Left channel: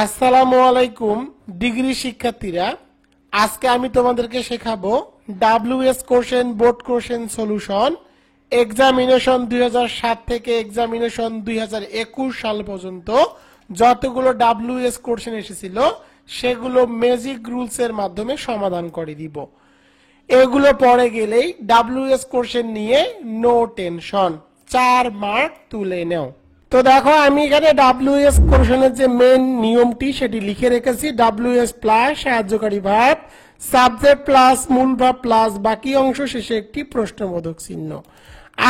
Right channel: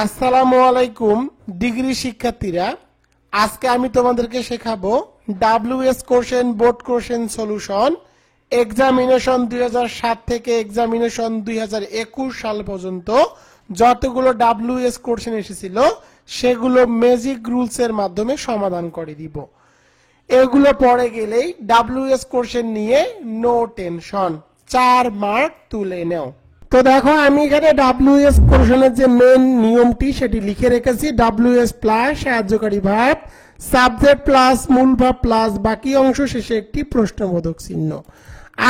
আসসালামু আলাইকুম ডিগ্রি শিক্ষার্থীরা, আজকে আমি তোমাদেরকে শেখাবো WS question board question solution examination 2007 থেকে এক্সামিনেশন 2021 সাল পর্যন্ত যতগুলো ডাব্লিউএস কোশ্চেন এসেছিল সেগুলো ম্যাজিক রুলস এর মাধ্যমে সমাধান করে দিব। এগুলো পরে গেলেই ডাব্লিউএস কোশ্চেন নিয়ে নো টেনশন, 4 মার্ক তুলে নাও। তো দেখো আমি এখানে ডাব্লিউএস কোশ্চেনের যে মেন নিয়মটি সেটি লিখে রেখেছি। ডাব্লিউএস প্লাস সাহায্যকারী ভার্ব, সাবজেক্ট প্লাস মূল ভার্ব প্লাস বাকি অংশ শেষে একটি প্রশ্নবোধক চিহ্ন।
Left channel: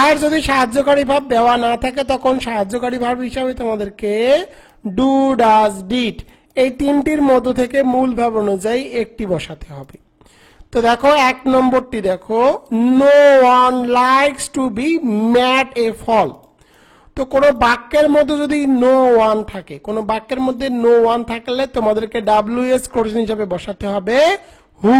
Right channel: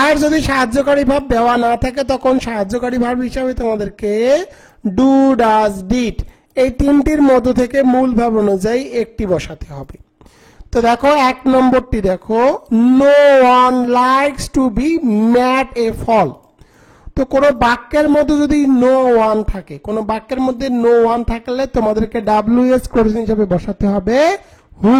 আর যদি সাহায্যকারী ভার্ব দেওয়া না থাকে তখন সাহায্যকারী ভার্ব হিসাবে তোমাদেরকে ডু, ডাজ, ডিড এই তিনটির মধ্য থেকে মূল ভার্ব অনুযায়ী একটি বসাতে হবে। তো দেখো 1 নম্বরটি দেখো, no one likes to be made a fool. তো কোনো বাক্যের মধ্যে যদি নো ওয়ান থাকে, কোনো বাক্যের মধ্যে নো ওয়ান থাকলে তোমাদেরকে ডাব্লিউএস কোশ্চেন হিসেবে বসাতে হবে হু,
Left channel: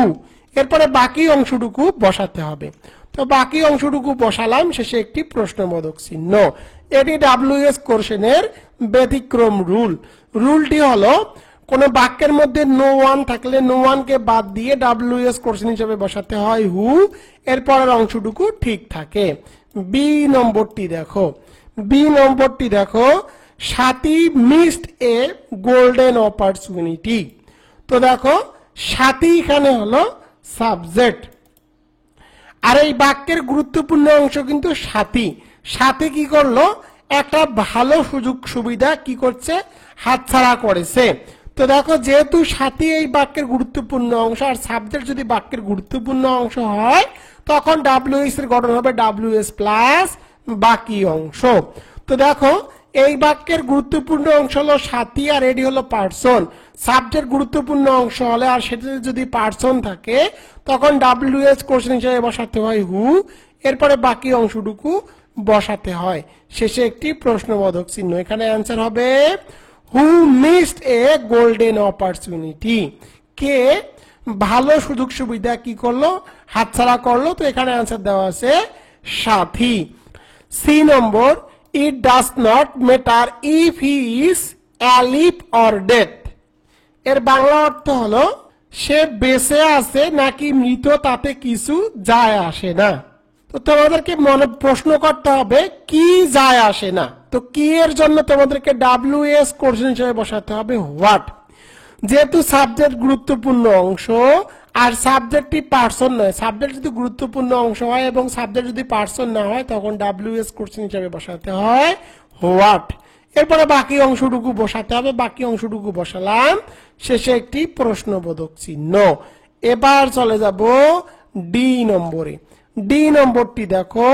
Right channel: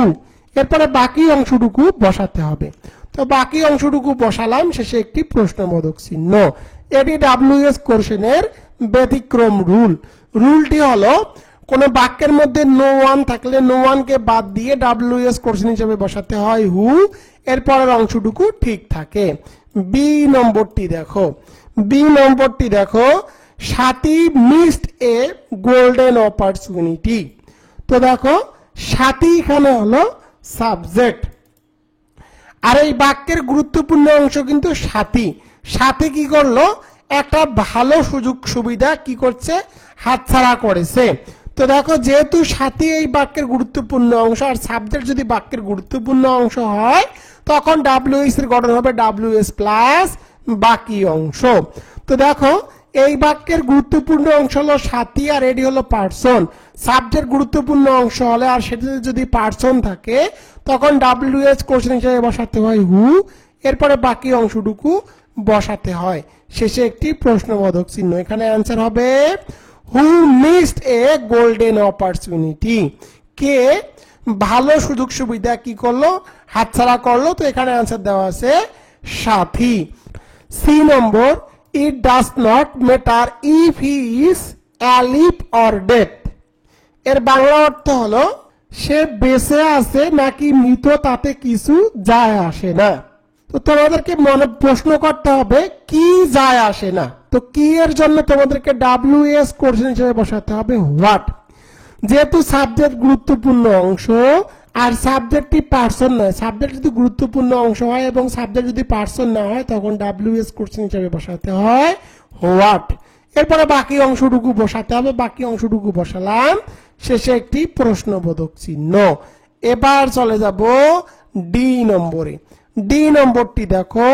এরপরে বাকি অংশটুকু বসাতে হবে। তো বাকি অংশটুকু বসালাম, শেষে একটি প্রশ্নবোধক চিহ্ন। এটি ডাব্লিউএস কোশ্চেনের ব্যতিক্রম রুল। রুলটি হলো কোন বাক্যের মধ্যে নো ওয়ান থাকলে নো ওয়ানকে বাদ দিয়ে ডাব্লিউএস কোশ্চেন হিসেবে বসাতে হয় হু, এরপরের অংশটুকু ঠিক থাকে। বি নম্বরটি দেখো, সাথী মিসড এ গোল্ডেন অপরচুনিটি। তো দেখো সাথী এখানে হলো সাবজেক্ট, আর এই বাক্যের গুরুত্বপূর্ণ অংশ কিন্তু সাথী। সাথী কি করলো, একটা ভালো সুযোগ সুবিধা কি করছে, হাতছাড়া করেছে। তো দেখো যেহেতু সাথী এই বাক্যের গুরুত্বপূর্ণ অংশ আর সাবজেক্ট যদি বাক্যের গুরুত্বপূর্ণ অংশ হয় তখন ডাব্লিউএস এর গঠন হবে ডাব্লিউএস প্লাস বাকি অংশ। তো দেখো এই বাক্যের গুরুত্বপূর্ণ অংশ হলো সাথী আর এটি হলো পার্সন। সাবজেক্ট গুরুত্বপূর্ণ অংশ হলে আর সেটাতে যদি পার্সন থাকে তখন ডাব্লিউএস কোশ্চেন হিসেবে বসাতে হয় হু, এরপরে বাকি অংশটুকু বসাতে হয়, শেষে একটি প্রশ্নবোধক চিহ্ন। এখানে অ্যান্সার হবে হু মিসড এ গোল্ডেন অপরচুনিটি। কে ভালো সুযোগ সুবিধা কি করলো, হাতছাড়া করলো। তো এখানে অ্যান্সার দেওয়া আছে সাথী। C number, it does not matter if he is alive or dead. এর বাংলা অর্থ হলো সে বেঁচে আছে নাকি মৃত তাতে কিছু যায় আসে না। তো তোমাদেরকে মনে প্রশ্ন করতে হবে কি যায় আসে না। তো কি এর জন্য তোমাদেরকে ডাব্লিউএস কোশ্চেন হিসেবে বসাতে হবে হোয়াট। যেহেতু সাবজেক্ট গুরুত্বপূর্ণ অংশ আর সাবজেক্টটি পার্সন নয়, সাবজেক্ট যদি গুরুত্বপূর্ণ অংশ হয় এবং সাবজেক্ট যদি পার্সন না হয় তখন ডাব্লিউএস কোশ্চেন হিসেবে বসাতে হয় হোয়াট। এরপরে বাকি অংশটুকু বসাতে হবে, বাকি অংশটুকু বসালাম, শেষে একটি প্রশ্নবোধক চিহ্ন। এবার চলে যাব ডি নম্বরে। ডি নম্বরটি দেখো,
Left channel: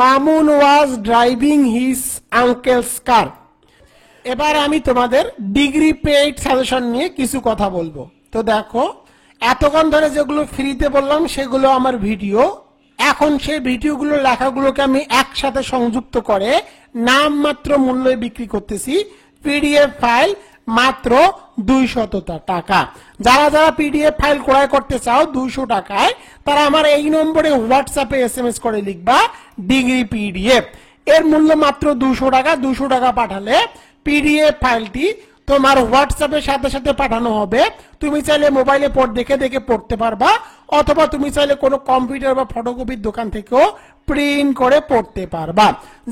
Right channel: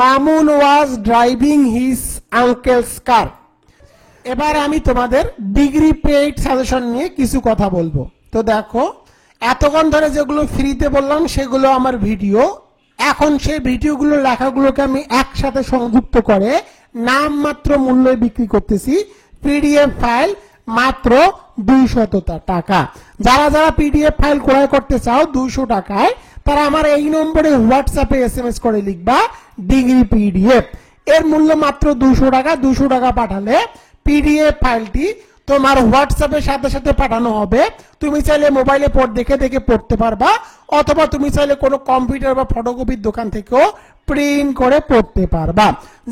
Mamun was driving his uncle's car. এবার আমি তোমাদের ডিগ্রি পেইড সাজেশন নিয়ে কিছু কথা বলবো। তো দেখো এতক্ষণ ধরে যেগুলো ফ্রিতে বললাম সেগুলো আমার ভিডিও। এখন সেই ভিডিওগুলো লেখাগুলোকে আমি একসাথে সংযুক্ত করে নাম মাত্র মূল্যে বিক্রি করতেছি। পিডিএফ ফাইল মাত্র 200 টাকা। যারা যারা পিডিএফ ফাইল ক্রয় করতে চাও 200 টাকায়, তারা আমার এই নম্বরে হোয়াটসঅ্যাপে এসএমএস করে লিখবা ডিগ্রি পিডিএফ। এর মূল্য মাত্র 200 টাকা। 200 টাকা পাঠালে পিডিএফ ফাইলটি তোমার হোয়াটসঅ্যাপের সাথে সাথে পাঠানো হবে। তুমি চাইলে মোবাইলে দেখে দেখে পড়তে পারবা, অথবা তুমি চাইলে কোনো কম্পিউটার বা ফটোকপির দোকান থেকেও প্রিন্ট করে পড়তে পারবা।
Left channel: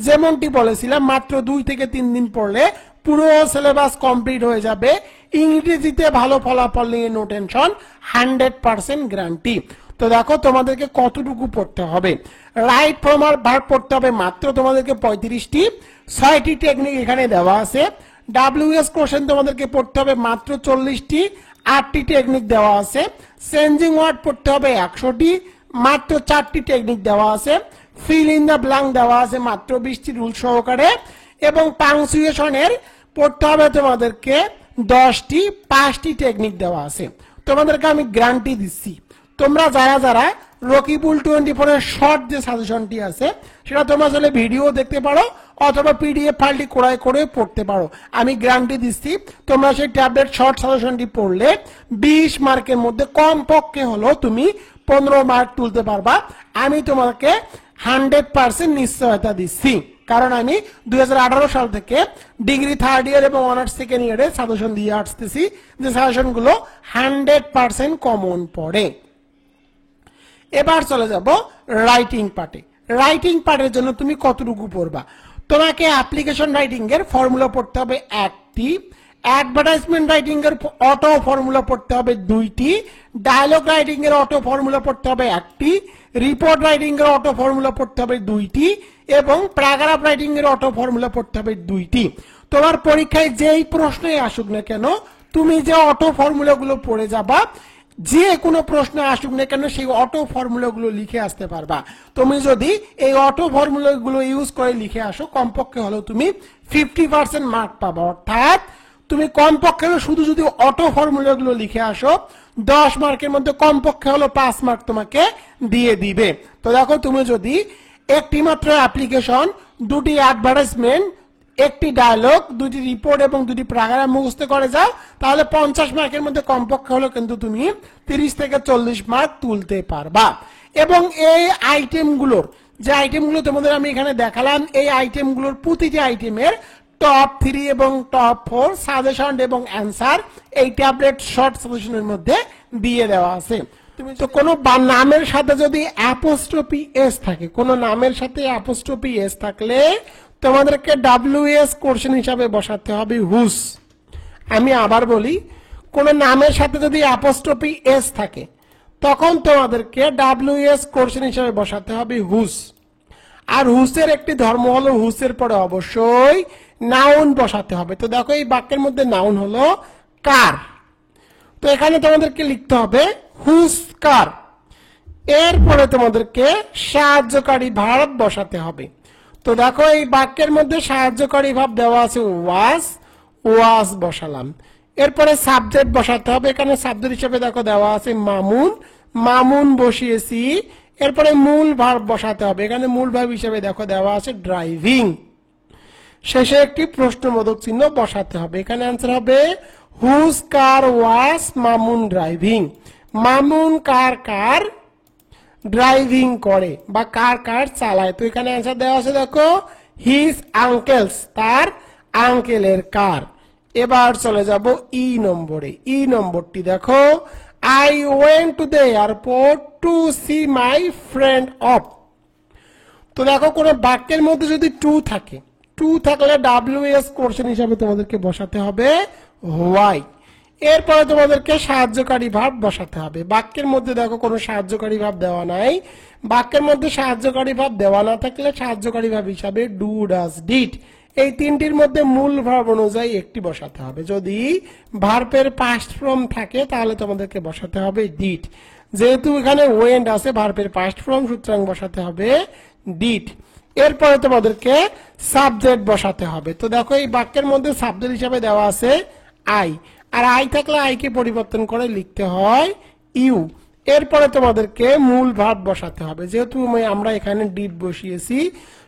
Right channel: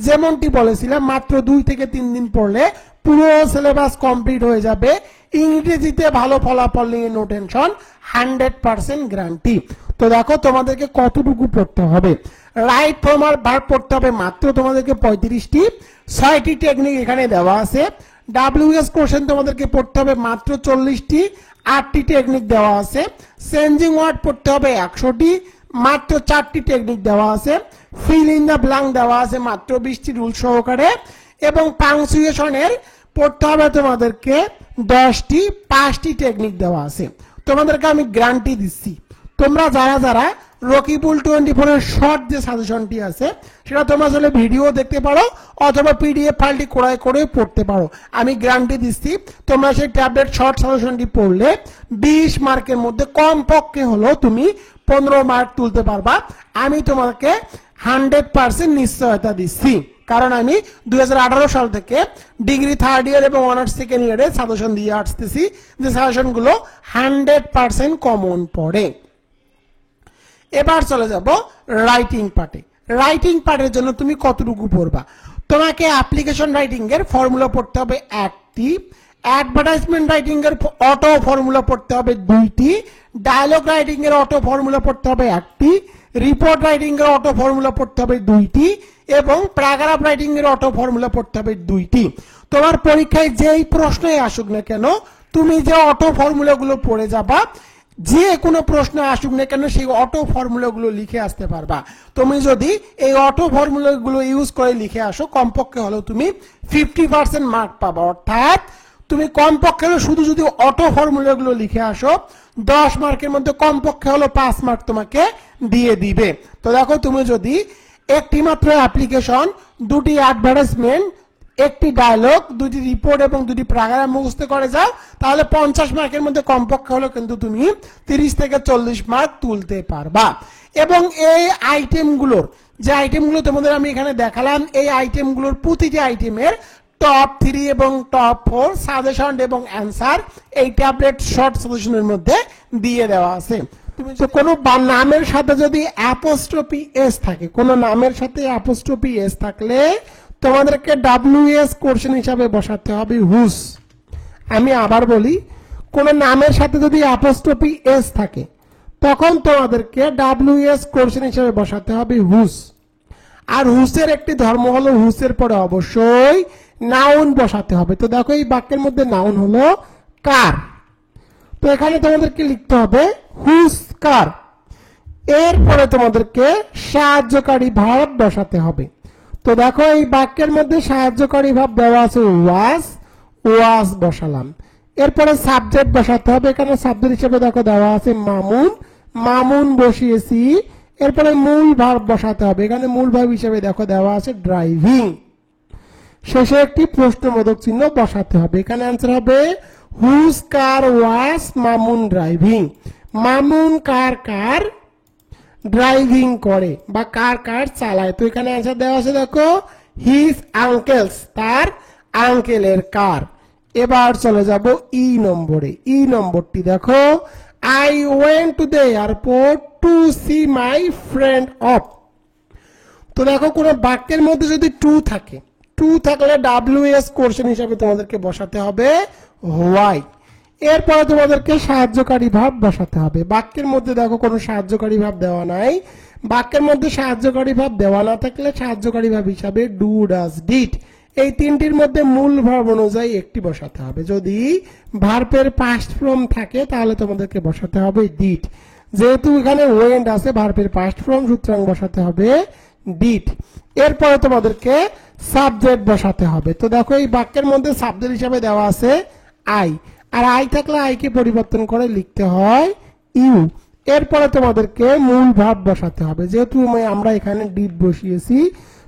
যেমনটি বলেছিলাম মাত্র 2 থেকে 3 দিন পড়লে পুরো সিলেবাস কমপ্লিট হয়ে যাবে। ইংরেজিতে ভালো ফলাফল নিয়ে নো টেনশন, 100% গ্যারান্টি। তো দেখো তোমাদেরকে কতটুকু পড়তে হবে। রাইট ফর্ম আর ভার্ব পড়তে হবে মাত্র তোমাদেরকে 35টি। 6টি টেকনিক এখানে দেওয়া আছে। ডাব্লিউএস কোশ্চেন তোমাদেরকে পড়তে হবে মাত্র 40টি, 8টি টেকনিক দেওয়া আছে। চেঞ্জিং ওয়ার্ড পড়তে হবে 100টি, মাত্র 4টি টেকনিক দেওয়া আছে। ফিল ইন দ্য ব্ল্যাঙ্ক দেওয়া আছে মাত্র 20টি রুল সহকারে, এবং পাংচুয়েশনের পড়তে হবে তোমাদেরকে 10টি, 5টি টেকনিক দেওয়া আছে। তোমাদেরকে আমি গ্যারান্টি দিচ্ছি তোমরা যারা যারা রকিবুল 24 এর শর্ট যে সাজেশনটি আছে সেটা তোমরা চাইলে ভিডিও দেখতে পারো অথবা পিডিএফ ফাইলটি ক্রয় করে পড়তে পারো। আমি গ্যারান্টি দিচ্ছি তোমরা সেই ট্যাবলেট শর্ট সাজেশনটি পড়লে 20 মার্কের মধ্যে কমপক্ষে হলো তুমি 15 মার্ক তুলতে পারবা। আমি তোমাকে 100% নিশ্চয়তা দিচ্ছি। কারণ আমি 2018 সাল থেকে ডিগ্রি থার্ড ইয়ার এবং অনার্স সেকেন্ড ইয়ারে সাজেশন দিয়ে আসতেছি, যে সাজেশন গুলো 100% কমন পড়ে। এবার চলে যাব রাইটিং পার্টে। রাইটিং পার্টের জন্য তুমি কতটুকু পড়বা? তোমাকে অ্যাপ্লিকেশন রাইটিং এর ফর্মুলা পড়তে হবে একটি, অ্যাডভার্টাইজমেন্ট রাইটিং এর অটো ফর্মুলা পড়তে হবে দুইটি, ডায়লগ রাইটিং এর অটো ফর্মুলা পড়তে হবে একটি, রিপোর্ট রাইটিং এর অটো ফর্মুলা পড়তে হবে দুইটি এবং প্যারাগ্রাফ রাইটিং এর অটো ফর্মুলা পড়তে হবে দুইটি। তোমার পরীক্ষায় যেই প্রশ্নই আসুক না কেন, তুমি যে অটো ফর্মুলা গুলো পড়ে যাবা, যে কোনো প্রশ্ন আসুক না কেন সেই অটো ফর্মুলা গুলো লিখে আসতে পারবা। তুমি যদি এই অটো ফর্মুলা গুলো ইউজ করে লিখে আসো, কমপক্ষে হলেও তুমি 50% মার্ক পাবা। অর্থাৎ তুমি কমপক্ষে শুধু যদি অটো ফর্মুলা গুলো লিখে আসো, 10 মার্কের মধ্যে কমপক্ষে হলো 5 মার্ক তোমাকে দিয়ে দিবে। তো দেখো, তুমি যদি একটি মাত্র অ্যাপ্লিকেশন, দুটি অ্যাডভার্টাইজমেন্ট, একটি ডায়লগ, দুটি রিপোর্ট এবং দুটি প্যারাগ্রাফ মুখস্থ করে যাও, তাহলে 50 মার্কের মধ্যে কমপক্ষে হলো কিন্তু তুমি 30 থেকে 40 মার্ক তুলতে পারবা। এবং এই আইটেমগুলোর, যে আইটেমগুলো তোমাদের আমি এখানে দেখালাম, এই আইটেমগুলোর প্রতিটি আইটেমের টপ 3 এবং টপ 4 সাজেশন এবং অ্যান্সার এই ট্যাবলেট শর্ট সলিউশনের মধ্যে দিয়ে দেওয়া আছে। তুমি তো কোনো নামের সাথে যদি অ্যাপোস্ট্রফি এস থাকে, কোনো নামের সাথে অ্যাপোস্ট্রফি এস থাকলে তোমাদেরকে WS কোশ্চেন হিসাবে বসাতে হবে হুস। আমি আবার বলি, কোন নামের সাথে যদি অ্যাপোস্ট্রফি এস থাকে তখন তোমাদেরকে WS কোশ্চেন হিসাবে বসাতে হবে হুস। আর হুসের একটি ধর্ম হলো, হুসের পরে অবশ্যই নাউন বসাতে হবে। তো দেখো, এই বাক্যের মধ্যে নাউন হলো কার, তো এখানে তোমাদেরকে লিখতে হবে হুস কার। এরপরে তোমাদেরকে সাহায্যকারী ভার্ব বসাতে হবে। তো দেখো, এই বাক্যের মধ্যে সাহায্যকারী ভাব দেওয়া আছে ওয়াজ, ওয়াজ বসালাম। এরপরে সাবজেক্ট বসাতে হবে। এখানে সাবজেক্ট হিসেবে দেখো দেওয়া আছে মামুন, মামুন বসিয়েছি। এরপরে মূল ভার্ব বসাতে হবে। এখানে মূল ভার্ব হিসেবে দেখো দেওয়া আছে ড্রাইভিং। শেষে একটি প্রশ্নবোধক চিহ্ন বসাতে হবে। এখানে অ্যান্সার হবে হুজ কার ওয়াজ মামুন ড্রাইভিং। মামুন কার কার ড্রাইভিং করে বা কার কার চালায়। তো এখানে অ্যান্সার দেওয়া আছে দেখো হিজ আঙ্কেলস, তার আঙ্কেলের কার। এবার চলে যাব ই নম্বরে। ই নম্বরটি দেখো, I went to the airport to see my friend off. তো দেখো, কোন বাক্যের মধ্যে যদি টু থাকে, টু থাকলে WS কোশ্চেন হিসাবে তোমাদেরকে বসাতে হবে হোয়াই। এরপরে তোমাদেরকে সাহায্যকারী ভাব বসাতে হবে। বাক্যের মধ্যে দেখো কোনো সাহায্যকারী ভাব দেওয়া নাই। বাক্যের মধ্যে সাহায্যকারী ভাব দেওয়া না থাকলে সাহায্যকারী ভাব হিসাবে ডু, ডাজ, ডিড, এই তিনটির মধ্যে মূল ভাব অনুযায়ী একটি বসাতে হবে। যদি ভার্বের পাস্ট ফর্ম থাকে তাহলে তোমাদেরকে বসাতে হবে ডিড। যেহেতু এখানে ওয়েন্ট আছে ভার্বের পাস্ট ফর্ম, সুতরাং বসাতে হবে ডিড। এরপরে তোমাদেরকে সাবজেক্ট বসাতে হবে। তো দেখো, এই বাক্যের মধ্যে সাবজেক্ট হিসাবে দেওয়া আছে আই, আর আই থাকলে আইকে পরিবর্তন করে লিখতে হয় ইউ। এরপরে তোমাদেরকে মূল ভার্ব বসাতে হবে। যেহেতু আমরা এখানে ডিড বসিয়েছি,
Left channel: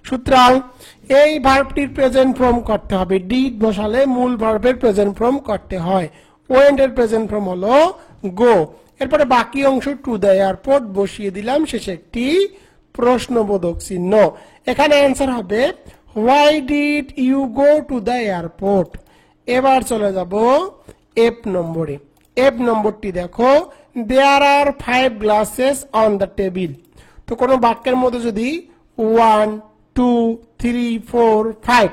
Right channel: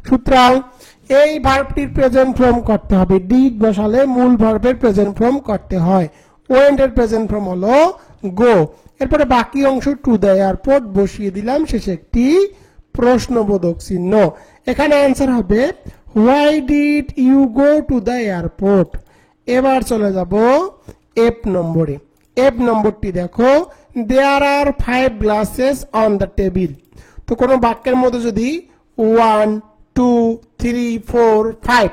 সুতরাং এই ভার্বটির প্রেজেন্ট ফর্ম করতে হবে। ডিড বসালে মূল ভার্বের প্রেজেন্ট ফর্ম করতে হয়। ওয়েন্ট এর প্রেজেন্ট ফর্ম হলো গো। এরপরে বাকি অংশ টু দ্য এয়ারপোর্ট বসিয়ে দিলাম, শেষে একটি প্রশ্নবোধক চিহ্ন। এখানে অ্যান্সার হবে why did you go to the airport. এবার চলে যাব এফ নম্বরে। এফ নম্বরটি দেখো, there are 5 glasses on the table. তো কোনো বাক্যের মধ্যে যদি 1, 2, 3, 4, 5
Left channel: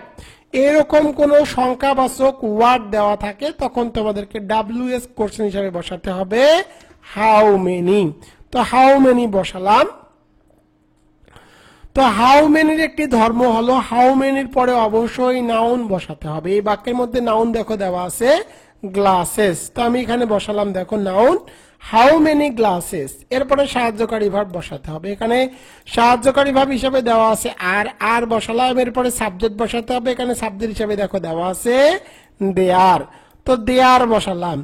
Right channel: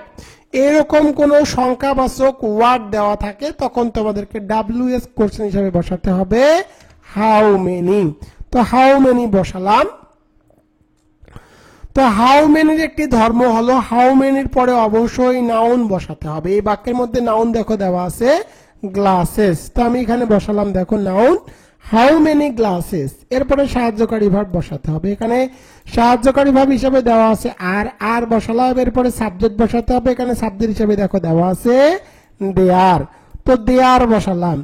এরকম কোন সংখ্যাবাচক ওয়ার্ড দেওয়া থাকে তখন তোমাদেরকে WS কোশ্চেন হিসাবে বসাতে হবে হাউ মেনি। তো হাউ মেনি বসালাম। তো হাউ মেনির একটি ধর্ম হলো হাউ মেনির পরে অবশ্যই নাউন বসাতে হবে। এই বাক্যের মধ্যে নাউন দেখো দেওয়া আছে গ্লাসেস। তো আমি এখানে বসালাম দেখো নাউন হাউ মেনি গ্লাসেস। এরপরে সাহায্যকারী ভার্ব বসাতে হবে। এখানে সাহায্যকারী ভার্ব হিসেবে দেওয়া আছে আর, আর বসালাম। এরপরে সাবজেক্ট বসাতে হবে। এখানে সাবজেক্ট হিসেবে দেখো দেওয়া আছে দেয়ার। তো দেয়ার বসালাম।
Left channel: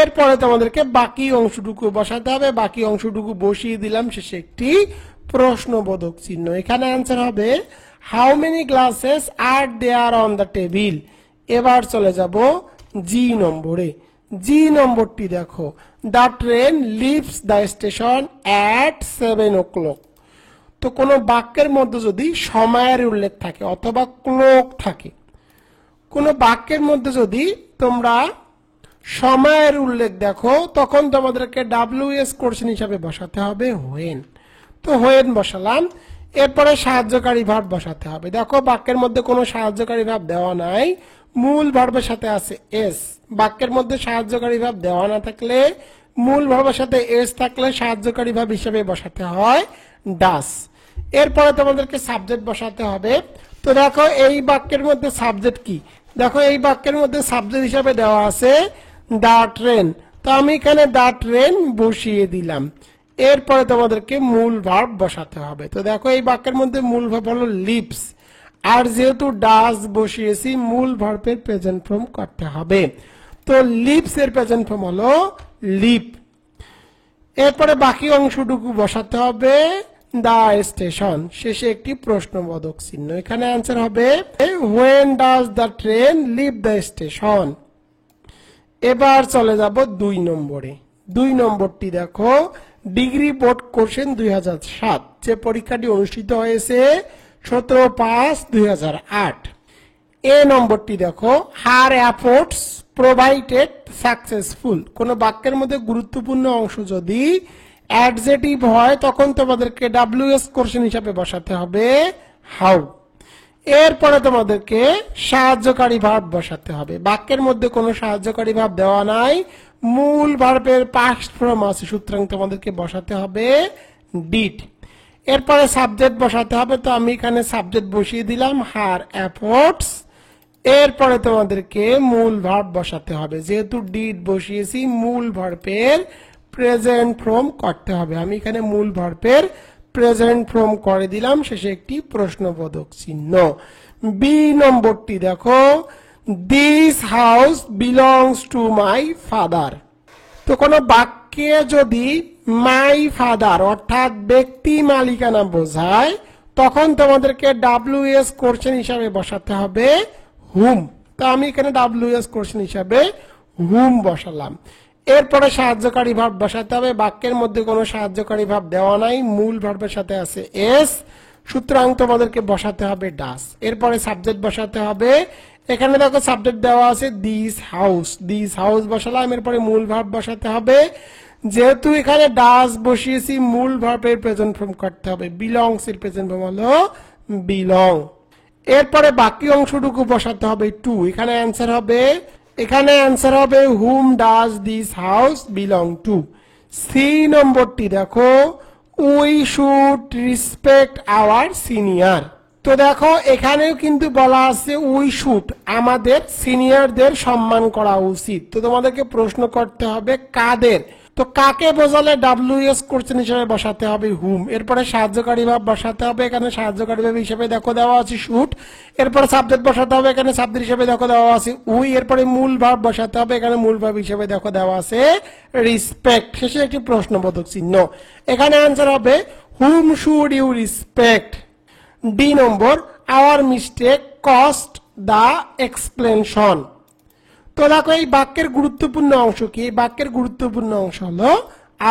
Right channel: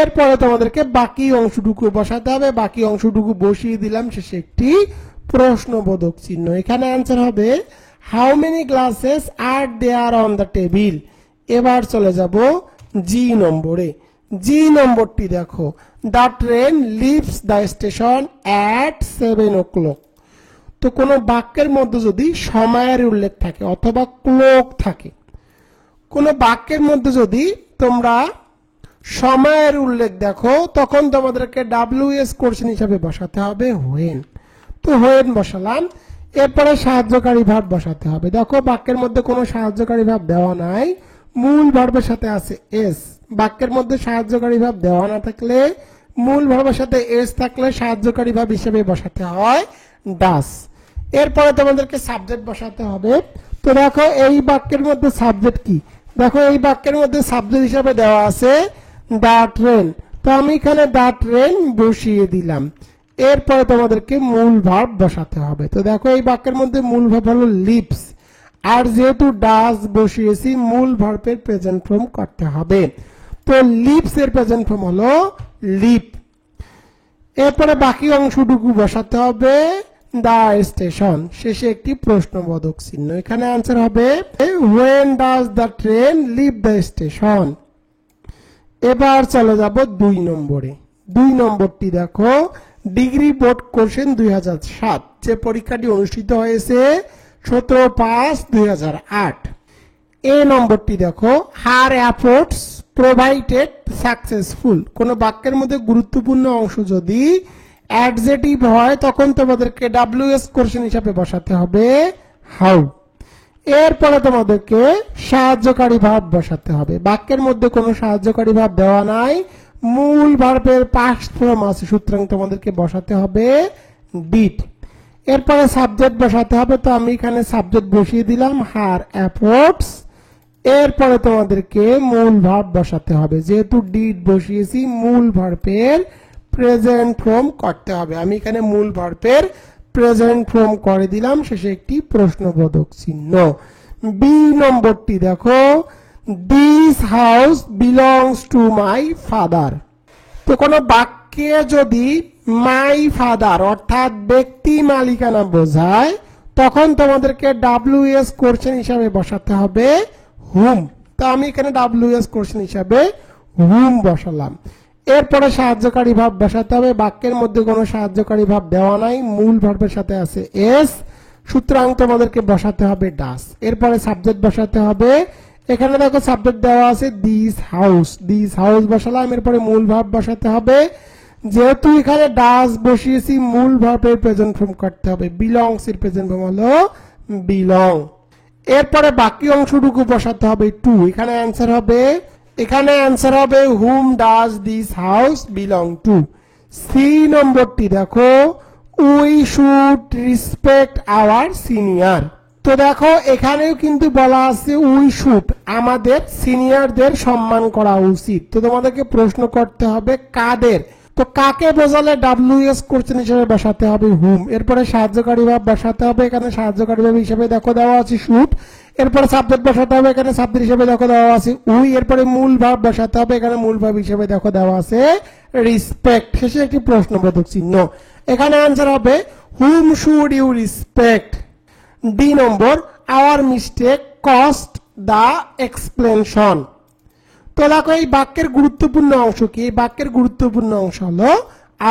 এরপরে তোমাদেরকে বাকি অংশটুকু বসাতে হবে। বাকি অংশটুকু বসিয়ে দিলাম, শেষে একটি প্রশ্নবোধক চিহ্ন। এখানে অ্যান্সার হবে how many glasses are there on the table. এবার চলে যাব জি নম্বরে। জি নম্বরটি দেখো, the train leaves the station at 7 o'clock। তো কোনো বাক্যের মধ্যে যদি সময়ের উল্লেখ থাকে অথবা ক্লোক থাকে, কোনো বাক্যের মধ্যে যদি তোমরা সময়ের উল্লেখ দেখো তখন তোমাদেরকে WS কোশ্চেন হিসাবে বসাতে হবে হোয়েন। তো হোয়েন বসালাম, এরপরে সাহায্যকারী ভার্ব বসাতে হবে। দেখো বাক্যের মধ্যে কোনো সাহায্যকারী ভার্ব দেওয়া নাই, মূল ভার্বের সাথে আছে এস। বাক্যের মধ্যে সাহায্যকারী ভার্ব দেওয়া না থাকলে মূল ভার্বের সাথে এস থাকলে সাহায্যকারী ভার্ব হিসেবে বসাতে হয় ডাস। এরপরে তোমাদেরকে সাবজেক্ট বসাতে হবে। তো দেখো এই বাক্যের মধ্যে সাবজেক্ট কি, দেখো এই বাক্যের মধ্যে সাবজেক্ট হিসাবে দেওয়া আছে দা ট্রেন। তো আমি এখানে দা ট্রেন বসিয়ে দিলাম। এরপরে তোমাদেরকে মূল ভার্ব বসাতে হবে। তো দেখো এই বাক্যের মধ্যে মূল ভার্ব হলো লিভস, আর যেহেতু ডাস বসিয়েছি মূল ভার্বের প্রেজেন্ট ফর্ম করতে হবে। তো লিভস এর প্রেজেন্ট ফর্ম হলো লিভ। এরপরে বাকি অংশটুকু বসাতে হবে দা স্টেশন, শেষে একটি প্রশ্নবোধক চিহ্ন। এখানে অ্যান্সার হবে when does the train leave the station. এবার চলে যাব 2 নম্বরে। 2 নম্বরটি দেখো ডিগ্রি বোর্ড কোশ্চেন 2007, যে পরীক্ষাটি অনুষ্ঠিত হয়েছে 17/5/2008। এ নম্বরটি দেখো হার এফোর্টস প্রোভাইডেড সাকসেসফুল। কোন বাক্যের মধ্যে গুরুত্বপূর্ণ অংশ যদি অ্যাডজেটিভ হয় তখন তোমাদেরকে WS কোশ্চেন হিসাবে বসাতে হবে হাউ। এরপরে তোমাদেরকে সাহায্যকারী ভার্ব বসাতে হবে। বাক্যের মধ্যে কোনো সাহায্যকারী ভার্ব দেওয়া নাই, মূল ভার্বের পাস্ট ফর্ম আছে, সুতরাং তোমাদেরকে বসাতে হবে ডিড। এরপরে সাবজেক্ট বসাতে হবে। তো আমি এখানে সাবজেক্ট বসিয়ে দিলাম হার এফোর্টস। এরপরে তোমাদেরকে মূল ভার্ব বসাতে হবে, যেহেতু ডিড বসিয়েছি মূল ভার্বের প্রেজেন্ট ফর্ম করতে হবে। আমি এখানে মূল ভার্বের প্রেজেন্ট ফর্ম করে দিলাম, শেষে একটি প্রশ্নবোধক চিহ্ন। বি নম্বরটি দেখো this house belongs to my father. তো কোন বাক্যে যদি মাই ফাদার অর্থাৎ ব্যক্তি মালিকানা বোঝায় তখন তোমাদেরকে WS কোশ্চেন হিসাবে বসাতে হবে হুম। তো আমি এখানে WS কোশ্চেন হিসাবে হুম বসালাম। এরপরে সাহায্যকারী ভার্ব বসাতে হবে। বাক্যের মধ্যে কোনো সাহায্যকারী ভার্ব দেওয়া নাই, মূল ভার্বের সাথে আছে এস, সুতরাং তোমাদেরকে বসাতে হবে ডাস। এরপরে সাবজেক্ট বসাতে হবে। এখানে দেখো সাবজেক্ট দেওয়া আছে দিস হাউস, দিস হাউস বসালাম। এরপরে মূল ভার্ব বসাতে হবে, যেহেতু এখানে ডাস বসিয়েছি মূল ভার্বের প্রেজেন্ট ফর্ম করতে হবে। বিলংস এর প্রেজেন্ট ফর্ম হলো বিলং। এরপরে বাকি অংশটুকু বসাতে হবে টু। এখানে অ্যান্সার হবে whom does this house belong to. C নম্বরটি দেখো we should respect our senior. তো দেখো এখানেও কিন্তু বলা আছে উই শুড, আমাদের সিনিয়রদের সম্মান করা উচিত। তো তোমাদেরকে প্রশ্ন করতে হবে কাদের। তো কাকে বোঝালে WS কোশ্চেন হিসেবে বসাতে হবে হুম। এরপরে সাহায্যকারী ভার্ব বসাতে হবে। এখানে সাহায্যকারী ভার্ব হিসেবে দেখো দেওয়া আছে শুড। এরপরে সাবজেক্ট বসাতে হবে। এখানে সাবজেক্ট হিসেবে দেখো দেওয়া আছে উই। এরপরে মূল ভার্ব বসাতে হবে। এখানে মূল ভার্ব হিসেবে দেখো দেওয়া আছে রেসপেক্ট, শেষে একটি প্রশ্নবোধক চিহ্ন। এখানে অ্যান্সার হবে whom should you respect. D number our mistake cost the explanation. তো দেখো এই বাক্যের গুরুত্বপূর্ণ অংশ কি? এই বাক্যের গুরুত্বপূর্ণ অংশ হলো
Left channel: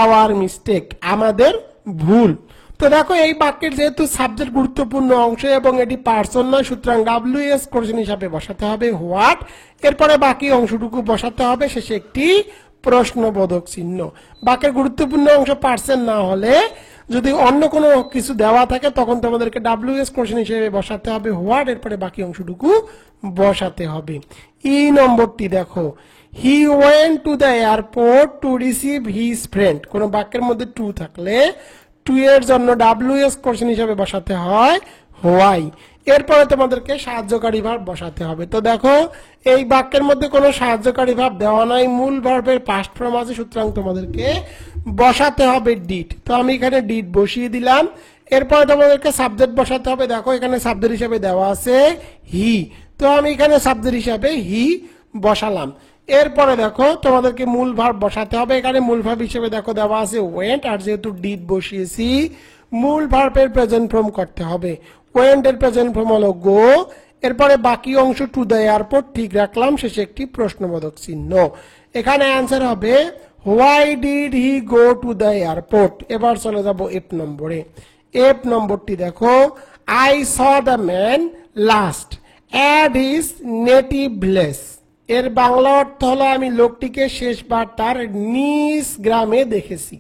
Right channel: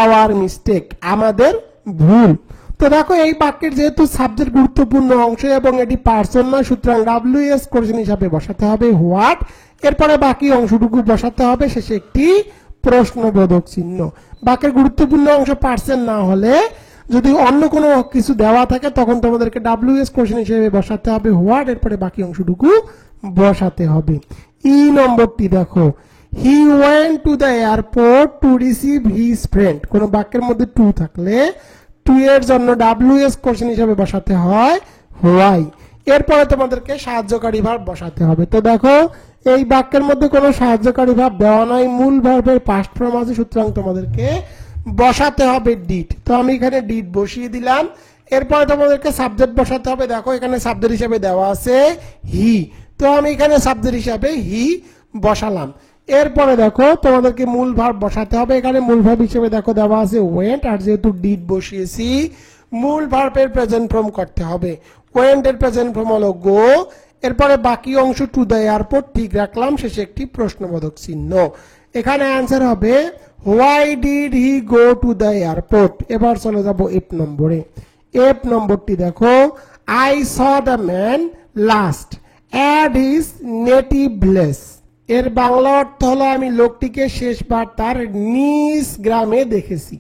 আওয়ার মিস্টেক, আমাদের ভুল। তো দেখো এই বাক্যের যেহেতু সাবজেক্ট গুরুত্বপূর্ণ অংশ এবং এটি পার্সন নয়, সুতরাং WS কোশ্চেন হিসাবে বসাতে হবে হোয়াট। এরপরে বাকি অংশটুকু বসাতে হবে, শেষে একটি প্রশ্নবোধক চিহ্ন। বাক্যের গুরুত্বপূর্ণ অংশ পার্সন না হলে যদি অন্য কোনো কিছু দেওয়া থাকে তখন তোমাদেরকে WS কোশ্চেন হিসেবে বসাতে হবে হোয়াট। এরপরে বাকি অংশটুকু বসাতে হবে। ই নম্বরটি দেখো he went to the airport to receive his friend. কোন বাক্যের মধ্যে টু থাকলে টু এর জন্য WS কোশ্চেন হিসেবে বসাতে হয় হোয়াই। এরপরে তোমাদেরকে সাহায্যকারী ভার্ব বসাতে হবে। তো দেখো এই বাক্যের মধ্যে কোনো সাহায্যকারী ভার্ব দেওয়া নাই, মূল ভার্বের পাস্ট ফর্ম আছে, সুতরাং তোমাদেরকে বসাতে হবে ডিড। তো আমি এখানে ডিড বসিয়ে দিলাম। এরপরে তোমাদেরকে সাবজেক্ট বসাতে হবে। দেখো এখানে সাবজেক্ট হিসেবে দেওয়া আছে হি, তো আমি এখানে সাবজেক্ট হিসাবে হি বসালাম। এরপরে দেখো তোমাদেরকে মূল ভার্ব বসাতে হবে। এখানে মূল ভার্ব হিসেবে দেখো দেওয়া আছে ওয়েন্ট, আর যেহেতু ডিড বসিয়েছি মূল ভার্বের প্রেজেন্ট ফর্ম করতে হবে। ওয়েন্ট এর প্রেজেন্ট ফর্ম হলো গো। এরপরে বাকি অংশ টু দ্য এয়ারপোর্ট ঠিক রাখলাম, শেষে একটি প্রশ্নবোধক চিহ্ন। এখানে অ্যান্সার হবে why did he go to the airport. এবার চলে যাব এফ নম্বরে। এফ নম্বরটি দেখো, I saw the man last at his native village. এর বাংলা অর্থ হলো আমি লোকটিকে শেষবার তার নিজ গ্রামে দেখেছি।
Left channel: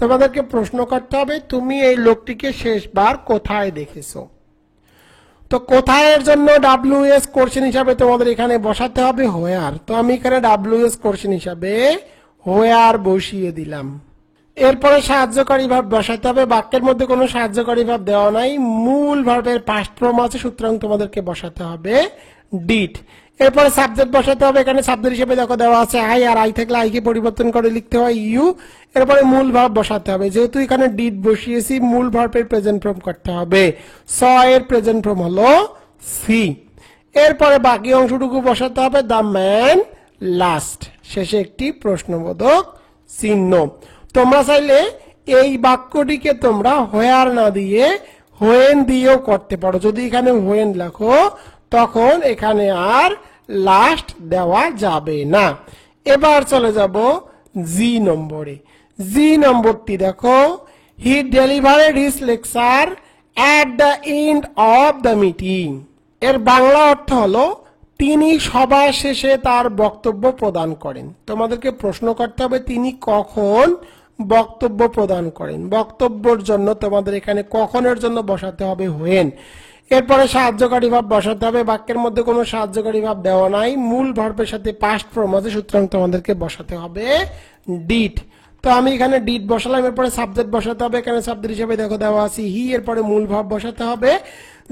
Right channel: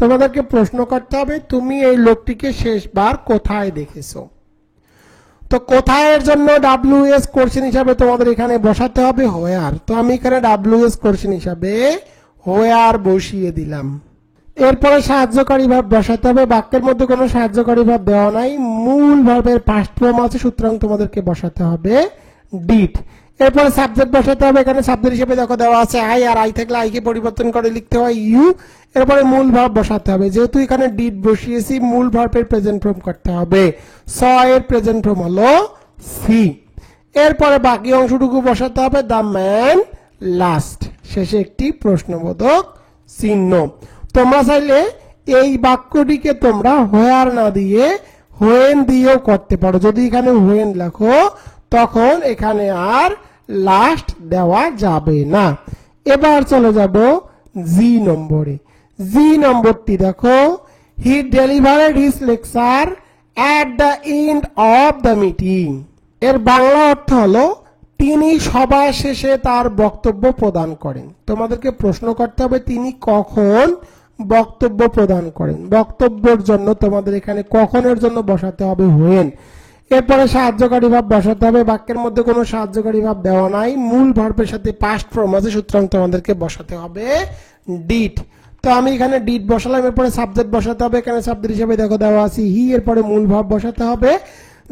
তোমাদেরকে প্রশ্ন করতে হবে তুমি এই লোকটিকে শেষবার কোথায় দেখেছো। তো কোথায় এর জন্য ডাব্লিউএস কোশ্চেন হিসাবে তোমাদের এখানে বসাতে হবে হোয়ার। তো আমি এখানে ডাব্লিউএস কোশ্চেন হিসাবে হোয়ার বসিয়ে দিলাম। এরপরে সাহায্যকারী ভাব বসাতে হবে। বাক্যের মধ্যে কোনো সাহায্যকারী ভাব দেওয়া নাই, মূল ভার্বের পাস্ট ফর্ম আছে, সুতরাং তোমাদেরকে বসাতে হবে ডিড। এরপরে সাবজেক্ট বসাতে হবে। এখানে সাবজেক্ট হিসেবে দেখো দেওয়া আছে আই, আর আই থাকলে আই কে পরিবর্তন করে লিখতে হয় ইউ। এরপরে মূল ভার্ব বসাতে হবে। যেহেতু এখানে ডিড বসিয়েছি, মূল ভার্বের প্রেজেন্ট ফর্ম করতে হবে। স এর প্রেজেন্ট ফর্ম হলো সি। এরপরে বাকি অংশটুকু বসাতে হবে দ্য ম্যান লাস্ট, শেষে একটি প্রশ্নবোধক চিহ্ন। তোমরা চাইলে এই বাক্যটিকে তোমরা হোয়ার না দিয়ে হোয়েন দিয়েও করতে পারো। যদি এখানে হোয়েন লেখো তখন এখানে আর লাস্ট দেওয়া যাবে না। এবার চলে যাব জি নম্বরে। জি নম্বরটি দেখো, he delivered his lecture at the end of the meeting. এর বাংলা অর্থ হলো তিনি সভা শেষে তার বক্তব্য প্রদান করেন। তোমাদেরকে প্রশ্ন করতে হবে তিনি কখন বক্তব্য প্রদান করেন। বক্তব্যের জন্য তোমাদের এখানে কখনের জন্য বসাতে হবে হোয়েন। এরপরে সাহায্যকারী ভাব বসাতে হবে। বাক্যের মধ্যে কোনো সাহায্যকারী ভাব দেওয়া নাই, মূল ভার্বের সাথে পাস্ট ফর্ম আছে, সুতরাং তোমাদেরকে বসাতে হবে ডিড। তো আমি এখানে ডিড বসালাম। এরপরে সাবজেক্ট বসাতে হবে। এখানে সাবজেক্ট হিসেবে দেখো দেওয়া আছে হি। এরপরে মূল ভাব বসাতে হবে।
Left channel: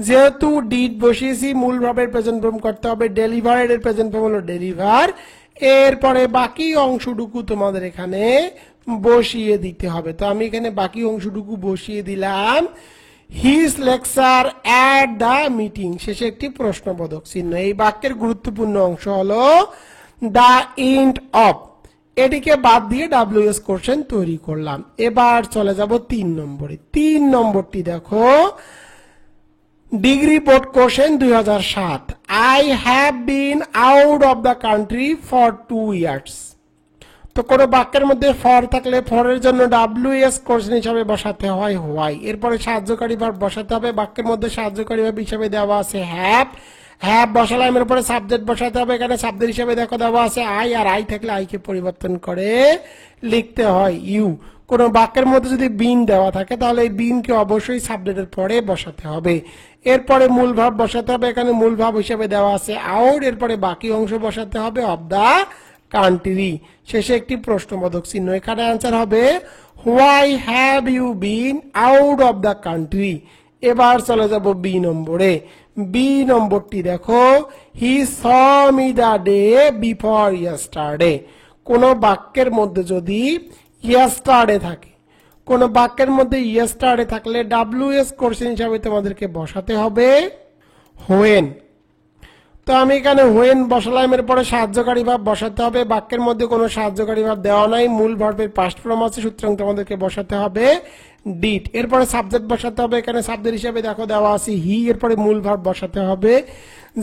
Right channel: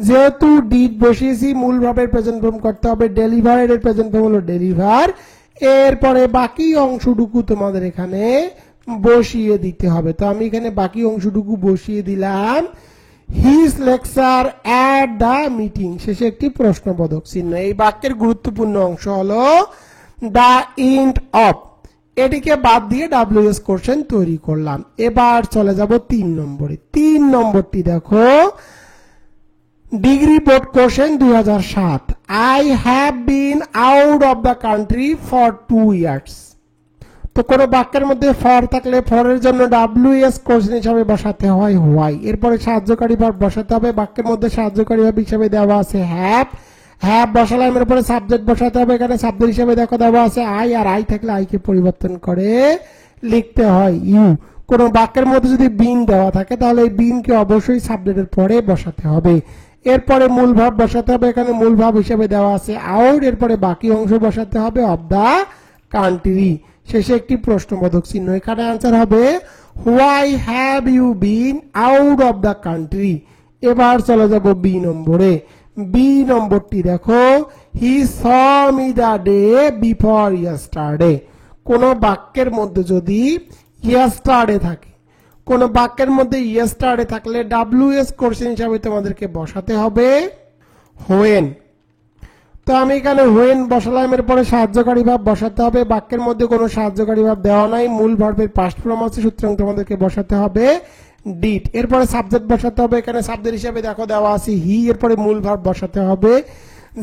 যেহেতু ডিড বসিয়েছি, মূল ভাবের প্রেজেন্ট ফর্ম করতে হবে ডেলিভারেড এর প্রেজেন্ট ফর্ম হলো ডেলিভার। এরপরে বাকি অংশটুকু তোমাদের এখানে বসিয়ে দিতে হবে। তো আমি এখানে বাকি অংশটুকু বসিয়ে দিলাম his lecture at the meeting, শেষে একটি প্রশ্নবোধক চিহ্ন। এই বাক্যের গুরুত্বপূর্ণ অংশ হলো দ্য এন্ড অফ। এটিকে বাদ দিয়ে ডাব্লিউএস কোশ্চেন তৈরি করলাম। এবার চলে যাব 3 নম্বরে। 3 নম্বরটি দেখো, degree board question 2007। I have bin out of the country for 2 years। তো কোন বাক্যের মধ্যে ফর থাকলে ফরের জন্য ডাব্লিউএস কোশ্চেন হিসাবে বসাতে হয় হোয়াই। এরপরে সাহায্যকারী ভাব বসাতে হবে। বাক্যের মধ্যে সাহায্যকারী ভাব হিসাবে দেওয়া আছে হ্যাভ। হ্যাভ বসালাম। এরপরে সাবজেক্ট বসাতে হবে। এখানে সাবজেক্ট হিসাবে দেখো দেওয়া আছে আই, আর আই থাকলে আই কে পরিবর্তন করে লিখতে হয় ইউ। কোন বাক্যের মধ্যে যদি বিন দেওয়া থাকে তাহলে এই বিন কে অবশ্যই সাবজেক্টের পরে বসাতে হবে। এরপরে মূল ভাব বসাতে হবে। এখানে মূল ভাব হিসেবে দেওয়া আছে আউট। এরপরে বাকি অংশ বসাতে হবে অফ দা কান্ট্রি, শেষে একটি প্রশ্নবোধক চিহ্ন। এখানে আনসার হবে why have you been out of the country. এবার চলে যাব বি নম্বরে। বি নম্বরটি দেখো, he saw me the day before yesterday. কোন বাক্যের মধ্যে যদি ইয়েস্টারডে থাকে, কোন বাক্যের মধ্যে ইয়েস্টারডে থাকলে ডাব্লিউএস কোশ্চেন হিসাবে তোমাদেরকে বসাতে হবে হোয়েন। তো আমি এখানে হোয়েন বসালাম। এরপরে সাহায্যকারী ভাব বসাতে হবে। বাক্যের মধ্যে কোনো সাহায্যকারী ভাব দেওয়া নাই, মূল ভার্বের পাস্ট ফর্ম আছে, সুতরাং তোমাদেরকে বসাতে হবে ডিড। এরপরে সাবজেক্ট বসাতে হবে। এখানে সাবজেক্ট হিসেবে দেখো দেওয়া আছে হি। এরপরে মূল ভার্ব বসাতে হবে।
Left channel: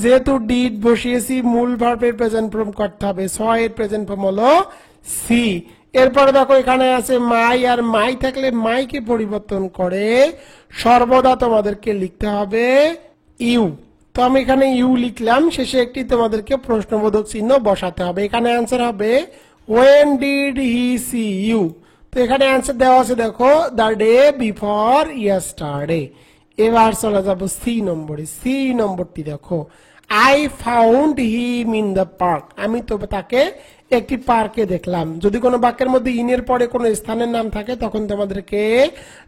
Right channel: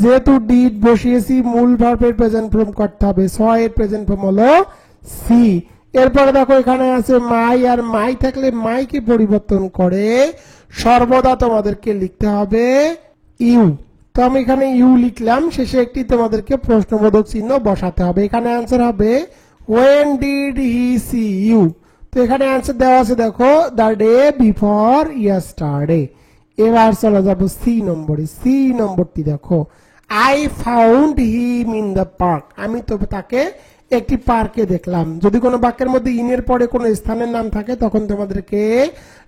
যেহেতু ডিড বসিয়েছি, মূল ভার্বের প্রেজেন্ট ফর্ম করতে হবে। স এর প্রেজেন্ট ফর্ম হলো সি। এরপরে দেখো এখানে আছে মাই, আর মাই থাকলে মাইকে পরিবর্তন করে সর্বদা তোমাদেরকে লিখতে হবে ইউ। তো আমি এখানে ইউ লিখলাম, শেষে একটি তোমাদেরকে প্রশ্নবোধক চিহ্ন বসাতে হবে। এখানে অ্যান্সার হবে when did he see you। তো এখানে অ্যান্সার দেওয়া আছে দেখো দ্য ডে বিফোর ইয়েস্টারডে। এবার চলে যাব সি নম্বরে। সি নম্বরটি দেখো, I found him in the park. আমি তো তাকে একটি পার্কে দেখলাম। যদি কোনো বাক্যের মধ্যে ইনের পরে কোনো স্থানের নাম থাকে তখন তোমাদেরকে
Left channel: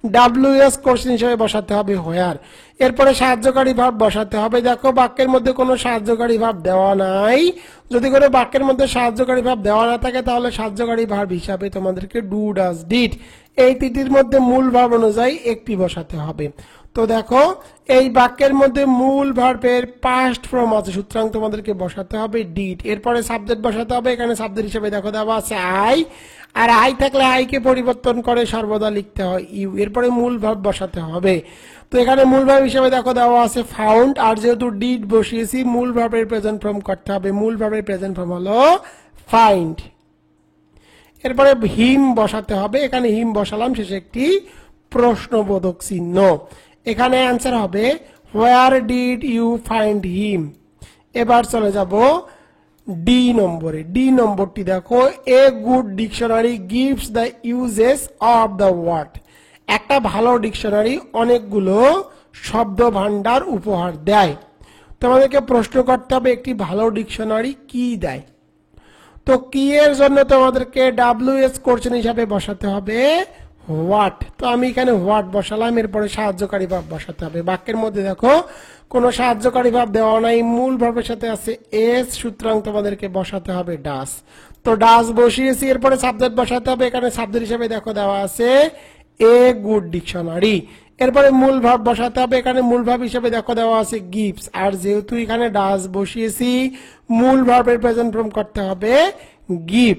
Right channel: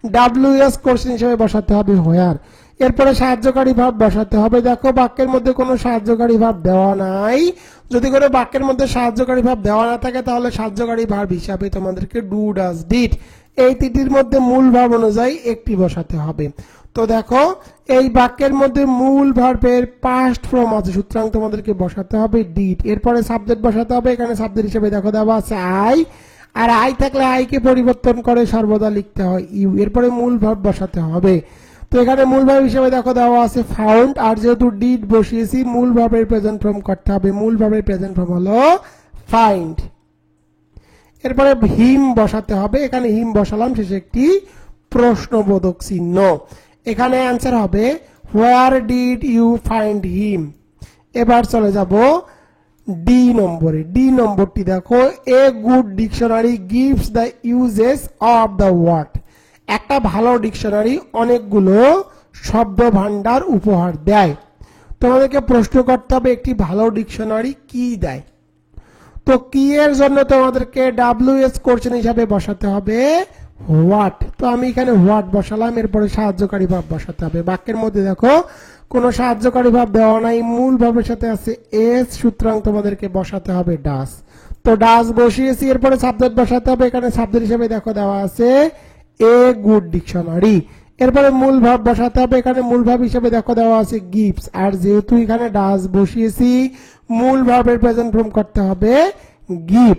ডাব্লিউএস কোশ্চেন হিসেবে বসাতে হবে হোয়ার। এরপরে সাহায্যকারী ভাব বসাতে হবে। দেখো বাক্যের মধ্যে কোনো সাহায্যকারী ভাব দেওয়া নাই। যদি কোনো বাক্যের মধ্যে সাহায্যকারী ভাব দেওয়া না থাকে তাহলে সাহায্যকারী ভাব হিসাবে তোমাদেরকে ডু, ডাজ, ডিড এই তিনটির মধ্যে মূল ভাব অনুযায়ী একটি বসাতে হবে। তো দেখো এই বাক্যের মধ্যে মূল ভার্বের পাস্ট ফর্ম আছে, সুতরাং তোমাদেরকে বসাতে হবে ডিড। এরপরে সাবজেক্ট বসাতে হবে। এখানে সাবজেক্ট হিসেবে দেখো দেওয়া আছে আই, আর আই থাকলে আই কে পরিবর্তন করে সর্বদা লিখতে হয় ইউ। এরপরে মূল ভার্ব বসাতে হবে। তো এখানে মূল ভার্ব হিসেবে দেখো দেওয়া আছে ফাউন্ড, আর যেহেতু ডিড বসিয়েছি মূল ভার্বের প্রেজেন্ট ফর্ম করতে হবে। মূল ভার্বের প্রেজেন্ট ফর্ম হলো ফাইন্ড। এরপরে হিম বসাতে হবে। এখানে হিম বসালাম, শেষে একটি প্রশ্নবোধক চিহ্ন। এখানে অ্যান্সার হবে where did you find him. এবার চলে যাব ডি নম্বরে। ডি নম্বরটি দেখো, a good dictionary gives the uses of the word. একটা ভালো ডিকশনারি অনেকগুলো শব্দ ভান্ডার উপহার দেয়। তোমাদেরকে প্রশ্ন করতে হবে একটি ভালো ডিকশনারি কি দেয়। তো কি এর জন্য তোমাদেরকে WS কোশ্চেন হিসাবে বসাতে হবে হোয়াট। তো আমি এখানে হোয়াট বসালাম, এরপরে সাহায্যকারী ভাব বসাতে হবে। বাক্যের মধ্যে দেখো কোনো সাহায্যকারী ভাব দেওয়া নাই, মূল ভাবের সাথে আছে এস, সুতরাং তোমাদেরকে বসাতে হবে ডাস। তো ডাস বসিয়েছি, এরপরে সাবজেক্ট বসাতে হবে। এখানে সাবজেক্ট হিসেবে দেখো দেওয়া আছে এ গুড ডিকশনারি। এরপরে মূল ভাব বসাতে হবে। এখানে মূল ভাব হিসেবে দেখো দেওয়া আছে গিভস, আর যেহেতু এখানে ডাস বসিয়েছি মূল ভাবের প্রেজেন্ট ফর্ম করতে হবে গিভ।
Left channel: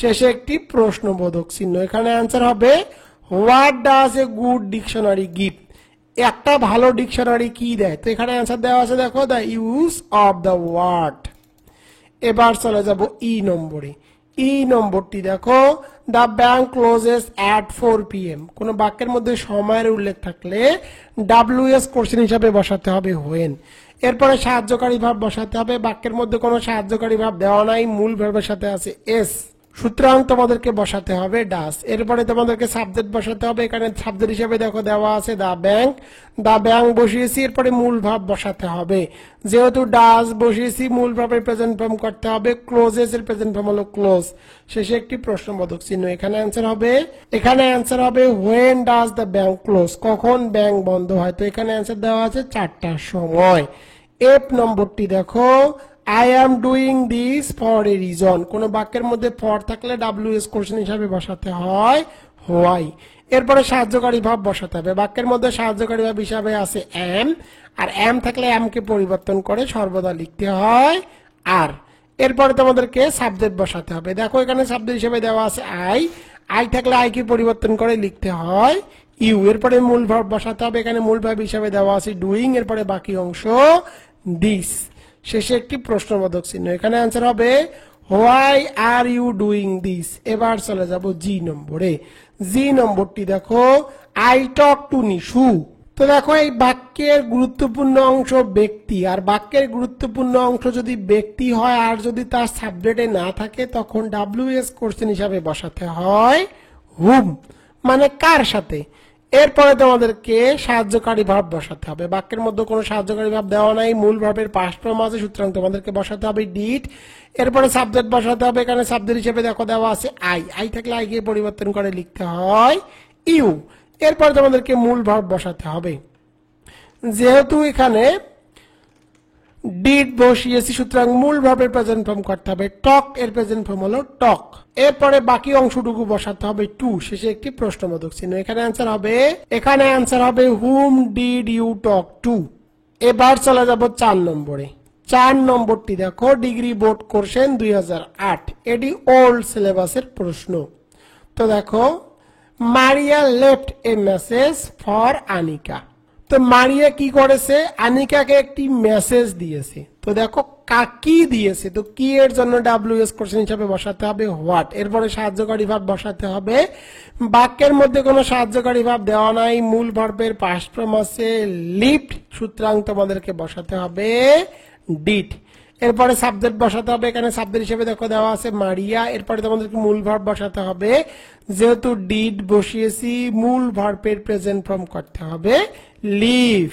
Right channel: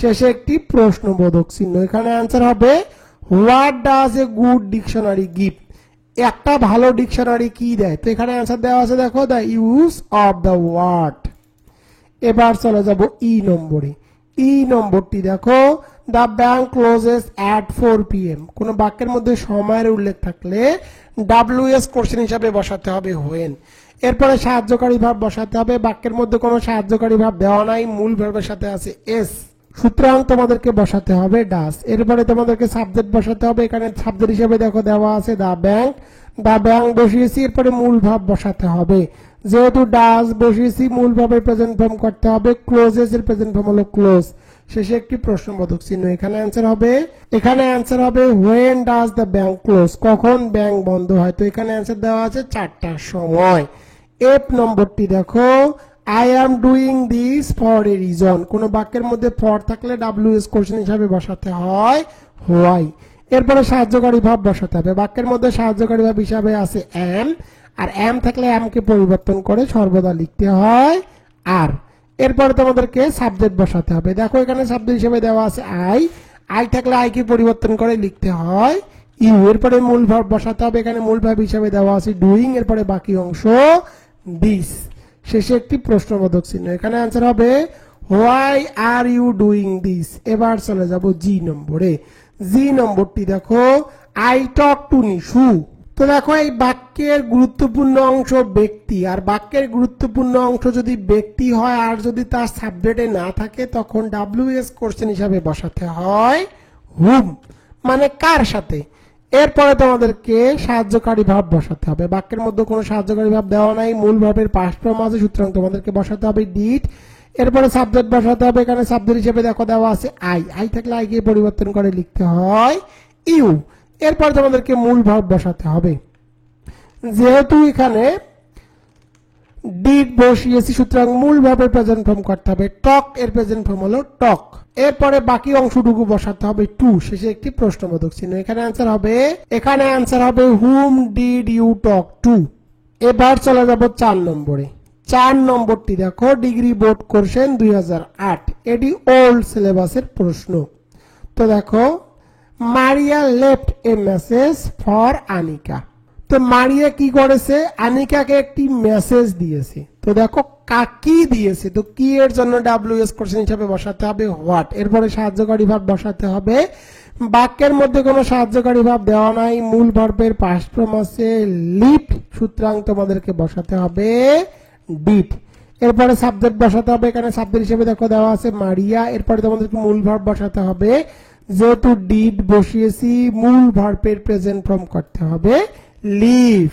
শেষে একটি প্রশ্নবোধক চিহ্ন। এখানে অ্যান্সার হবে what does a good dictionary give. একটা ভালো ডিকশনারি কি দেয়। তো এখানে অ্যান্সার দেওয়া আছে দেখো the use of the word. এবার চলে যাব ই নম্বরে। ই নম্বরটি দেখো, the bank closes at 4 PM। কোন বাক্যের মধ্যে সময়ের উল্লেখ থাকলে WS কোশ্চেন হিসাবে বসাতে হবে হোয়েন। এরপরে সাহায্যকারী ভাব বসাতে হবে। বাক্যের মধ্যে কোনো সাহায্যকারী ভাব দেওয়া নাই, মূল ভাবের সাথে আছে এস, সুতরাং তোমাদেরকে বসাতে হবে ডাস। এরপরে তোমাদেরকে সাবজেক্ট বসাতে হবে। এখানে সাবজেক্ট হিসেবে দেখো দেওয়া আছে দ্য ব্যাংক। দ্য ব্যাংক বসিয়েছি, এরপরে মূল ভাব বসাতে হবে। যেহেতু ডাস বসিয়েছি মূল ভাবের প্রেজেন্ট ফর্ম করতে হবে ক্লোজেস, এর প্রেজেন্ট ফর্ম হলো ক্লোজ। শেষে একটি প্রশ্নবোধক চিহ্ন। এখানে অ্যান্সার হবে when does the bank close. কখন ব্যাংক বন্ধ হয়। তো এখানে অ্যান্সার দেওয়া আছে 4টার সময়। এফ নম্বরটি দেখো, I am doing this for a reason। কোন বাক্যের মধ্যে ফর থাকলে WS কোশ্চেন হিসাবে বসাতে হয় হোয়াই। এরপরে সাহায্যকারী ভাব বসাতে হবে। বাক্যের মধ্যে সাহায্যকারী ভাব হিসাবে আছে am, আর am থাকলে am কে পরিবর্তন করে সর্বদা লিখতে হয় আর। এরপরে তোমাদেরকে সাবজেক্ট বসাতে হবে। দেখো এখানে সাবজেক্ট হিসেবে দেওয়া আছে আই থাকলে আই কে পরিবর্তন করে লিখতে হয় ইউ। এরপরে মূল ভাব বসাতে হবে। এখানে মূল ভাব হিসাবে দেওয়া আছে ডুইং, এরপরে বাকি অংশ দিস। শেষে একটি প্রশ্নবোধক চিহ্ন। এখানে অ্যান্সার হবে why are you doing this. এবার চলে যাব জি নম্বরে। জি নম্বরটি দেখো, আই টক টু নিশু। তো দেখো এই বাক্যের গুরুত্বপূর্ণ অংশ ব্যক্তি, আর বাক্যের গুরুত্বপূর্ণ অংশ যদি ব্যক্তি হয় আর যদি তার সাবজেক্টে না থাকে তখন WS কোশ্চেন হিসাবে বসাতে হয় হুম, মানে কার সাথে। এরপরে তোমাদেরকে সাহায্যকারী ভাব বসাতে হবে। বাক্যের মধ্যে কোনো সাহায্যকারী ভাব দেওয়া নাই, মূল ভাবের পাস্ট ফর্ম আছে, সুতরাং তোমাদেরকে বসাতে হবে ডিড। এরপরে সাবজেক্ট বসাতে হবে। এখানে সাবজেক্ট হিসেবে দেখো দেওয়া আছে আই থাকলে আই কে পরিবর্তন করে লিখতে হয় ইউ। এরপরে তোমাদেরকে মূল ভাব বসাতে হবে। যেহেতু এখানে ডিড বসিয়েছি সুতরাং মূল ভাবের প্রেজেন্ট ফর্ম করতে হবে টক, এর প্রেজেন্ট ফর্ম হলো টক। এরপরে বাকি অংশটুকু বসাতে হবে টু। শেষে একটি প্রশ্নবোধক চিহ্ন। এখানে অ্যান্সার হবে whom did you talk to. এবার চলে যাব 4 নম্বরে। 4 নম্বরটি দেখো, ডিগ্রি বোর্ড কোশ্চেন 2008। এটি ওল্ড সিলেবাসের প্রশ্ন। তো দেখো, মারিয়া left A message for Anika. তো মারিয়া কি করেছে, আনিকাকে একটি মেসেজ দিয়েছে। তো দেখো কি দিয়েছে। তো কি এর জন্য WS কোশ্চেন হিসাবে বসাতে হবে হোয়াট। এরপরে সাহায্যকারী ভাব বসাতে হবে। বাক্যের মধ্যে কোনো সাহায্যকারী ভাব দেওয়া নাই, মূল ভার্বের পাস্ট ফর্ম আছে লিফট, সুতরাং তোমাদেরকে বসাতে হবে ডিড। এরপরে সাবজেক্ট বসাতে হবে। এখানে সাবজেক্ট হিসেবে দেখো দেওয়া আছে মারিয়া। এরপরে তোমাদেরকে মূল ভার্ব বসাতে হবে। যেহেতু ডিড বসিয়েছি মূল ভার্বের প্রেজেন্ট ফর্ম করতে হবে লিভ।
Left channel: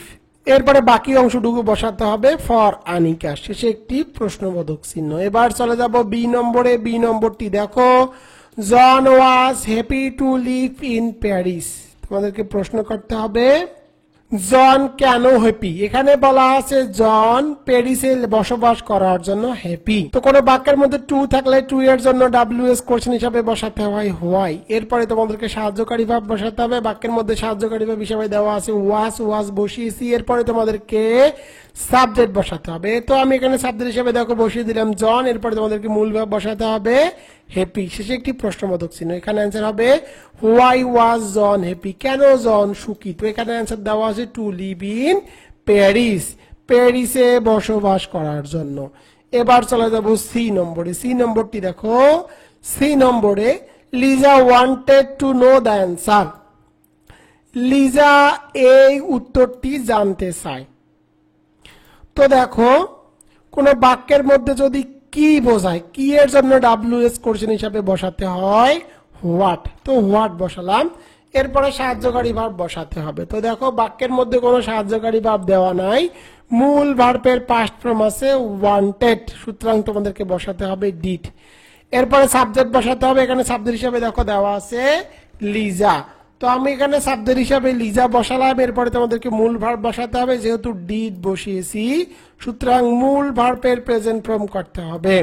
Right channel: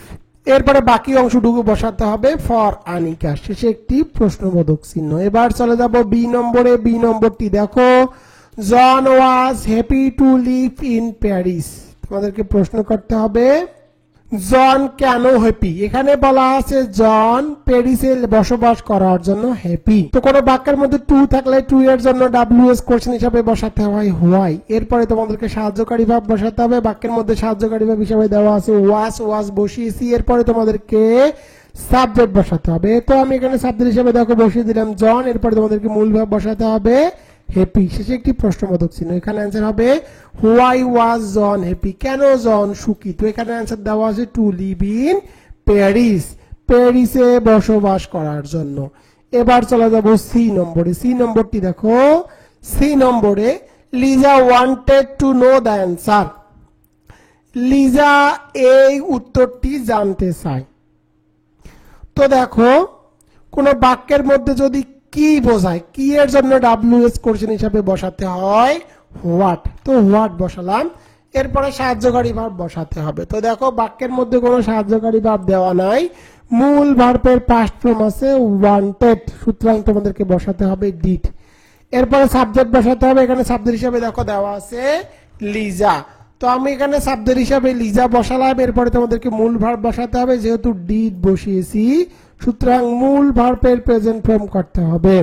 এরপরে বাকি অংশটুকু বসাতে হবে ফর আনিকা। শেষে একটি প্রশ্নবোধক চিহ্ন। এবার চলে যাব বি নম্বরে। বি নম্বরটি দেখো, John was happy to live in Paris. তোমাদেরকে প্রশ্ন করতে হবে জন কেন হ্যাপি। এখানে বলা আছে জন প্যারিসে বসবাস করার জন্য হ্যাপি। তো কোনো বাক্যের মধ্যে টু থাকলে টু এর জন্য WS কোশ্চেন হিসাবে বসাতে হয় হোয়াই। এরপরে তোমাদেরকে সাহায্যকারী ভাব বসাতে হবে। বাক্যের মধ্যে সাহায্যকারী ভাব হিসাবে দেওয়া আছে ওয়াজ বসিয়েছি। এরপরে তোমাদেরকে সাবজেক্ট বসাতে হবে। তো আমি এখানে সাবজেক্ট হিসাবে দেখো বসিয়ে দিলাম জন। এরপরে তোমাদেরকে মূল ভাব বসাতে হবে হ্যাপি। শেষে একটি প্রশ্নবোধক চিহ্ন। এখানে অ্যান্সার হবে হোয়াই ওয়াজ জন হ্যাপি। কেন জন সুখী। তো এখানে অ্যান্সার দেওয়া আছে টু লিভ ইন প্যারিস, প্যারিসে বসবাস করার জন্য। এবার চলে যাব সি নম্বরে। সি নম্বরটি দেখো, সি নম্বরে Liza wanted to know the answer. Liza এই উত্তরটি জানতে চায়। তো দেখো কোন বাক্যের মধ্যে যদি কি বোঝায়, কি এর জন্য WS কোশ্চেন হিসাবে বসাতে হয় হোয়াট, তো হোয়াট বসালাম, এরপরে সাহায্যকারী ভার্ব বসাতে হবে। তো দেখো বাক্যের মধ্যে কোনো সাহায্যকারী ভার্ব দেওয়া নাই, মূল ভার্বের পাস্ট ফর্ম আছে ওয়ান্টেড, সুতরাং তোমাদেরকে বসাতে হবে ডিড। এরপরে সাবজেক্ট বসাতে হবে, এখানে সাবজেক্ট হিসাবে দেখো দেওয়া আছে লিজা, তো আমি এখানে সাবজেক্ট হিসাবে লিজা বসালাম। এরপরে তোমাদেরকে মূল ভার্ব বসাতে হবে, যেহেতু ডিড বসিয়েছি সুতরাং মূল ভার্বের প্রেজেন্ট ফর্ম করতে হবে।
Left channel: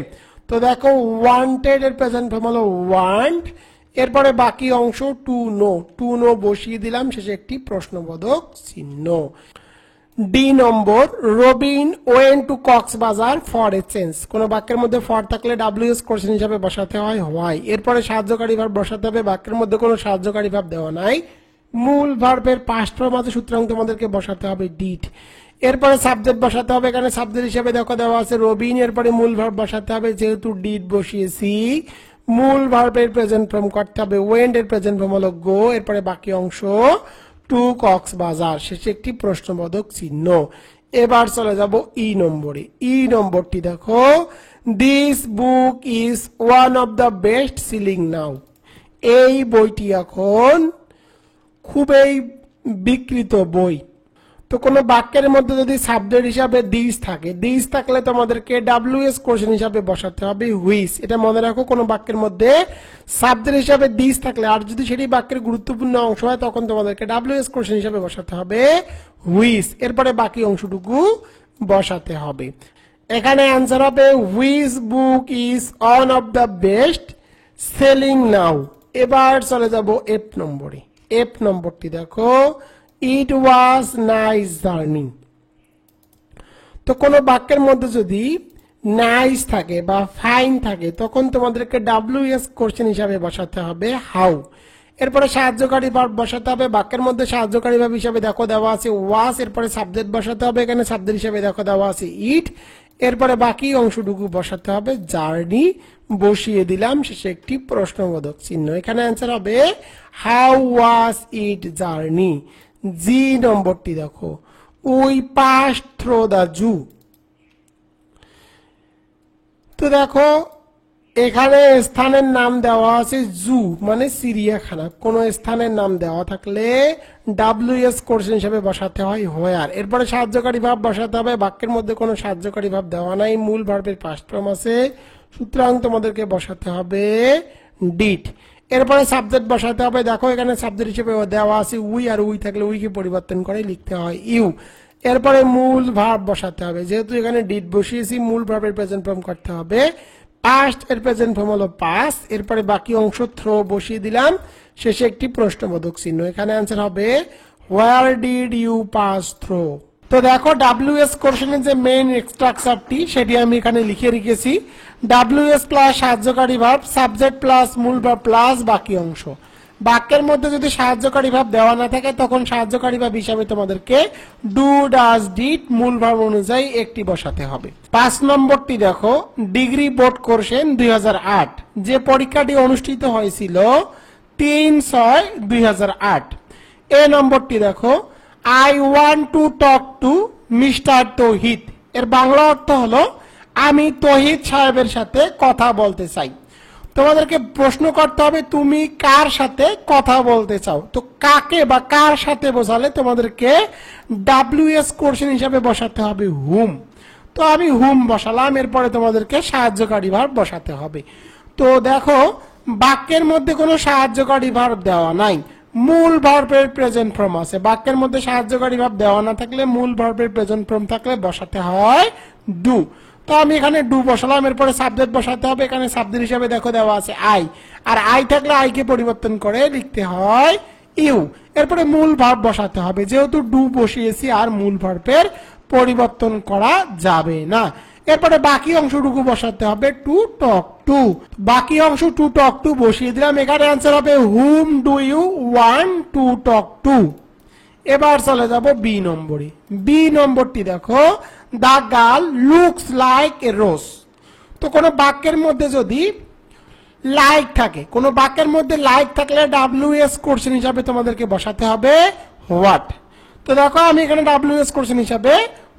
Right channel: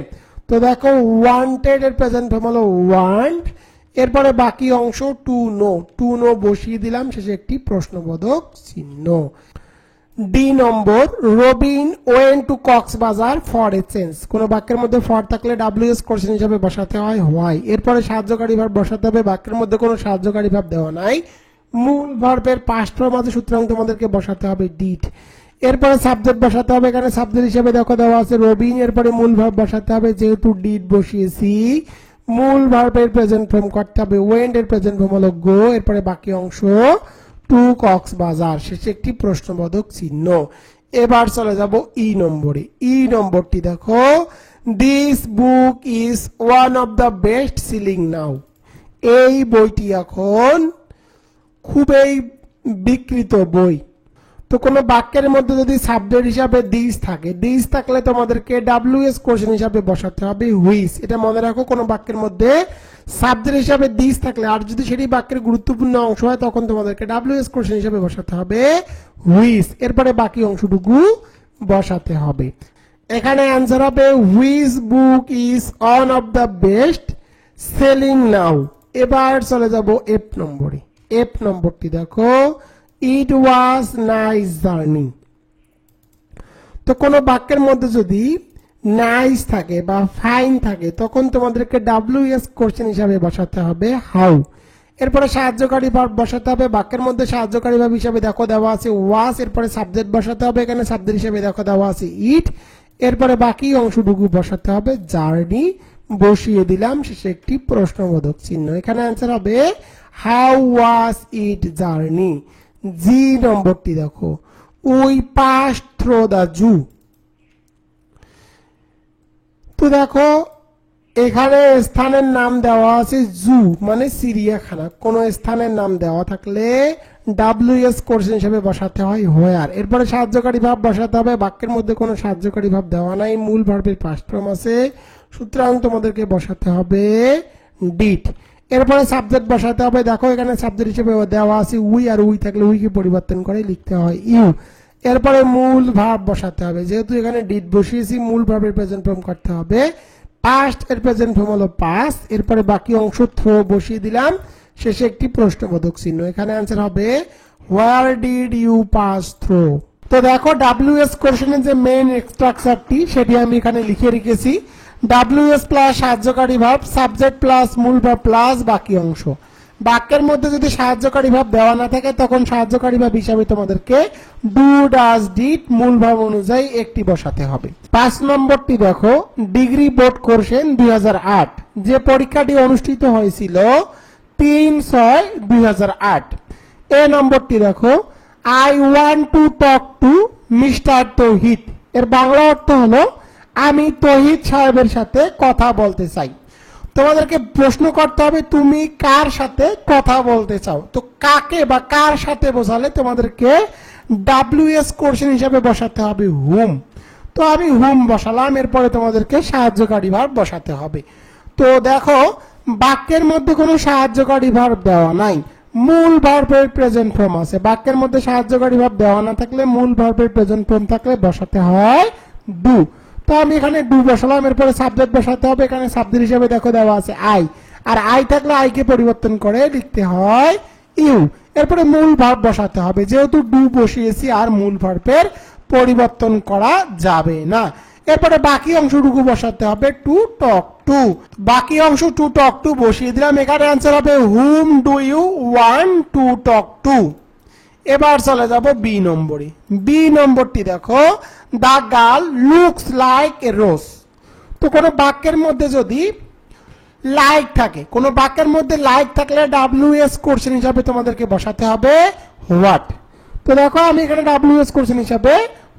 তো দেখো ওয়ান্টেড এর প্রেজেন্ট ফর্ম হলো ওয়ান্ট, এরপরে বাকি অংশ টু নো বসিয়ে দিলাম, শেষে একটি প্রশ্নবোধক চিহ্ন। D number, Robin went to Cox's Bazar for a change. কোন বাক্যের মধ্যে ফর থাকলে WS কোশ্চেন হিসাবে বসাতে হয় হোয়াই, এরপরে সাহায্যকারী ভার্ব বসাতে হবে, বাক্যের মধ্যে কোনো সাহায্যকারী ভার্ব দেওয়া নাই, মূল ভার্বের পাস্ট ফর্ম আছে সুতরাং তোমাদেরকে বসাতে হবে ডিড। এরপরে সাবজেক্ট বসাতে হবে, এখানে সাবজেক্ট হিসেবে দেখো দেওয়া আছে রবিন, এরপরে মূল ভার্ব বসাতে হবে, যেহেতু ডিড বসিয়েছি মূল ভার্বের প্রেজেন্ট ফর্ম করতে হবে ওয়েন্ট এর প্রেজেন্ট ফর্ম হলো গো, এরপরে বাকি অংশ টু কক্সবাজার, শেষে একটি প্রশ্নবোধক চিহ্ন। এবার চলে যাব ই নম্বরে। ই নম্বরটি দেখো, this book is one of the best selling now. এই বইটি এখন খুবই বিক্রিত বই। তো কোন বাক্যের মধ্যে যদি সাবজেক্ট হিসাবে দিস থাকে, দিস থাকলে তোমাদেরকে WS কোশ্চেন হিসাবে বসাতে হবে হুইচ। এটা মনে রাখো, কোন বাক্যের মধ্যে সাবজেক্ট হিসাবে দিস থাকলে আর যদি সেটি বাক্যের গুরুত্বপূর্ণ অংশ হয় তখন তোমাদেরকে WS কোশ্চেন হিসাবে বসাতে হবে হুইচ, এরপরে বাকি অংশটুকু বসাতে হবে। এখানে অ্যান্সার হবে which book is one of the best selling now. এবার চলে যাব এফ নম্বরে। এফ নম্বরটি দেখো, ইট ওয়াজ নাইস জার্নি। তো কোন বাক্যের মধ্যে যদি নাইস থাকে বা ফাইন থাকে তখন তোমাদেরকে WS কোশ্চেন হিসাবে বসাতে হবে হাউ, এরপরে সাহায্যকারী ভার্ব বসাতে হবে, বাক্যের মধ্যে সাহায্যকারী ভার্ব হিসাবে দেখো দেওয়া আছে ওয়াজ, এরপরে সাবজেক্ট বসাতে হবে, এখানে সাবজেক্ট হিসাবে দেখো দেওয়া আছে ইট, এরপরে বাকি অংশটুকু বসাতে হবে জার্নি, বসিয়ে দিলাম, শেষে একটি প্রশ্নবোধক চিহ্ন। এখানে অ্যান্সার হবে how was it journey. G নম্বরটি দেখো, we pass through the zoo. তো দেখো এখানে স্থানের নাম দেওয়া আছে জু মানে চিড়িয়াখানা, কোন স্থানের নাম দেওয়া থাকলে WS কোশ্চেন হিসেবে বসাতে হয় হোয়ার, এরপরে সাহায্যকারী ভাব বসাতে হবে, বাক্যের মধ্যে কোনো সাহায্যকারী ভাব দেওয়া নাই, মূল ভার্বের পাস্ট ফর্ম আছে সুতরাং তোমাদেরকে বসাতে হবে ডিড। এরপরে সাবজেক্ট বসাতে হবে, দেখো এখানে সাবজেক্ট হিসেবে দেওয়া আছে উই, আর উই থাকলে উইকে পরিবর্তন করে লিখতে হয় ইউ। এরপরে মূল ভার্ব বসাতে হবে, যেহেতু এখানে ডিড বসিয়েছি মূল ভার্বের প্রেজেন্ট ফর্ম করতে হবে পাস্ট এর প্রেজেন্ট ফর্ম হলো পাস, এরপরে বাকি অংশ থ্রো বসিয়ে দিলাম, শেষে একটি প্রশ্নবোধক চিহ্ন। এখানে অ্যান্সার হবে where did you pass through. তো দেখো WS কোশ্চেনের যে মেইন স্ট্রাকচারটি সেটি আমি এখানে লিখে রেখেছি, WS প্লাস সাহায্যকারী ভার্ব, সাবজেক্ট প্লাস মূল ভার্ব প্লাস বাকি অংশ। বাক্যের মধ্যে যদি সাহায্যকারী ভাব দেওয়া না থাকে তখন সাহায্যকারী ভাব হিসাবে তোমাদেরকে ডু, ডাজ, ডিড মূল ভাব অনুযায়ী একটি বসাতে হবে। 5 নম্বরটি দেখো, ডিগ্রি বোর্ড কোশ্চেন 2008, যে পরীক্ষাটি অনুষ্ঠিত হয়েছিল 3/6/2008। এ নম্বরটি দেখো, I want to talk to mister Tauhid. এর বাংলা অর্থ হলো আমি তৌহিদ সাহেবের সাথে কথা বলতে চাই। তোমাদেরকে প্রশ্ন করতে হবে তুমি কার সাথে কথা বলতে চাও, তো কাকে বা কার সাথে বোঝালে তোমাদেরকে WS কোশ্চেন হিসাবে বসাতে হবে হুম। তো আমি হুম বসালাম, এরপরে তোমাদেরকে সাহায্যকারী ভার্ব বসাতে হবে। তো দেখো বাক্যের মধ্যে কোনো সাহায্যকারী ভার্ব দেওয়া নাই, মূল ভার্বের প্রেজেন্ট ফর্ম আছে, বাক্যের মধ্যে সাহায্যকারী ভার্ব দেওয়া না থাকলে মূল ভার্বের প্রেজেন্ট ফর্ম থাকলে বসাতে হয় ডু। তো আমি এখানে ডু বসালাম, এরপরে সাবজেক্ট বসাতে হবে, এখানে সাবজেক্ট হিসেবে দেখো দেওয়া আছে আই, আর আই থাকলে আই কে পরিবর্তন করে লিখতে হয় ইউ। এরপরে মূল ভার্ব বসাতে হবে, যেহেতু ডু বসিয়েছি আর মূল ভার্বের পরিবর্তন করা যাবে না। এরপরে বাকি অংশটুকু বসাতে হবে টু টক টু, বাকি অংশ টু টক টু বসিয়ে দিলাম। এখানে অ্যান্সার হবে whom do you want to talk to. এবার চলে যাব বি নম্বরে। বি নম্বরটি দেখো, the girl looks like a rose. তো কোন বাক্যের মধ্যে যদি লাইক থাকে, কোন বাক্যের মধ্যে লাইক থাকলে WS কোশ্চেন হিসাবে তোমাদেরকে বসাতে হবে হোয়াট। তো দেখো আমি এখানে WS কোশ্চেন হিসাবে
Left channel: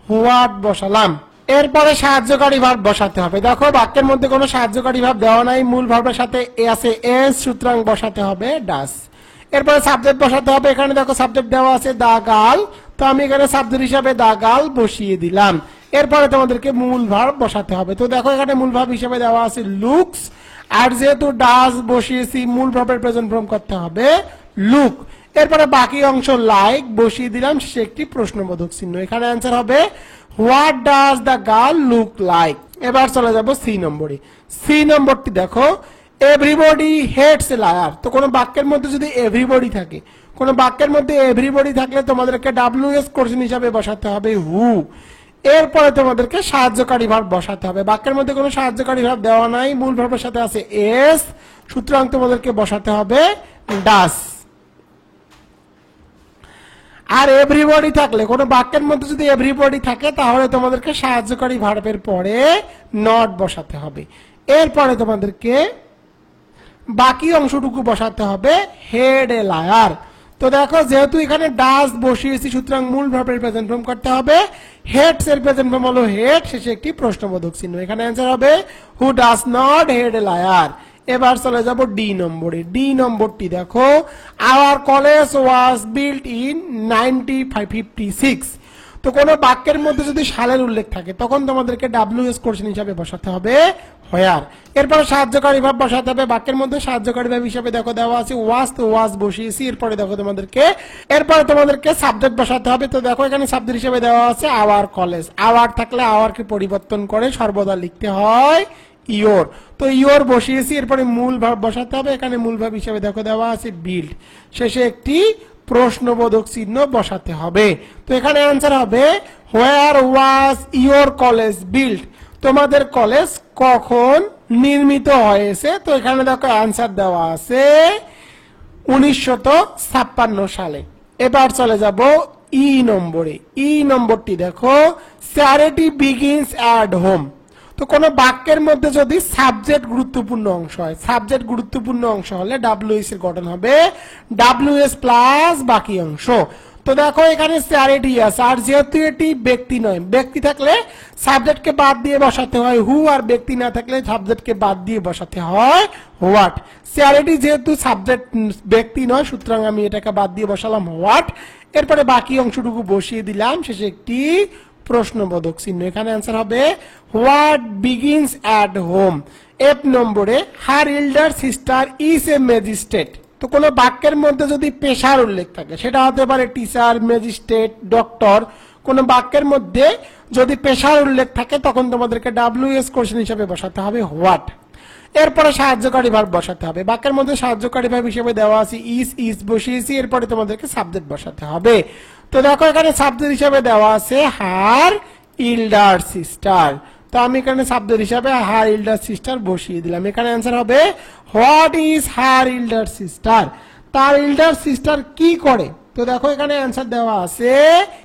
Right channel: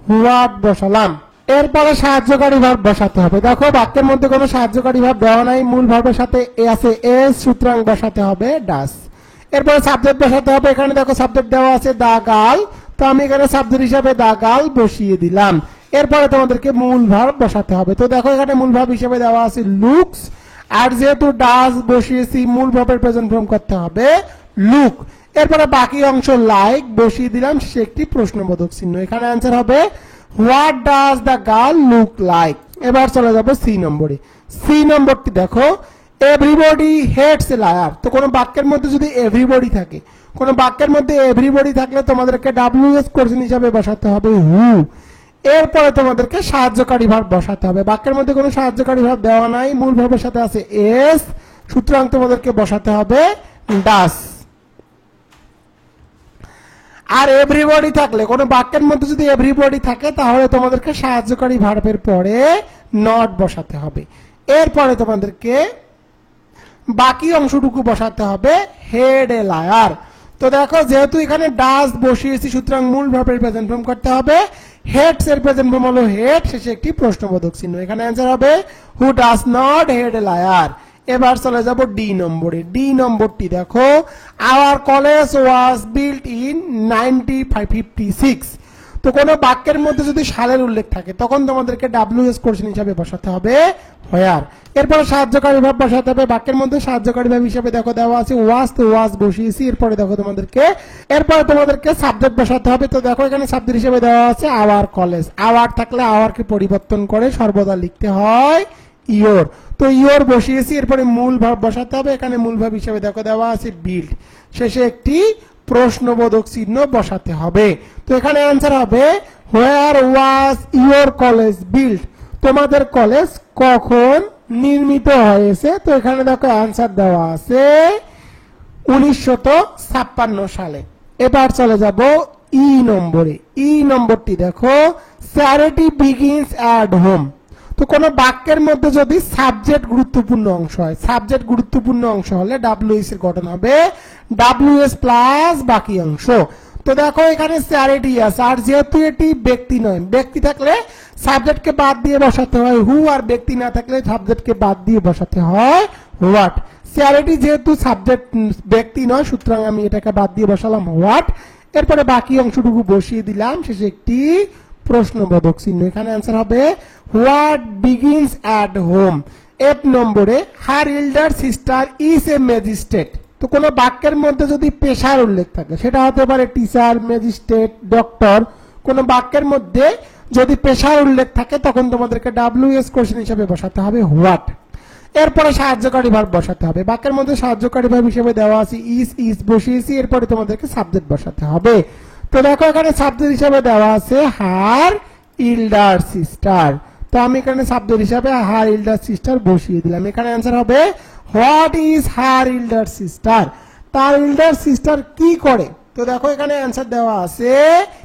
হোয়াট বসালাম। এরপরে সাহায্যকারী ভার্ব বসাতে হবে। দেখো বাক্যের মধ্যে কোনো সাহায্যকারী ভার্ব দেওয়া নাই, মূল ভার্বের সাথে এ আছে এস, সুতরাং বসাতে হবে ডাস। এরপরে সাবজেক্ট বসাতে হবে। এখানে দেখো সাবজেক্ট দেওয়া আছে দা গার্ল, তো আমি এখানে সাবজেক্ট হিসাবে দা গার্ল বসিয়ে দিলাম। এরপরে তোমাদেরকে মূল ভার্ব বসাতে হবে। তো দেখো এখানে মূল ভার্ব হিসেবে দেওয়া আছে লুকস, আর যেহেতু ডাস বসিয়েছি মূল ভার্বের প্রেজেন্ট ফর্ম করতে হবে লুক। এরপরে বাকি অংশ লাইক বসিয়ে দিলাম, সে একটি প্রশ্নবোধক চিহ্ন। এখানে অ্যান্সার হবে what does the girl look like. এবার চলে যাবো সি নম্বরে। সি নম্বরটি দেখো এভরিবডি হেটস এ লায়ার। তো কোনো বাক্যের মধ্যে যদি এভরিবডি থাকে, কোন বাক্যের মধ্যে এভরিবডি থাকলে তোমাদেরকে WS কোশ্চেন হিসাবে বসাতে হবে হু। এরপরে তোমাদেরকে সাহায্যকারী ভার্ব বসাতে হবে। বাক্যের মধ্যে কোনো সাহায্যকারী ভার্ব দেওয়া নাই, মূল ভার্বের সাথে আছে এস, সুতরাং তোমাদেরকে বসাতে হবে ডাস। আর এভরিবডি থাকলে, কোন বাক্যের মধ্যে যদি এভরিবডি থাকে তাহলে তোমাদেরকে সাহায্যকারী ভার্বের পরে নট বসাতে হবে। এরপরে তোমাদেরকে বাকি অংশটুকু বসাতে হবে হেড এ লায়ার। তো দেখো যেহেতু এখানে ডাস বসিয়েছি সুতরাং মূল ভার্বের প্রেজেন্ট ফর্ম করতে হবে হেডস, এর প্রেজেন্ট ফর্ম হলো হেড, শেষে একটি প্রশ্নবোধক চিহ্ন। এখানে অ্যান্সার হবে who does not heed a liar. এবার চলে যাব ডি নম্বরে। ডি নম্বরটি দেখো our college was built in 1956। তো কোন বাক্যের মধ্যে যদি সালের উল্লেখ থাকে তখন তোমাদেরকে WS কোশ্চেন হিসাবে বসাতে হবে হোয়ার। এরপরে সাহায্যকারী ভাব বসাতে হবে। বাক্যের মধ্যে সাহায্যকারী ভাব হিসাবে দেখো দেওয়া আছে ওয়াজ, তো ওয়াজ বসিয়েছি। এরপরে দেখো তোমাদেরকে সাবজেক্ট বসাতে হবে। তো দেখো এখানে সাবজেক্ট হিসেবে দেওয়া আছে আওয়ার কলেজ। আওয়ার থাকলে আওয়ারকে পরিবর্তন করে সর্বদা লিখতে হয় ইয়োর, তো ইয়োর বসিয়েছি। এরপরে মূল ভাব বসাতে হবে। এখানে মূল ভাব হিসেবে দেখো দেওয়া আছে বিল্ড, শেষে একটি প্রশ্নবোধক চিহ্ন বসাতে হবে। তো এখানে অ্যান্সার হবে হোয়ার ওয়াজ ইয়োর কলেজ বিল্ড। তোমাদের কলেজ কখন নির্মিত হয়েছে? তো এখানে দেখো অ্যান্সার দেওয়া আছে 1956 সালে। এবার চলে যাব ই নম্বরে। ই নম্বরটি দেখো চ্যারিটি বিগিনস অ্যাট হোম। তো কোন বাক্যের মধ্যে যদি সাবজেক্ট গুরুত্বপূর্ণ অংশ হয়, সাবজেক্ট গুরুত্বপূর্ণ অংশ হলে WS এর গঠন হবে WS প্লাস বাকি অংশ। তো দেখো এখানে চ্যারিটি আছে, আর যেহেতু এটি ব্যক্তি নয়, ব্যক্তি থাকলে সাবজেক্টকে বাদ দিয়ে বসাতে হয় হু, আর ব্যক্তি না থাকলে সাবজেক্টকে বাদ দিয়ে বসাতে হয় হোয়াট। চ্যারিটি যেহেতু সাবজেক্ট ব্যক্তি নয় সুতরাং আমি এটাকে বাদ দিয়ে বসালাম হোয়াট। এরপরে বাকি অংশটুকু বসিয়ে দিলাম, শেষে একটি প্রশ্নবোধক চিহ্ন। এখানে অ্যান্সার হবে what begins at home. F নম্বরে her elder sister is a magistrate. তো কোন বাক্যের মধ্যে যদি পেশার উল্লেখ থাকে, সেটা হতে পারে টিচার, ম্যাজিস্ট্রেট, ডক্টর। কোন বাক্যের মধ্যে যদি পেশার উল্লেখ থাকে তখন তোমাদেরকে WS কোশ্চেন হিসেবে বসাতে হবে হোয়াট। এরপরে সাহায্যকারী ভার্ব বসাতে হবে। বাক্যের মধ্যে সাহায্যকারী ভার্ব হিসেবে দেওয়া আছে ইজ বসিয়েছি। এরপরে তোমাদেরকে সাবজেক্ট বসাতে হবে। তো দেখো এখানে সাবজেক্ট হিসেবে দেওয়া আছে হার ইল্ডার সিস্টার। তো আমি এখানে সাবজেক্ট হিসাবে হার ইল্ডার সিস্টার বসিয়ে দিলাম। এখানে অ্যান্সার হবে what is her elder sister. তার ইল্ডার সিস্টার কি করে? তো দেখো এখানে অ্যান্সার দেওয়া আছে,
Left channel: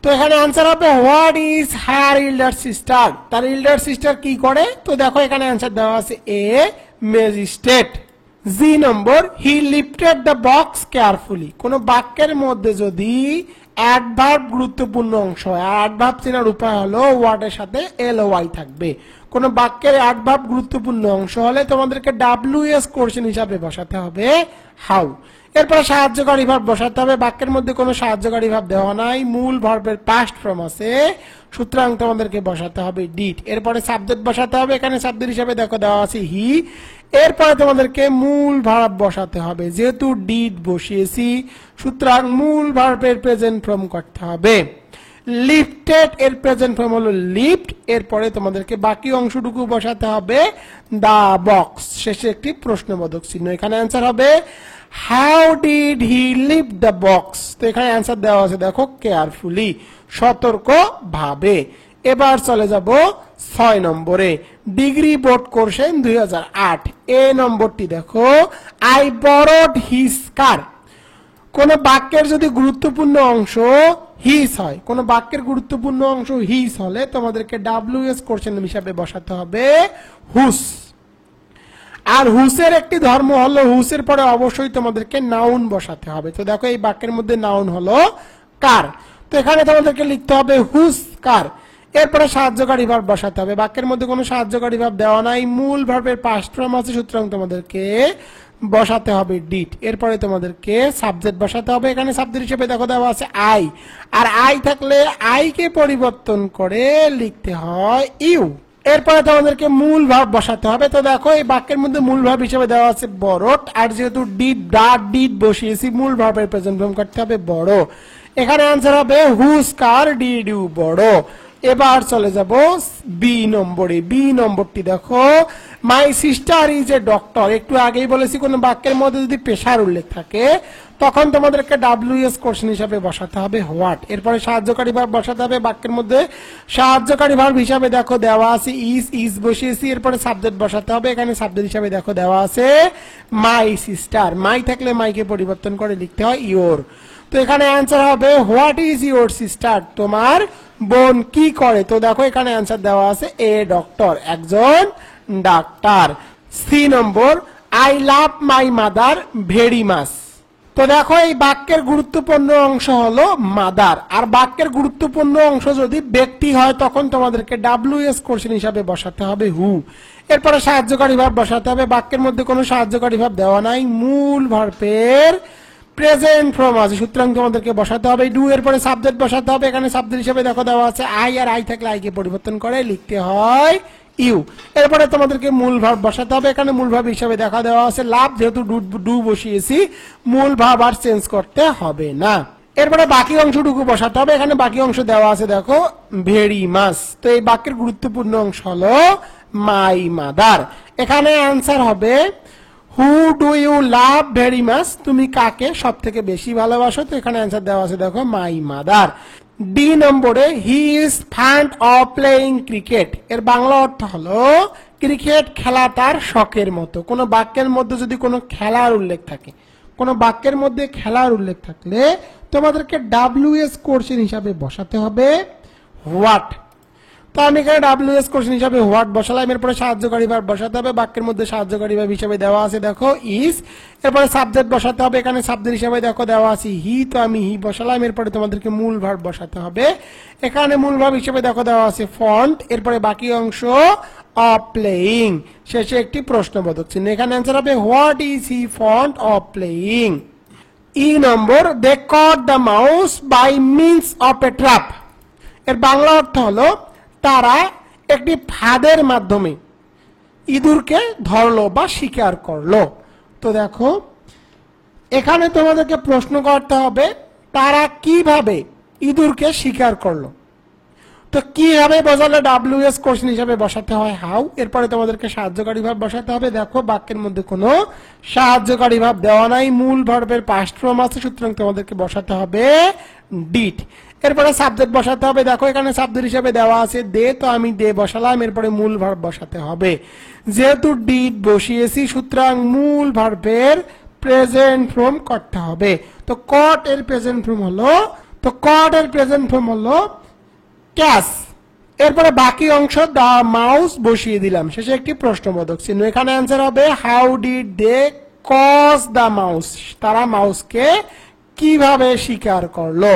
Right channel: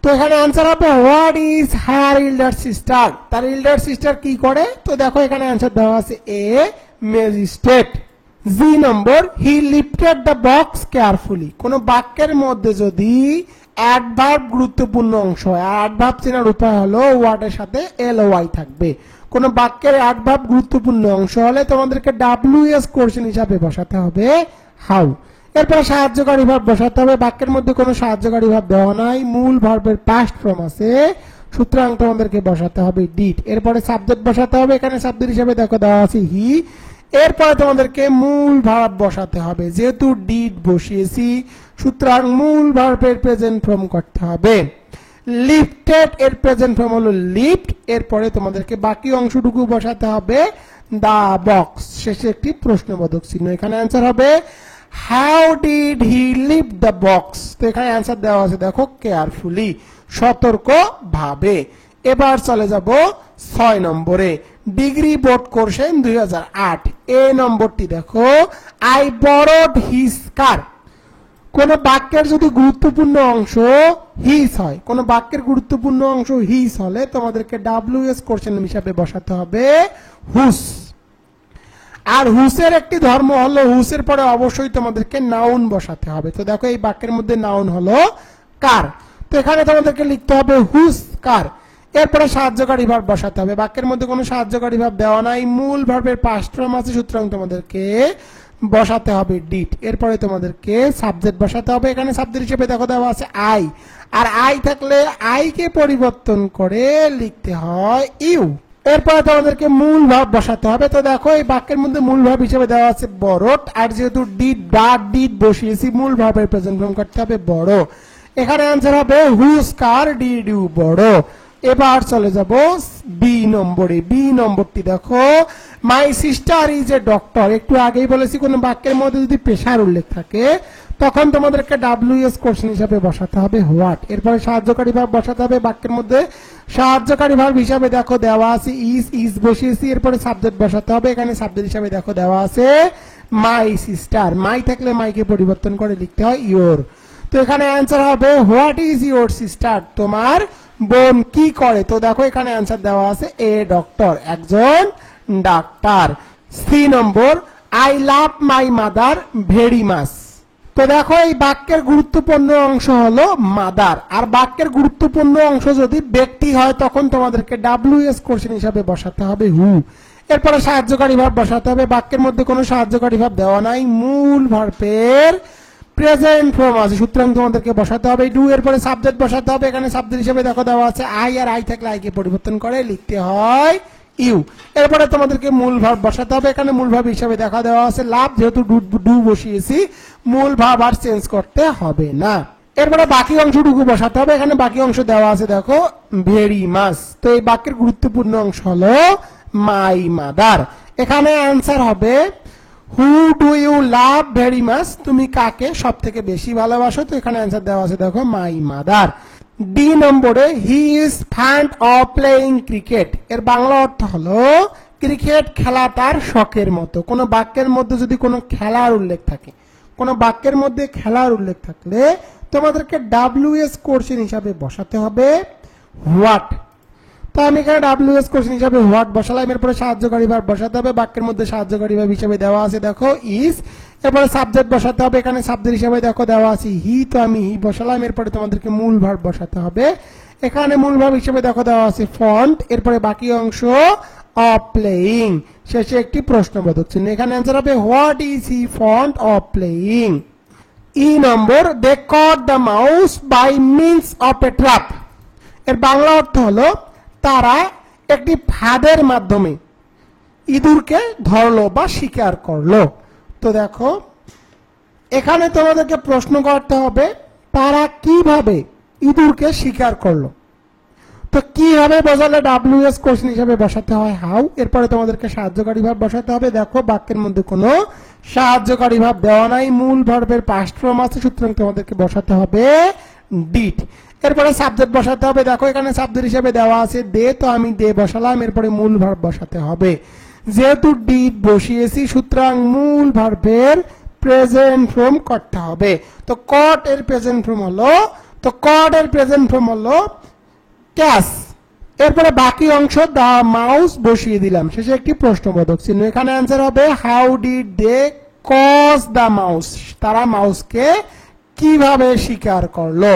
তো এখানে অ্যান্সার হবে what is her elder sister. তার ইল্ডার সিস্টার কি করে? তো দেখো এখানে অ্যান্সার দেওয়া আছে a magistrate. G number he lifted the box carefully. কোন বাক্যের মধ্যে যদি অ্যাডভার্ব গুরুত্বপূর্ণ অংশ হয়, অ্যাডভার্ব চেনার উপায় হলো ওয়ার্ড এর সাথে LOY থাকবে। কোন বাক্যের অ্যাডভার্ব গুরুত্বপূর্ণ অংশ হলে তোমাদেরকে WS কোশ্চেন হিসাবে বসাতে হবে হাউ। এরপর সাহায্যকারী ভার্ব বসাতে হবে। বাক্যের মধ্যে কোনো সাহায্যকারী ভার্ব দেওয়া নাই, মূল ভার্বের পাস্ট ফর্ম আছে, সুতরাং তোমাদেরকে বসাতে হবে ডিড। এরপরে সাবজেক্ট বসাতে হবে। এখানে সাবজেক্ট হিসাবে দেখো দেওয়া আছে হি। এরপরে তোমাদেরকে মূল ভার্ব বসাতে হবে। যেহেতু ডিড বসিয়েছি সুতরাং মূল ভার্বের প্রেজেন্ট ফর্ম করতে হবে লিফটেড, এর প্রেজেন্ট ফর্ম হলো লিফট। এরপরে তোমাদেরকে বাকি অংশটুকু বসাতে হবে দা বক্স, শেষে একটি প্রশ্নবোধক চিহ্ন। এখানে অ্যান্সার হবে how did he lift the box. তো এখানে অ্যান্সার দেওয়া আছে দেখো কেয়ারফুলি, সতর্ক ভাবে। এবার চলে যাব 6 নম্বরে। Degree board কোর্সেন 2008। এ নম্বরটি দেখো আই বরোড হিজ কার। কোন বাক্যের যদি গুরুত্বপূর্ণ অংশ হিজ হয়, কোন বাক্যের গুরুত্বপূর্ণ অংশ হিজ হলে তোমাদেরকে WS কোশ্চেন হিসাবে বসাতে হবে হুস। আর হুসের একটি ধর্ম হলো হুসের পরে অবশ্যই তোমাদেরকে নাউন বসাতে হবে। তো দেখো এই বাক্যের মধ্যে নাউন হলো কার, তো এখানে তোমাদেরকে লিখতে হবে হুস কার, এরপরে সাহায্যকারী ভার্ব বসাতে হবে। বাক্যের মধ্যে কোনো সাহায্যকারী ভার্ব দেওয়া নাই, মূল ভার্বের পাস্ট ফর্ম আছে, সুতরাং তোমাদেরকে বসাতে হবে ডিড। এরপরে তোমাদেরকে সাবজেক্ট বসাতে হবে। এখানে সাবজেক্ট হিসেবে দেখো দেওয়া আছে আই, আর আই থাকলে আই কে পরিবর্তন করে লিখতে হয় ইউ। এরপরে তোমাদেরকে মূল ভার্ব বসাতে হবে। তো দেখো এই বাক্যের মধ্যে মূল ভার্ব হিসেবে দেওয়া আছে বড়, আর যেহেতু ডিড ডিড বসিয়েছি মূল ভার্বের প্রেজেন্ট ফর্ম করতে হবে বড়। এখানে অ্যান্সার হবে হুজ কার ডিড ইউ বড়। এবার চলে যাব বি নম্বরে। বি নম্বরটি দেখো my sister is a doctor. একটু আগেই বলেছি কোন বাক্যের মধ্যে যদি পেশার উল্লেখ থাকে তখন তোমাদেরকে WS কোশ্চেন হিসাবে বসাতে হবে হোয়াট। এরপরে সাহায্যকারী ভার্ব বসাতে হবে। বাক্যের মধ্যে সাহায্যকারী ভার্ব হিসাবে দেখো দেওয়া আছে ইজ বসিয়েছি, এরপরে সাবজেক্ট বসাতে হবে। এখানে সাবজেক্ট হিসাবে দেখো দেওয়া আছে মাই সিস্টার, মাই থাকলে মাইকে পরিবর্তন করে লিখতে হয় ইয়োর। তো এখানে অ্যান্সার হবে হোয়াট ইজ ইউর সিস্টার, তোমার বোন কি করে। তো দেখো এখানে অ্যান্সার দেওয়া আছে এ ডক্টর, একজন ডাক্তার। C number I love my mother very much. তো দেখো এই বাক্যের গুরুত্বপূর্ণ অংশ হলো মাদার, আর বাক্যের গুরুত্বপূর্ণ অংশ যদি ব্যক্তি হয় তখন তোমাদেরকে WS কোশ্চেন হিসাবে বসাতে হবে হু। এরপরে সাহায্যকারী ভার্ব বসাতে হবে। বাক্যের মধ্যে কোনো সাহায্যকারী ভার্ব দেওয়া নাই, মূল ভার্বের প্রেজেন্ট ফর্ম আছে, সুতরাং তোমাদেরকে বসাতে হবে ডু। এরপরে সাবজেক্ট বসাতে হবে। এখানে সাবজেক্ট হিসেবে দেখো দেওয়া আছে আই, আর আই থাকলে আই কে পরিবর্তন করে লিখতে হয় ইউ। এরপরে তোমাদেরকে মূল ভার্ব বসাতে হবে। এখানে মূল ভার্ব হিসেবে দেখা দেওয়া আছে লাভ, যেহেতু ডু বসিয়েছি মূল ভার্ব আর চেঞ্জ করতে হবে না। এরপরে বাকি অংশটুকু বসাতে হবে। এখানে বাকি অংশ দেওয়া আছে দেখো ভেরি মাচ। তো এই বাক্যের গুরুত্বপূর্ণ অংশ হলো মাই মাদার। এখানে অ্যান্সার হবে who do you love very much, তুমি কাকে সব থেকে বেশি ভালোবাসো। তো এখানে অ্যান্সার দেওয়া আছে দেখো মাই মাদার। ডি নম্বরে he is fund of playing cricket. এর বাংলা অর্থ হলো ক্রিকেট খেলা তার শখের মতো। কোন বাক্যের মধ্যে যদি কোনো খেলার উল্লেখ থাকে, কোন বাক্যের মধ্যে খেলার উল্লেখ থাকলে তোমাদেরকে WS কোশ্চেন হিসাবে বসাতে হবে হোয়াট। তো আমি এখানে WS কোশ্চেন হিসাবে হোয়াট বসালাম। এরপরে সাহায্যকারী ভার্ব বসাতে হবে। বাক্যের মধ্যে সাহায্যকারী ভার্ব হিসেবে দেওয়া আছে দেখো ইজ। এরপরে সাবজেক্ট বসাতে হবে। এখানে সাবজেক্ট হিসেবে দেখো দেওয়া আছে হি, তো আমি হি বসালাম। এরপরে তোমাদেরকে মূল ভার্ব বসাতে হবে। এখানে মূল ভার্ব হিসেবে দেখো দেওয়া আছে ফন্ট। এরপরে বাকি অংশ অফ প্লেইং, শেষে একটি প্রশ্নবোধক চিহ্ন। এখানে অ্যান্সার হবে what is he fond of playing. E number they caught the mouse by means of a trap. এর বাংলা অর্থ হলো তারা একটি ফাঁদের মাধ্যমে ইঁদুরকে ধরলো বা শিকার করলো। তো দেখো এখানে তোমাদেরকে প্রশ্ন করতে হবে তারা কিভাবে ইঁদুরকে শিকার করলো। তো কিভাবে বোঝালে WS কোশ্চেন হিসাবে বসাতে হয় হাউ। এরপরে তোমাদেরকে সাহায্যকারী ভাব বসাতে হবে। দেখো বাক্যের মধ্যে কোনো সাহায্যকারী ভাব দেওয়া নাই, মূল ভার্বের পাস্ট ফর্ম আছে, সুতরাং তোমাদেরকে বসাতে হবে ডিড। এরপরে সাবজেক্ট বসাতে হবে। দেখো এখানে সাবজেক্ট হিসেবে দেওয়া আছে দে, তো আমি দে বসালাম। এরপরে মূল ভার্ব বসাতে হবে। যেহেতু ডিড বসিয়েছি সুতরাং মূল ভার্বের প্রেজেন্ট ফর্ম করতে হবে। তো কট এর প্রেজেন্ট ফর্ম হলো ক্যাশ। এরপরে বাকি অংশ দা মাউস বসিয়ে দিলাম, শেষে একটি প্রশ্নবোধক চিহ্ন। এখানে অ্যান্সার হবে how did they catch the mouse, তারা মাউসকে কিভাবে শিকার করলো।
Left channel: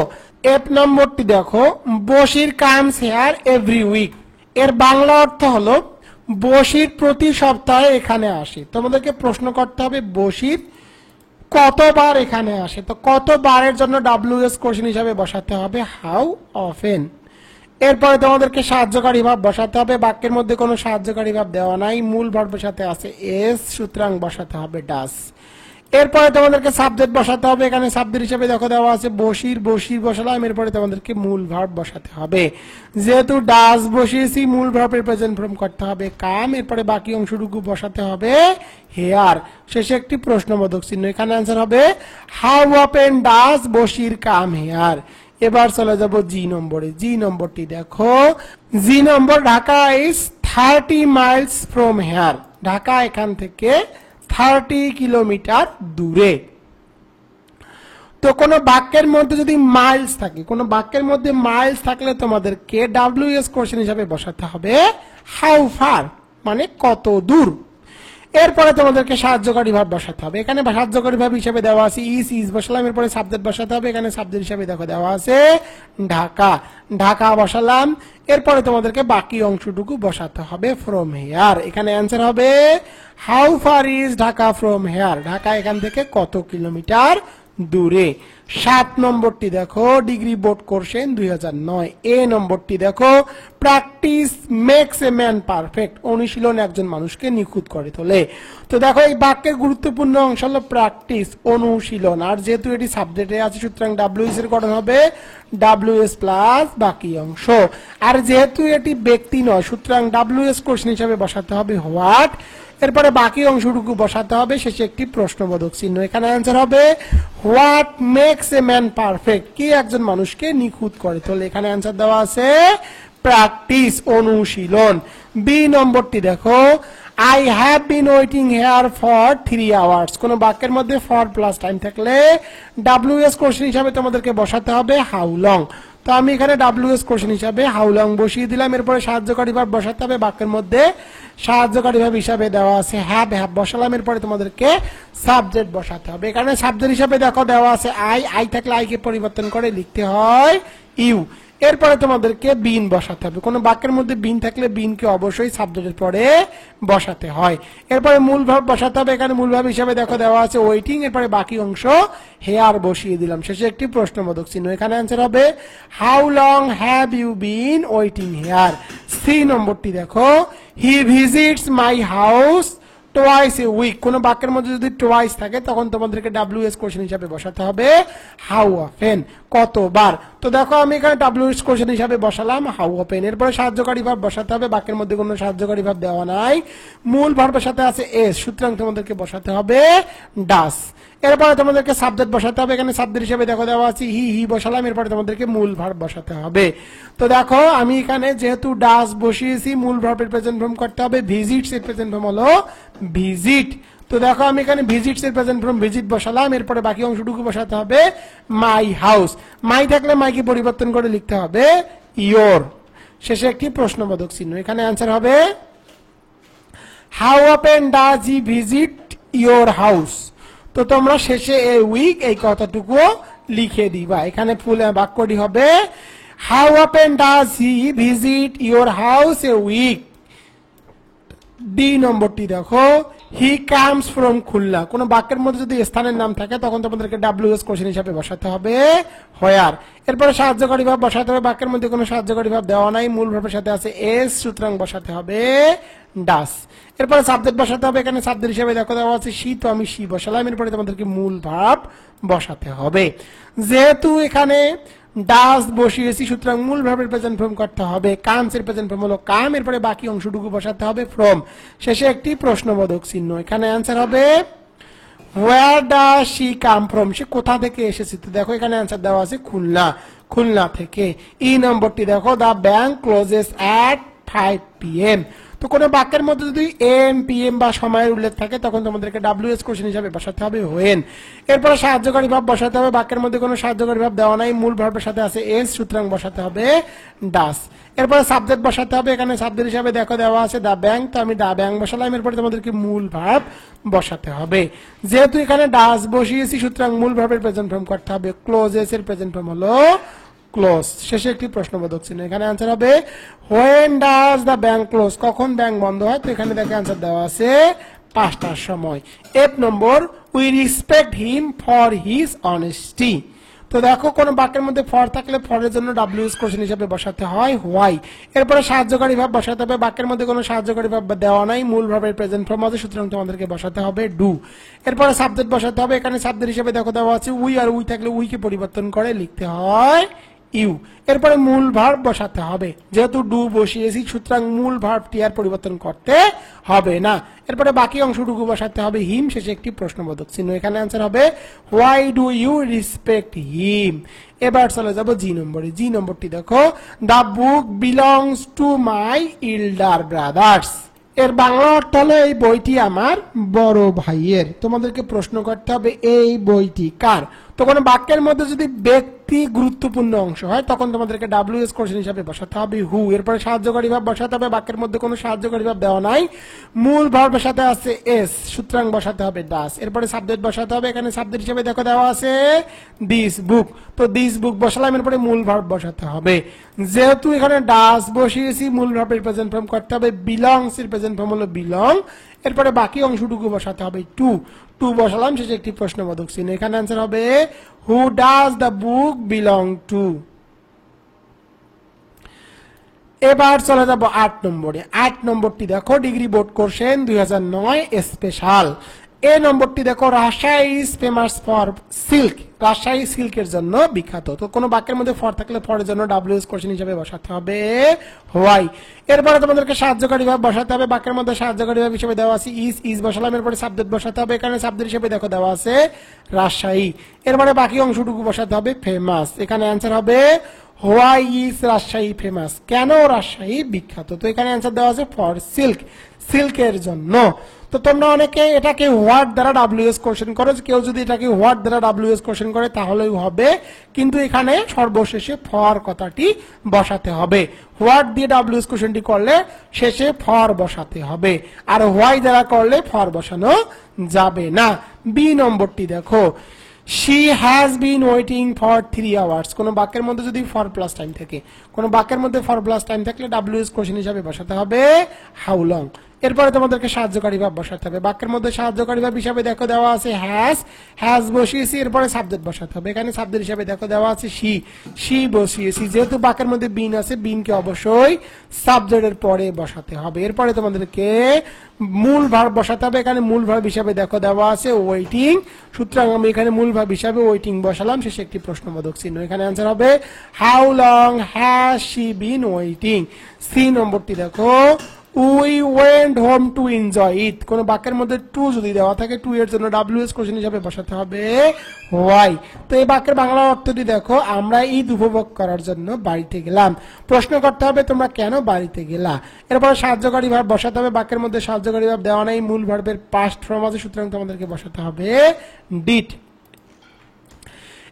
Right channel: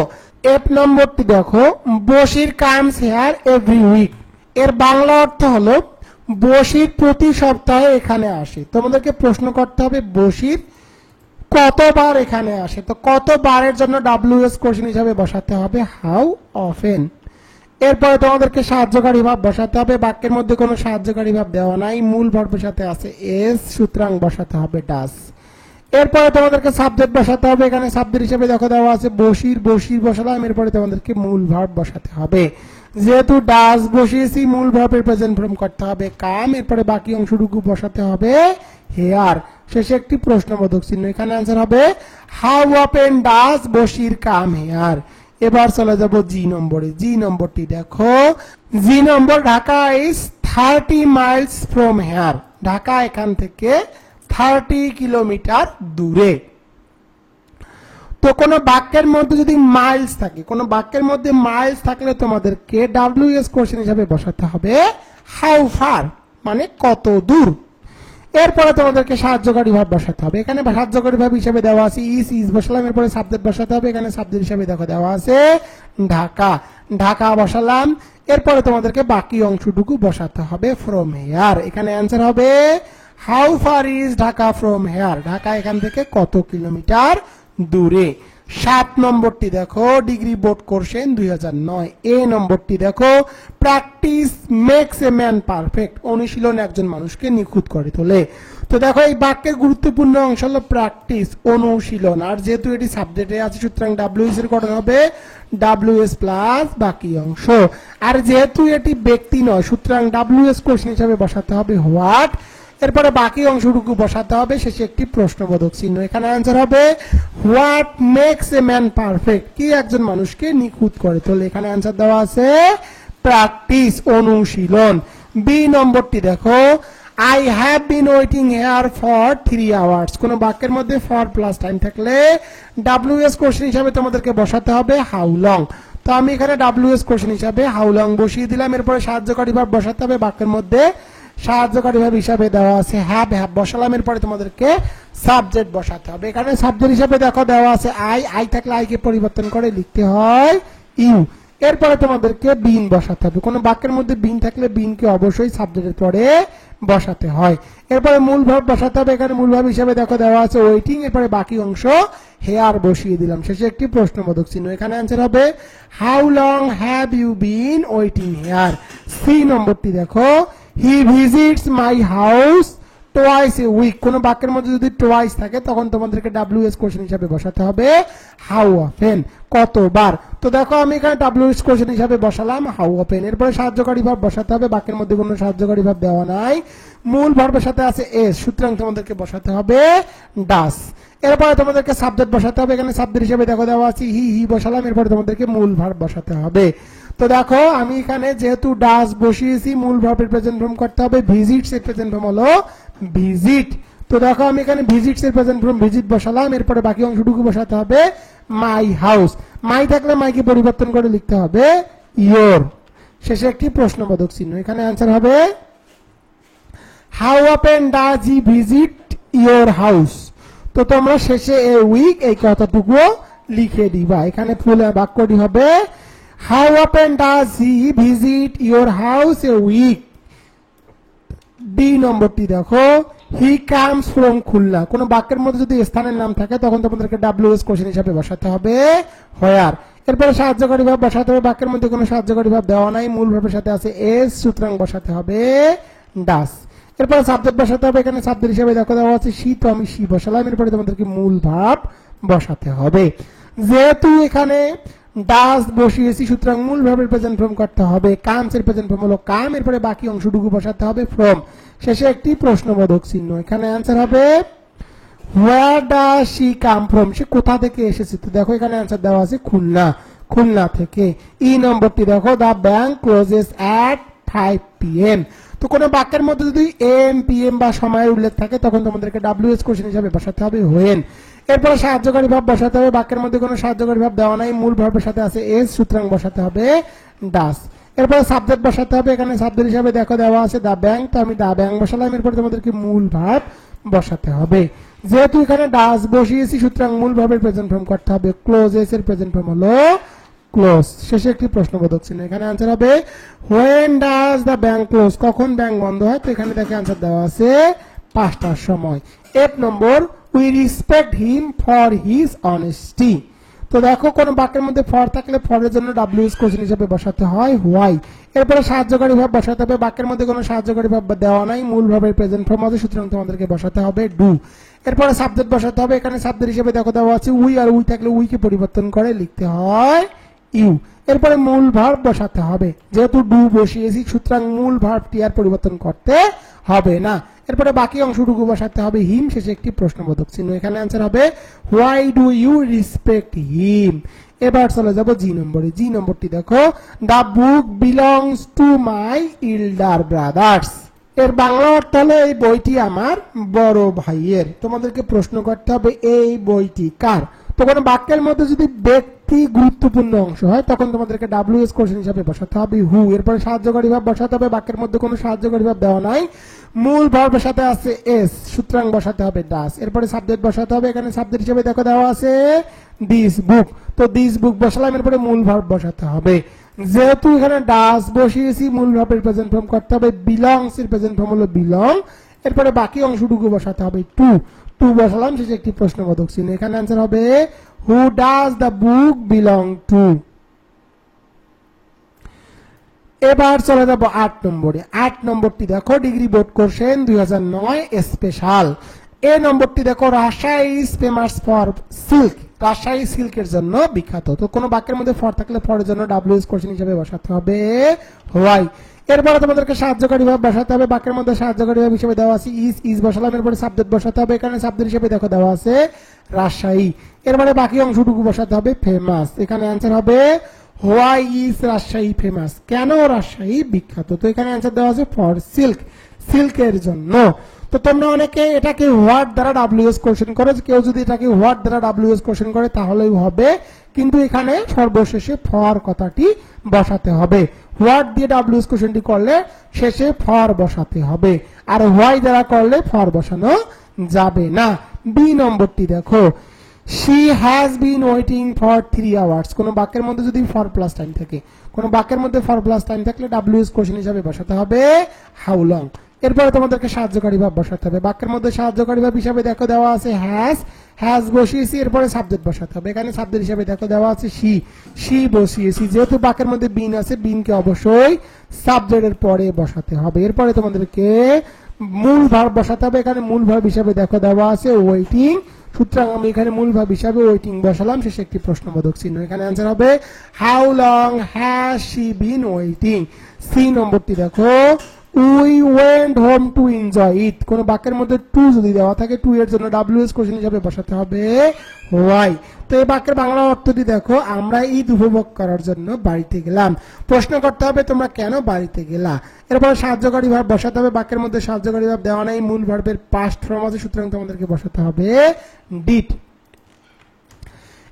এফ নম্বরটি দেখো Bashir comes here every week. এর বাংলা অর্থ হলো বশির প্রতি সপ্তাহে এখানে আসে। তোমাদেরকে প্রশ্ন করতে হবে বশির কতবার এখানে আসে। তো কতবারের জন্য WS কোশ্চেন হিসাবে বসাতে হবে হাউ অফেন। এরপরে তোমাদেরকে সাহায্যকারী ভাব বসাতে হবে। বাক্যের মধ্যে কোনো সাহায্যকারী ভাব দেওয়া নাই, মূল ভার্বের সাথে আছে এস, সুতরাং বসাতে হবে ডাস। এরপরে তোমাদেরকে সাবজেক্ট বসাতে হবে। এখানে সাবজেক্ট হিসেবে দেখো দেওয়া আছে বশির বসালাম। এরপরে তোমাদেরকে মূল ভার্ব বসাতে হবে। যেহেতু ডাস বসিয়েছি মূল ভার্বের প্রেজেন্ট ফর্ম করতে হবে কাম। এরপরে বাকি অংশটুকু বসাতে হবে হেয়ার, শেষে একটি প্রশ্নবোধক চিহ্ন। এখানে অ্যান্সার হবে how often does Bashir come here. এবার চলে যাব জি নম্বরে। জি নম্বরটি দেখো G number Dhaka is 30 miles from here. Dhaka এখান থেকে 30 কিলোমিটার দূরে। তো কোন বাক্যের মধ্যে যদি মাইলস থাকে, কোন বাক্যের মধ্যে মাইলস থাকলে তোমাদেরকে WS কোশ্চেন হিসাবে বসাতে হবে হাউ ফার, মানে কত দূর। এরপরে তোমাদেরকে সাহায্যকারী ভাব বসাতে হবে। এখানে সাহায্যকারী ভাব হিসেবে দেওয়া আছে ইজ বসালাম, এরপরে সাবজেক্ট বসাতে হবে। এখানে সাবজেক্ট হিসেবে দেখো দেওয়া আছে ঢাকা, ঢাকা বসালাম। এরপরে তোমাদেরকে বাকি অংশটুকু বসাতে হবে ফ্রম হেয়ার। এখানে অ্যান্সার হবে how far is Dhaka from here, Dhaka এখান থেকে কত কিলোমিটার দূরে। 7 নম্বরটি দেখো ডিগ্রি বোর্ড কোশ্চেন 2009। এ নম্বরটি দেখো practice makes a man perfect, অনুশীলন একজন মানুষকে নিখুঁত করে তোলে। তো দেখো এই বাক্যের গুরুত্বপূর্ণ অংশ হলো প্র্যাকটিস, অনুশীলন। আর যেহেতু এটি সাবজেক্টে আছে সুতরাং ডাব্লিউএস এর গঠন হবে ডাব্লিউএস প্লাস বাকি অংশ। আর যেহেতু এটি ব্যক্তি নয় সুতরাং ডাব্লিউএস কোশ্চেন হিসাবে বসাতে হবে হোয়াট, এরপরে বাকি অংশটুকু বসাতে হবে, শেষে একটি প্রশ্নবোধক চিহ্ন। এখানে অ্যান্সার হবে what makes a man perfect, কি একজন মানুষকে নিখুঁত করে তোলে। এখানে অ্যান্সার দেওয়া আছে প্র্যাকটিস, অনুশীলন। বি নম্বরটি দেখো I have been waiting here for 3 hours. কোন বাক্যের মধ্যে ফর প্লাস টাইম থাকলে ডাব্লিউএস কোশ্চেন হিসাবে তোমাদেরকে বসাতে হবে হাউ লং। তো আমি এখানে ডাব্লিউএস কোশ্চেন হিসাবে হাউ লং বসিয়ে দিলাম। এরপরে সাহায্যকারী ভাব বসাতে হবে, বাক্যের মধ্যে সাহায্যকারী ভাব হিসাবে দেওয়া আছে হ্যাভ, হ্যাভ বসালাম। এরপরে তোমাদেরকে সাবজেক্ট বসাতে হবে। এখানে সাবজেক্ট হিসাবে দেখো দেওয়া আছে আই থাকলে আই কে পরিবর্তন করে লিখতে হয় ইউ। এরপরে তোমাদেরকে বিন বসাতে হবে। কোন বাক্যের মধ্যে বিন থাকলে বিনকে অবশ্যই সাবজেক্টের পরে বসাতে হয়। এরপরে মূল ভাব বসাতে হবে। এখানে মূল ভাব হিসাবে দেখো দেওয়া আছে ওয়েটিং, এরপরে বাকি অংশ হেয়ার বসিয়ে দিলাম, শেষে একটি প্রশ্নবোধক চিহ্ন। এখানে অ্যান্সার হবে how long have you been waiting here. C নম্বরটি দেখো he visits my house twice a week. কোন বাক্যের মধ্যে যদি টোয়াইস থাকে তখন তোমাদেরকে ডাব্লিউএস কোশ্চেন হিসাবে বসাতে হবে হাউ অফেন, কতবার। তো দেখো আমি এখানে ডাব্লিউএস কোশ্চেন হিসাবে বসালাম হাউ অফেন। এরপরে সাহায্যকারী ভাব বসাতে হবে, বাক্যের মধ্যে কোনো সাহায্যকারী ভাব দেওয়া নাই, মূল ভার্বের সাথে আছে এস, সুতরাং তোমাদেরকে বসাতে হবে ডাস। এরপরে তোমাদেরকে সাবজেক্ট বসাতে হবে। এখানে সাবজেক্ট হিসেবে দেখো দেওয়া আছে হি বসালাম। এরপরে তোমাদেরকে মূল ভার্ব বসাতে হবে। তো দেখো আমি এখানে যেহেতু ডাস বসিয়েছি, মূল ভার্বের প্রেজেন্ট ফর্ম করতে হবে, ভিজিটস এর প্রেজেন্ট ফর্ম হলো ভিজিট। তো দেখো আমি এখানে ভিজিটস এর প্রেজেন্ট ফর্ম ভিজিট বসালাম। এরপরে বাকি অংশটুকু বসাতে হবে মাই হাউস, মাই থাকলে মাইকে পরিবর্তন করে লিখতে হবে ইয়োর, শেষে একটি প্রশ্নবোধক চিহ্ন। এখানে অ্যান্সার হবে how often does he visit your house. তো তোমরা শেষে এ উইক এই কথাটুকু লিখে দিবা। এখানে ফুল বাক্যটি হবে how often does he visit your house a week. D নম্বরটি দেখো হি কামস ফ্রম খুলনা। কোন বাক্যের মধ্যে যদি স্থানের নাম থাকে তখন তোমাদেরকে ডাব্লিউএস কোশ্চেন হিসাবে বসাতে হবে হোয়ার। এরপরে সাহায্যকারী ভাব বসাতে হবে, বাক্যের মধ্যে কোনো সাহায্যকারী ভাব দেওয়া নাই, মূল ভাবের সাথে আছে এস, সুতরাং বসাতে হবে ডাস। এরপরে সাবজেক্ট বসাতে হবে। এখানে সাবজেক্ট হিসেবে দেখো দেওয়া আছে সি, তো আমি সি বসালাম। এরপরে তোমাদেরকে মূল ভাব বসাতে হবে। যেহেতু এখানে ডাস বসিয়েছি সুতরাং মূল ভাবের প্রেজেন্ট ফর্ম করতে হবে কামস এর প্রেজেন্ট ফর্ম হলো কাম। এরপরে বাকি অংশটুকু বসাতে হবে ফ্রম, শেষে একটি প্রশ্নবোধক চিহ্ন। এখানে অ্যান্সার হবে where does she come from, সে কোথা থেকে এসেছে। তো দেখো এখানে অ্যান্সার দেওয়া আছে খুলনা, খুলনা থেকে। ই নম্বরটি দেখো the bank closes at 5 PM। তো কোন বাক্যের মধ্যে যদি এম পিএম বা সময়ের উল্লেখ থাকে তখন তোমাদেরকে ডাব্লিউএস কোশ্চেন হিসাবে বসাতে হবে হোয়েন। এরপরে সাহায্যকারী ভাব বসাতে হবে, বাক্যের মধ্যে কোনো সাহায্যকারী ভাব দেওয়া নাই, মূল ভাবের সাথে আছে এস, সুতরাং বসাতে হবে ডাস। এরপরে সাবজেক্ট বসাতে হবে। এখানে সাবজেক্ট হিসাবে দেখো দেওয়া আছে দা ব্যাংক, তো আমি দা ব্যাংক বসালাম। এরপরে তোমাদেরকে মূল ভাব বসাতে হবে। যেহেতু এখানে ডাস বসিয়েছি সুতরাং মূল ভাবের প্রেজেন্ট ফর্ম করতে হবে ক্লোজেস এর প্রেজেন্ট ফর্ম হলো ক্লোজ, শেষে একটি প্রশ্নবোধক চিহ্ন। এখানে অ্যান্সার হবে when does the bank close, কখন ব্যাংক বন্ধ হয়। তো এখানে দেখে অ্যান্সার দেওয়া আছে 5টার সময়। F number we respect him for his honesty. তো দেখো কোন বাক্যের মধ্যে ফর থাকলে ফরের জন্য ডাব্লিউএস কোশ্চেন হিসেবে বসাতে হয় হোয়াই। এরপরে সাহায্যকারী ভাব বসাতে হবে, বাক্যের মধ্যে কোনো সাহায্যকারী ভাব দেওয়া নাই, মূল ভাবের প্রেজেন্ট ফর্ম আছে, সুতরাং তোমাদেরকে বসাতে হবে ডু। এরপরে সাবজেক্ট বসাতে হবে। এখানে সাবজেক্ট হিসেবে দেখো দেওয়া আছে উই, আর উই থাকলে উইকে পরিবর্তন করে লিখতে হয় ইউ। এরপরে মূল ভার্ব বসাতে হবে, যেহেতু ডু বসিয়েছি সুতরাং মূল ভার্বটি আর পরিবর্তন করতে হবে না। এরপরে বাকি অংশটুকু বসাতে হবে হিম, শেষে একটি প্রশ্নবোধক চিহ্ন। এখানে অ্যান্সার হবে why do you respect him. এবার চলে যাব জি নম্বরে। জি নম্বরটি দেখো the book belongs to my elder brothers. এর বাংলা অর্থ হলো এই বইটি আমার বড় ভাইয়ের। তোমাদেরকে প্রশ্ন করতে হবে এই বইটি কার। তো কোনো বাক্যের মধ্যে যদি ব্যক্তি গুরুত্বপূর্ণ অংশ হয় তখন তোমাদেরকে ডাব্লিউএস কোশ্চেন হিসাবে বসাতে হবে হু। এরপরে সাহায্যকারী ভাব বসাতে হবে, বাক্যের মধ্যে কোনো সাহায্যকারী ভাব দেওয়া নাই, মূল ভার্বের সাথে আছে এস, সুতরাং বসাতে হবে ডাস। এরপরে সাবজেক্ট বসাতে হবে, এখানে সাবজেক্ট হিসেবে দেখো দেওয়া আছে দিস বুক, তো দিস বুক বসালাম, এরপরে মূল ভার্ব বসাতে হবে। যেহেতু এখানে ডাস বসিয়েছি, মূল ভার্বের প্রেজেন্ট ফর্ম করতে হবে, বিলংস এর প্রেজেন্ট ফর্ম হলো বিলং, এরপরে বাকি অংশটুকু বসাতে হবে টু বসালাম, শেষে একটি প্রশ্নবোধক চিহ্ন। এখানে आंसर হবে who does the book belong to. এবার চলে যাব 8 নম্বরে। 8 নম্বরটি দেখো ডিগ্রি বোর্ড কোশ্চেন 2009 স্পেশাল। এই নম্বরটি দেখো Rajshahi is famous for silk, Rajshahi সিল্কের জন্য বিখ্যাত। তো কোনো বাক্যের মধ্যে ফর থাকলে ফরের জন্য ডাব্লিউএস কোশ্চেন হিসেবে বসাতে হবে হোয়াই। এরপরে তোমাদেরকে সাহায্যকারী ভাব বসাতে হবে, বাক্যের মধ্যে সাহায্যকারী ভাব হিসেবে দেওয়া আছে ইজ বসালাম, এরপরে সাবজেক্ট বসাতে হবে, এখানে সাবজেক্ট হিসেবে দেখো দেওয়া আছে রাজশাহী, এরপরে বাকি অংশটুকু বসাতে হবে ফেমাস। এখানে आंसर হবে হোয়াই ইজ রাজশাহী ফেমাস, কেন রাজশাহী বিখ্যাত। তো এখানে आंसर দেওয়া আছে ফর সিল্ক, সিল্কের জন্য। তো তোমরা অনেকে এটাকে হোয়াট দ্বারা ডাব্লিউএস কোশ্চেন করো, কেউ যদি এটাকে হোয়াট দ্বারা ডাব্লিউএস কোশ্চেন করে তাহলেই হবে, কিন্তু এখানে সর্বশেষে ফর কথাটি বসাতে হবে। হোয়াট দিয়ে ডাব্লিউএস কোশ্চেনটি করলে শেষে ফর বসাতে হবে, আর হোয়াই দ্বারা করলে ফর বসানো যাবে না। বি নম্বরটি দেখো she has been waiting for 3 hours। কোন বাক্যের মধ্যে যদি ফর প্লাস টাইম থাকে, কোন বাক্যের মধ্যে ফর প্লাস টাইম থাকলে ডাব্লিউএস কোশ্চেন হিসেবে বসাতে হবে হাউ লং। এরপরে তোমাদেরকে সাহায্যকারী ভাব বসাতে হবে, বাক্যের মধ্যে সাহায্যকারী ভাব হিসেবে দেখো দেওয়া আছে হ্যাজ বসিয়েছি, এরপরে সাবজেক্ট বসাতে হবে, এখানে সাবজেক্ট হিসেবে দেখো দেওয়া আছে she বসিয়েছি। যেহেতু বাক্যের মধ্যে বিন আছে, বিনকে অবশ্যই সাবজেক্টের পরে বসাতে হবে। এরপরে তোমাদেরকে মূল ভার্ব বসাতে হবে, এখানে মূল ভার্ব হিসেবে দেখো দেওয়া আছে ওয়েটিং, সুতরাং আমি এখানে মূল ভার্ব হিসেবে ওয়েটিং বসালাম, শেষে একটি প্রশ্নবোধক চিহ্ন। এখানে आंसर হবে how long has she been waiting. C নম্বরটি দেখো we went home to enjoy it. কোন বাক্যের মধ্যে টু যদি দেওয়া থাকে, টু এর জন্য ডাব্লিউএস কোশ্চেন হিসেবে বসাতে হবে হোয়াই। তো এই বাক্যের বাংলা অর্থটি দেখো আমরা ঈদ উপভোগ করার জন্য বাড়িতে গেলাম। প্রশ্ন করতে হবে তোমরা কেন বাড়িতে গেলা। এরপরে সাহায্যকারী ভাব বসাতে হবে, বাক্যের মধ্যে সাহায্যকারী ভাব দেওয়া নাই, মূল ভার্বের পাস্ট ফর্ম আছে, সুতরাং তোমাদেরকে বসাতে হবে ডিড।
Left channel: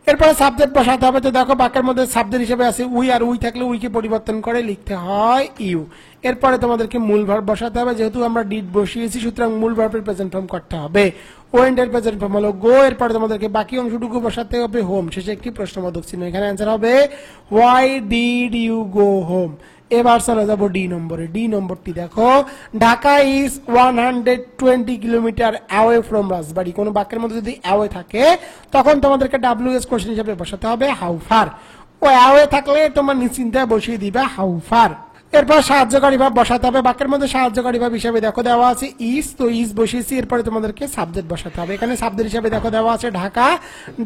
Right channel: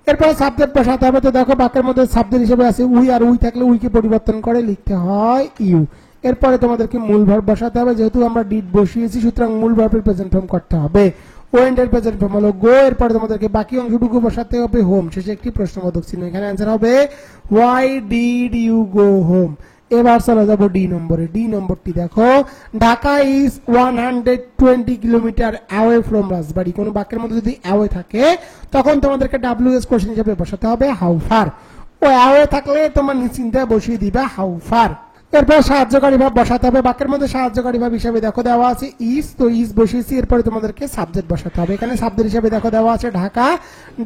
এরপরে সাবজেক্ট বসাতে হবে। তো দেখো বাক্যের মধ্যে সাবজেক্ট হিসেবে আছে উই, আর উই থাকলে উইকে পরিবর্তন করে লিখতে হয় ইউ। এরপরে তোমাদেরকে মূল ভার্ব বসাতে হবে, যেহেতু আমরা ডিড বসিয়েছি সুতরাং মূল ভার্বের প্রেজেন্ট ফর্ম করতে হবে। ওয়েন্ট এর প্রেজেন্ট ফর্ম হলো গো, এরপরে তোমাদেরকে বাকি অংশটুকু বসাতে হবে হোম, শেষে একটি প্রশ্নবোধক চিহ্ন। এখানে आंसर হবে why did you go home. এবার চলে যাব ডি নম্বরে। ডি নম্বরটি দেখো Dhaka is 120 kilometre away from Rajbari. কোন বাক্যের মধ্যে যদি অ্যাওয়ে থাকে তখন তোমাদেরকে ডাব্লিউএস কোশ্চেন হিসেবে বসাতে হবে হাউ ফার। ও অ্যাওয়ে থাকলে তোমার নিশ্চিন্তে বসিয়ে দিবা হাউ ফার। এরপর সাহায্যকারী ভাব বসাতে হবে, বাক্যের মধ্যে সাহায্যকারী ভাব হিসেবে দেখো দেওয়া আছে ইজ, তো ইজ বসিয়েছি, এরপরে তোমাদেরকে সাবজেক্ট বসাতে হবে, এখানে সাবজেক্ট হিসেবে দেখো দেওয়া আছে ঢাকা,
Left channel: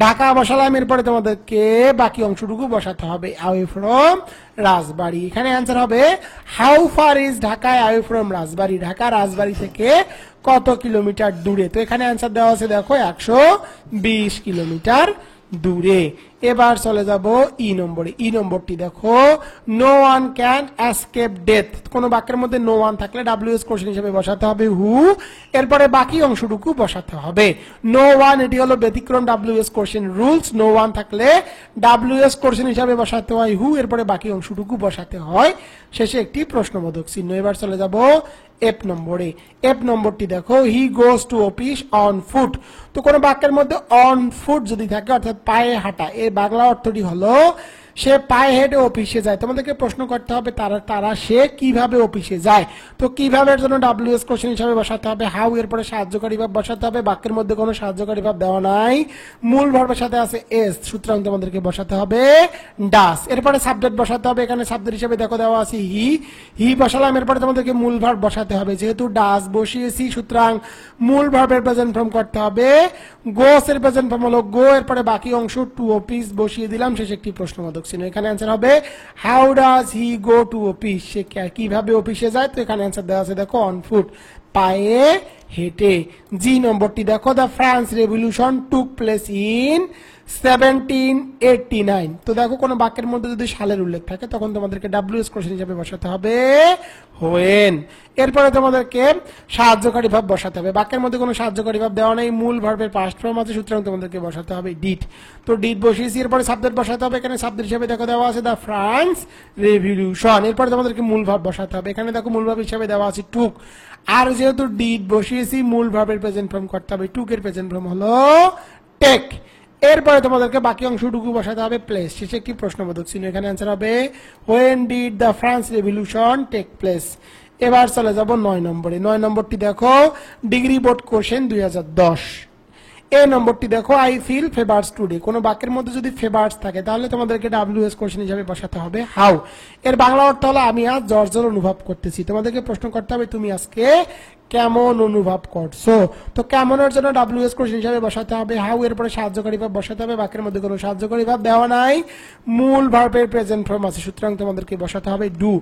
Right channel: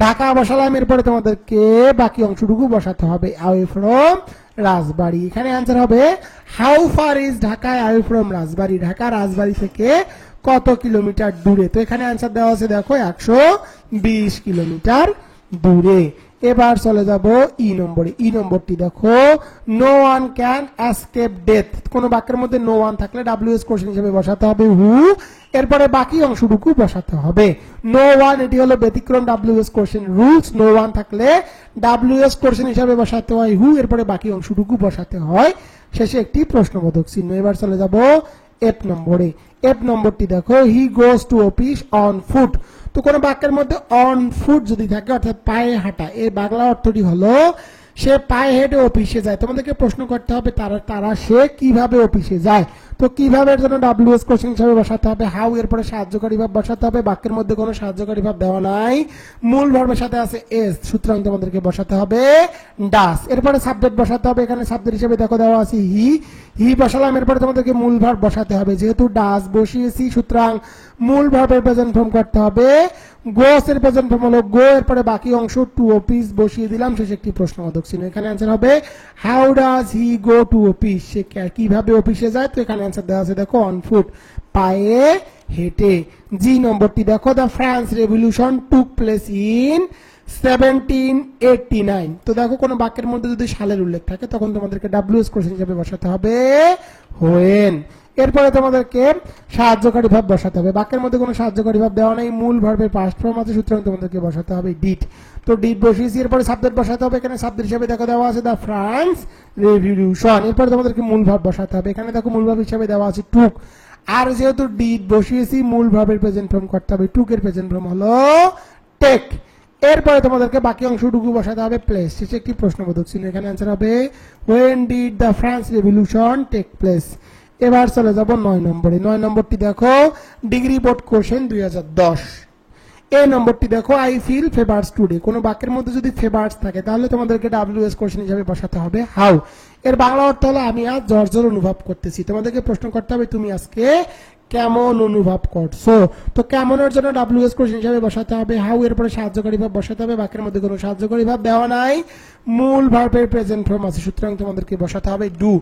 ঢাকা বসালাম, এরপরে তোমাদেরকে বাকি অংশটুকু বসাতে হবে অ্যাওয়ে ফ্রম রাজবাড়ী। এখানে आंसर হবে how far is Dhaka away from Rajbari, Dhaka Rajbari থেকে কত কিলোমিটার দূরে। তো এখানে आंसर দেওয়া আছে দেখো 120 কিলোমিটার দূরে। এবার চলে যাব ই নম্বরে। ই নম্বরটি দেখো no one can escape death. কোন বাক্যের মধ্যে নো ওয়ান থাকলে ডাব্লিউএস কোশ্চেন হিসেবে বসাতে হবে হু, এরপরে বাকি অংশটুকু বসাতে হবে নো ওয়ান। এটি হলো ব্যতিক্রম WS question rules. No one থাকলে ডাব্লিউএস কোশ্চেন হিসেবে বসাতে হয় হু, এরপরে বাকি অংশটুকু বসাতে হয়, শেষে একটি প্রশ্নবোধক চিহ্ন। এবার চলে যাব এফ নম্বরে। এফ নম্বরটি দেখো he goes to office on foot. তো কোন বাক্যের মধ্যে অন ফুট যদি থাকে অর্থাৎ পায়ে হাঁটা, এর বাংলা অর্থটি হলো সে পায়ে হেঁটে অফিসে যায়। তোমাদেরকে প্রশ্ন করতে হবে তারা সে কিভাবে অফিসে যায়। তো কিভাবে এর জন্য ডাব্লিউএস কোশ্চেন হিসেবে বসাতে হবে হাউ, এরপরে সাহায্যকারী ভাব বসাতে হবে, বাক্যের মধ্যে কোনো সাহায্যকারী ভাব দেওয়া নাই, মূল ভার্বের সাথে আছে এস, সুতরাং তোমাদেরকে বসাতে হবে ডাস। এরপরে সাবজেক্ট বসাতে হবে, এখানে সাবজেক্ট হিসেবে দেখো দেওয়া আছে হি বসালাম, এরপরে তোমাদেরকে মূল ভার্ব বসাতে হবে, যেহেতু ডাস বসিয়েছি সুতরাং মূল ভার্বের প্রেজেন্ট ফর্ম করতে হবে গোস এর প্রেজেন্ট ফর্ম হলো গো, এরপরে বাকি অংশ টু অফিস বসিয়ে দিলাম, শেষে একটি প্রশ্নবোধক চিহ্ন। এখানে आंसर হবে how does he go to office, সে কিভাবে অফিসে যায়। তো এখানে आंसर দেওয়া আছে দেখো অন ফুট, পায়ে হেঁটে। জি নম্বরটি দেখো the France revolution took place in 1789। তো দেখো কোনো বাক্যের মধ্যে যদি সালের উল্লেখ থাকে তখন তোমাদেরকে WS কোশ্চেন হিসাবে বসাতে হবে when। এরপরে তোমাদেরকে সাহায্যকারী ভাব বসাতে হবে। বাক্যের মধ্যে কোনো সাহায্যকারী ভাব দেওয়া নেই, মূল ভার্বের পাস্ট ফর্ম আছে, সুতরাং তোমাদেরকে বসাতে হবে ডিড। তো ডিড বসিয়েছি, এরপরে সাবজেক্ট বসাতে হবে। এখানে সাবজেক্ট হিসাবে দেখো দেওয়া আছে দ্য ফ্রান্স রেভলিউশন। এরপরে তোমাদেরকে মূল ভাব বসাতে হবে। এখানে দেখো মূল ভাব হিসাবে দেওয়া আছে টুক। আর যেহেতু ডিড বসিয়েছি, মূল ভাবের প্রেজেন্ট ফর্ম করতে হবে। টুকের প্রেজেন্ট ফর্ম হলো টেক। এরপরে তোমাদেরকে বাকি অংশটুকু বসাতে হবে প্লেস। শেষে একটি প্রশ্নবোধক চিহ্ন। এখানে অ্যান্সার হবে when did the France revolution take place। এবার চলে যাব 9 নম্বরে। 9 নম্বরটি দেখো ডিগ্রি বোর্ড কোশ্চেন 2010। এই নম্বরটি দেখো আই ফিল ফেভার্স টুডে। কোন বাক্যের মধ্যে যদি ফেভার্স থাকে তাহলে তোমাদেরকে WS কোশ্চেন হিসাবে বসাতে হবে হাউ। এর বাংলা অর্থ হলো আমি আজ জ্বর অনুভব করতেছি। তোমাদেরকে প্রশ্ন করতে হবে তুমি আজকে কেমন অনুভব করছো। তো কেমনের জন্য WS কোশ্চেন হিসাবে বসাতে হবে হাউ। এরপরে সাহায্যকারী ভাব বসাতে হবে। বাক্যের মধ্যে কোনো সাহায্যকারী ভাব দেওয়া নাই, মূল ভার্বের প্রেজেন্ট ফর্ম আছে, সুতরাং তোমাদেরকে বসাতে হবে ডু।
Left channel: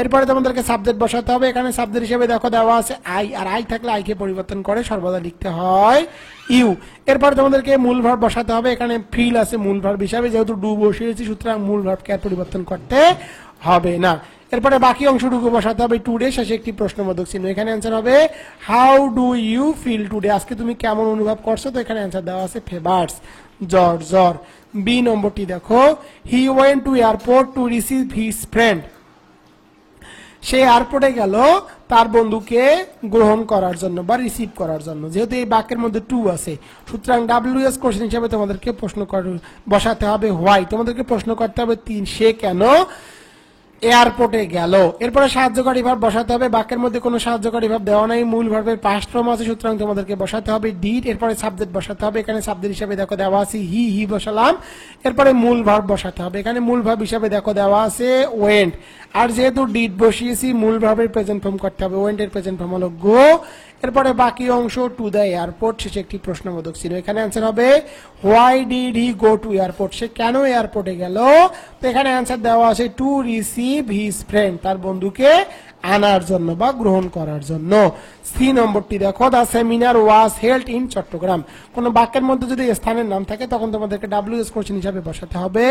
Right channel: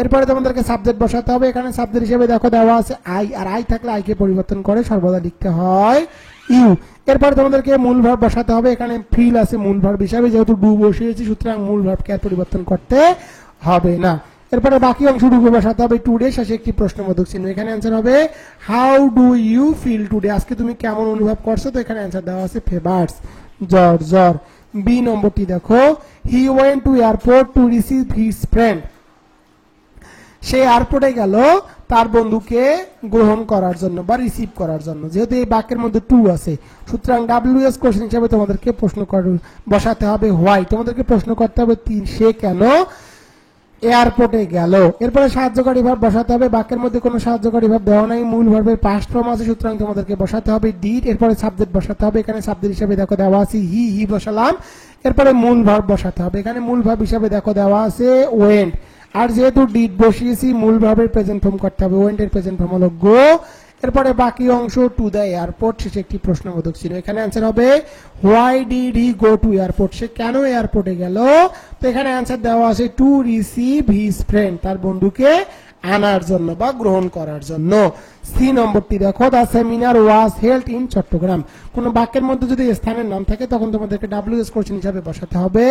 এরপরে তোমাদেরকে সাবজেক্ট বসাতে হবে। এখানে সাবজেক্ট হিসেবে দেখো দেওয়া আছে আই, আর আই থাকলে আইকে পরিবর্তন করে সর্বদা লিখতে হয় ইউ। এরপর তোমাদেরকে মূল ভার্ব বসাতে হবে। এখানে ফিল আছে মূল ভার্ব হিসাবে, যেহেতু ডু বসিয়েছি সুতরাং মূল ভার্বকে আর পরিবর্তন করতে হবে না। এরপরে বাকি অংশটুকু বসাতে হবে টুডে। শেষে একটি প্রশ্নবোধক চিহ্ন। এখানে অ্যান্সার হবে how do you feel today. আজকে তুমি কেমন অনুভব করছো। তো এখানে অ্যান্সার দেওয়া আছে ফেভার্স জ্বর জ্বর। বি নম্বরটি দেখো he went to airport to receive his friend. সে এয়ারপোর্টে গেল তার বন্ধুকে গ্রহণ করার জন্য বা রিসিভ করার জন্য। যেহেতু এই বাক্যের মধ্যে টু আছে সুতরাং WS কোশ্চেন হিসাবে তোমাদেরকে প্রশ্ন বসাতে হবে হোয়াই। তোমাদেরকে প্রশ্ন করতে হবে সে কেন এয়ারপোর্টে গেল। এরপরে সাহায্যকারী ভাব বসাতে হবে। বাক্যের মধ্যে কোনো সাহায্যকারী ভাব দেওয়া নাই, মূল ভার্বের পাস্ট ফর্ম আছে, সুতরাং তোমাদেরকে বসাতে হবে ডিড। এরপরে সাবজেক্ট বসাতে হবে। এখানে সাবজেক্ট হিসেবে দেখো দেওয়া আছে হি বসালাম। এরপরে মূল ভার্ব বসাতে হবে। এখানে মূল ভার্ব হিসেবে দেখো দেওয়া আছে ওয়েন্ট। আর যেহেতু ডিড বসিয়েছি মূল ভার্বের প্রেজেন্ট ফর্ম করতে হবে। ওয়েন্ট এর প্রেজেন্ট ফর্ম হলো গো। এরপরে বাকি অংশ টু দ্য এয়ারপোর্ট। শেষে একটি প্রশ্নবোধক চিহ্ন। এখানে অ্যান্সার হবে why did he go to airport. সে কেন এয়ারপোর্টে গেল। তো এখানে অ্যান্সার দেওয়া আছে টু রিসিভ হিজ ফ্রেন্ড, তার বন্ধুকে আনার জন্য বা গ্রহণ করার জন্য। সি নম্বরটি দেখো the seminar was held in Chattogram. কোন বাক্যের মধ্যে যদি স্থানের নাম থাকে তখন তোমাদেরকে WS কোশ্চেন হিসাবে বসাতে হবে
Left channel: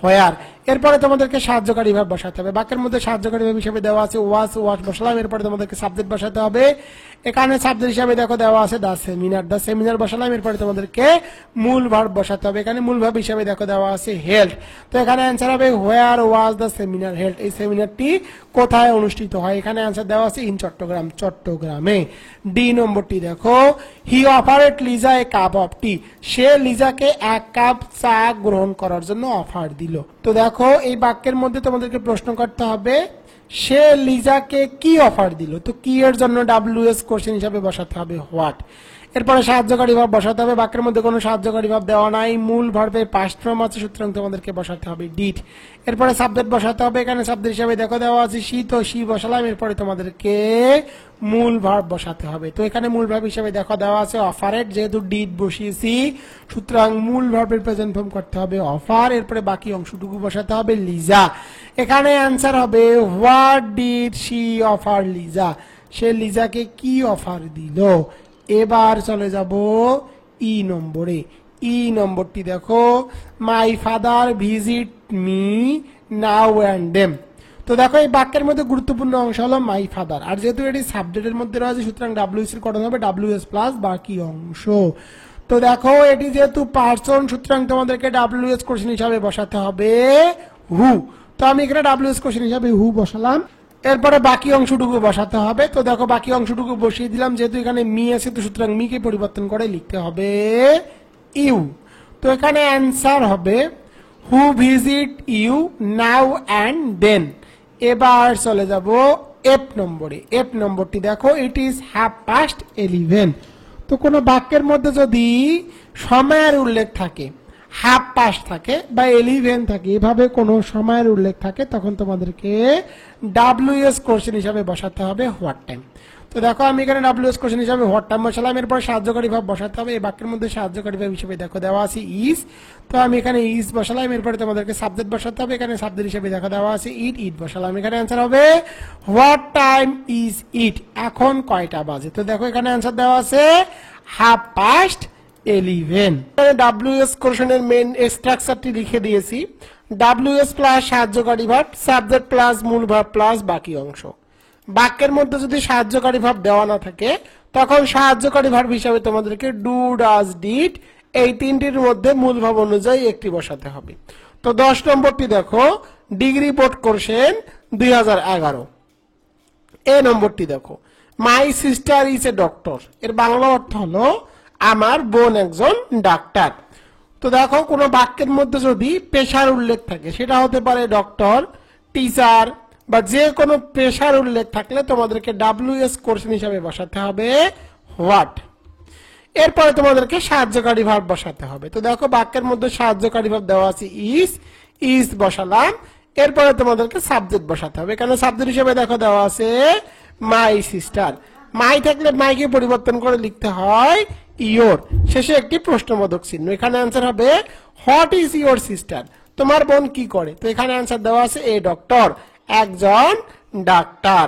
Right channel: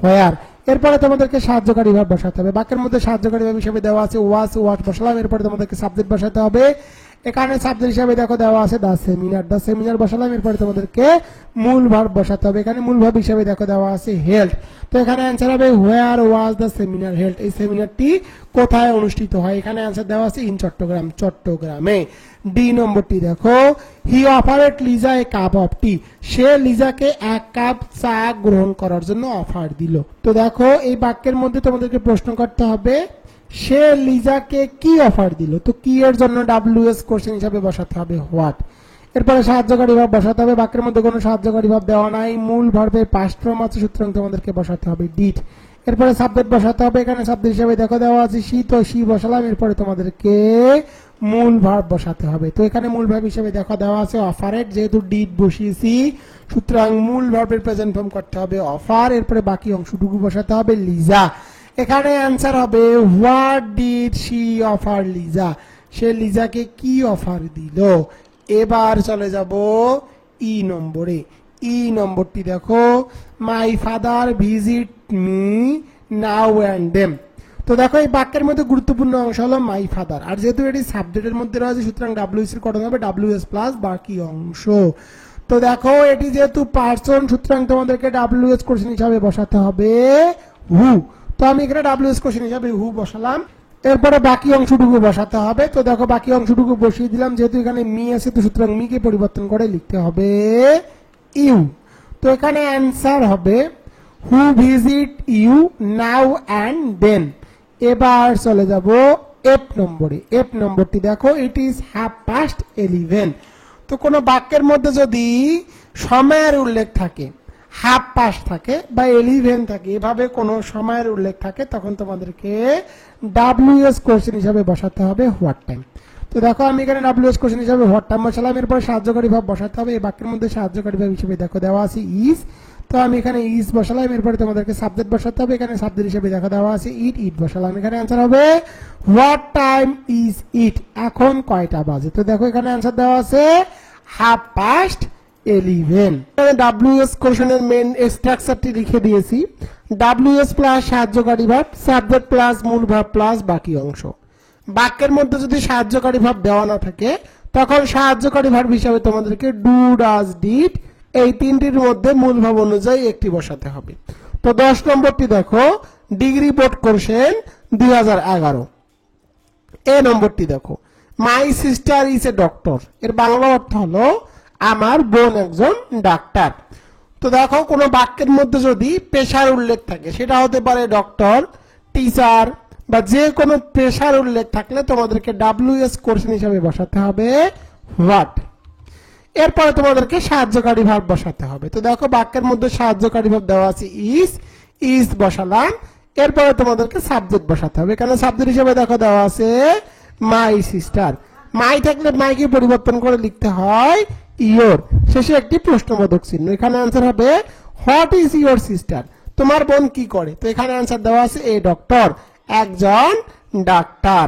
হোয়ার। এরপরে তোমাদেরকে সাহায্যকারী ভাব বসাতে হবে। বাক্যের মধ্যে সাহায্যকারী ভাব হিসেবে দেওয়া আছে ওয়াজ বসালাম। এরপরে তোমাদেরকে সাবজেক্ট বসাতে হবে। এখানে সাবজেক্ট হিসাবে দেখো দেওয়া আছে দ্য সেমিনার বসালাম। এরপরে তোমাদেরকে মূল ভার্ব বসাতে হবে। এখানে মূল ভার্ব হিসাবে দেখো দেওয়া আছে হেল্ড। তো এখানে অ্যান্সার হবে হোয়ার ওয়াজ দ্য সেমিনার হেল্ড। এই সেমিনারটি কোথায় অনুষ্ঠিত হয়। এখানে অ্যান্সার দেওয়া আছে ইন চট্টগ্রাম, চট্টগ্রামে। ডি নম্বরটি দেখো হি অফারেড লিজা এ কাপ অফ টি। সে লিজাকে এক কাপ চা গ্রহণ করার জন্য অফার দিল। তো দেখো এই বাক্যের মধ্যে তোমাদেরকে প্রশ্ন করতে হবে সে লিজাকে কি অফার দিল। তো কি এর জন্য WS কোশ্চেন হিসাবে বসাতে হবে হোয়াট। এরপরে সাহায্যকারী ভাব বসাতে হবে। বাক্যের মধ্যে কোনো সাহায্যকারী ভাব দেওয়া নাই, মূল ভার্বের পাস্ট ফর্ম আছে, সুতরাং তোমাদেরকে বসাতে হবে ডিড। এরপরে সাবজেক্ট বসাতে হবে। এখানে সাবজেক্ট হিসাবে দেখো দেওয়া আছে সি, তো সি বসালাম। এরপরে তোমাদেরকে মূল ভার্ব বসাতে হবে। তো এখানে মূল ভার্ব হিসাবে দেখো দেওয়া আছে অফারেড, যেহেতু ডিড বসিয়েছি সুতরাং মূল ভার্বের প্রেজেন্ট ফর্ম করতে হবে অফার। এরপরে বাকি অংশটুকু বসাতে হবে লিজা। এখানে অ্যান্সার হবে what did she offer Liza. সে লিজাকে কি অফার দিল। এবার চলে যাব ই নম্বরে। ই নম্বরটি দেখো my father visit me now and them. তো দেখো এই বাক্যের মধ্যে গুরুত্বপূর্ণ অংশ হলো মাই ফাদার। আর যেহেতু এটি সাবজেক্টের মধ্যে রয়েছে সুতরাং WS এর কটন হবে WS প্লাস বাকি অংশ। তো দেখো এটি যেহেতু পার্সন সুতরাং তোমাদেরকে WS কোশ্চেন হিসাবে বসাতে হবে হু। তো আমি এখানে WS কোশ্চেন হিসাবে হু বসালাম। এরপরে বাকি অংশটুকু বসাতে হবে। তো দেখো বাকি অংশটুকু বসিয়ে দিলাম। যেহেতু এখানে মি আছে তো সুতরাং মিকে পরিবর্তন করে লিখতে হবে ইউ। তো এখানে অ্যান্সার হবে who visit you now and then. এবার চলে যাব এফ নম্বরে। এফ নম্বরটি দেখো ইট ইজ 11:30। তো কোনো বাক্যের মধ্যে যদি সময়ের উল্লেখ থাকে, হাফ পাস্ট থাকে বা 11 থাকে, এভাবে কোনো সময়ের উল্লেখ থাকে তখন তোমাদেরকে WS কোশ্চেন হিসাবে বসাতে হবে হোয়াট টাইম। তো দেখো আমি এখানে WS কোশ্চেন হিসাবে হোয়াট টাইম বসালাম। এরপর সাহায্যকারী ভাব বসাতে হবে। এই বাক্যের মধ্যে সাহায্যকারী ভাব হিসেবে দেখো দেওয়া আছে ইজ। তো আমি এখানে ইজ বসালাম। এরপরে তোমাদেরকে সাবজেক্ট বসাতে হবে। এখানে সাবজেক্ট হিসেবে দেখো দেওয়া আছে ইট বসালাম। এখানে অ্যান্সার হবে হোয়াট টাইম ইজ ইট। এখন কয়টা বাজে। তো দেখো এখানে অ্যান্সার দেওয়া আছে 11:30। 11। WS কোশ্চেনের মেইন স্ট্রাকচারটি লিখে দিয়েছি। WS প্লাস সাহায্যকারী ভার্ব, সাবজেক্ট প্লাস মূল ভার্ব প্লাস বাকি অংশ। বাক্যের মধ্যে যদি সাহায্যকারী ভার্ব দেওয়া না থাকে তখন সাহায্যকারী ভার্ব হিসাবে তোমাদেরকে ডু, ডাজ, ডিড এই তিনটির মধ্যে মূল ভাব অনুযায়ী একটি বসাতে হবে। তো 10 নম্বরটি দেখো, ডিগ্রি বোর্ড কোশ্চেন 2011। এই নম্বরটি দেখো, my sister is a doctor. এর বাংলা অর্থ হলো আমার বোন একজন ডাক্তার। তো দেখো, কোনো বাক্যের মধ্যে যদি পেশার উল্লেখ থাকে, সেটা হতে পারে ডক্টর, টিচার বা যে কোনো পেশার উল্লেখ থাকলে তোমাদেরকে WS কোশ্চেন হিসাবে বসাতে হবে হোয়াট। এরপরে তোমাদেরকে সাহায্যকারী ভার্ব বসাতে হবে। তো দেখো, বাক্যের মধ্যে সাহায্যকারী ভার্ব দেওয়া আছে ইজ বসালাম। এরপরে তোমাদেরকে সাবজেক্ট বসাতে হবে। এখানে সাবজেক্ট হিসেবে দেখো দেওয়া আছে মাই সিস্টার। মাই থাকলে মাইকে পরিবর্তন করে লিখতে হয় ইয়োর, শেষে একটি প্রশ্নবোধক চিহ্ন। এখানে অ্যান্সার হবে হোয়াট ইজ ইয়োর সিস্টার, তোমার বোন কি করে। তো এখানে অ্যান্সার দেওয়া আছে এ ডক্টর, একজন ডাক্তার।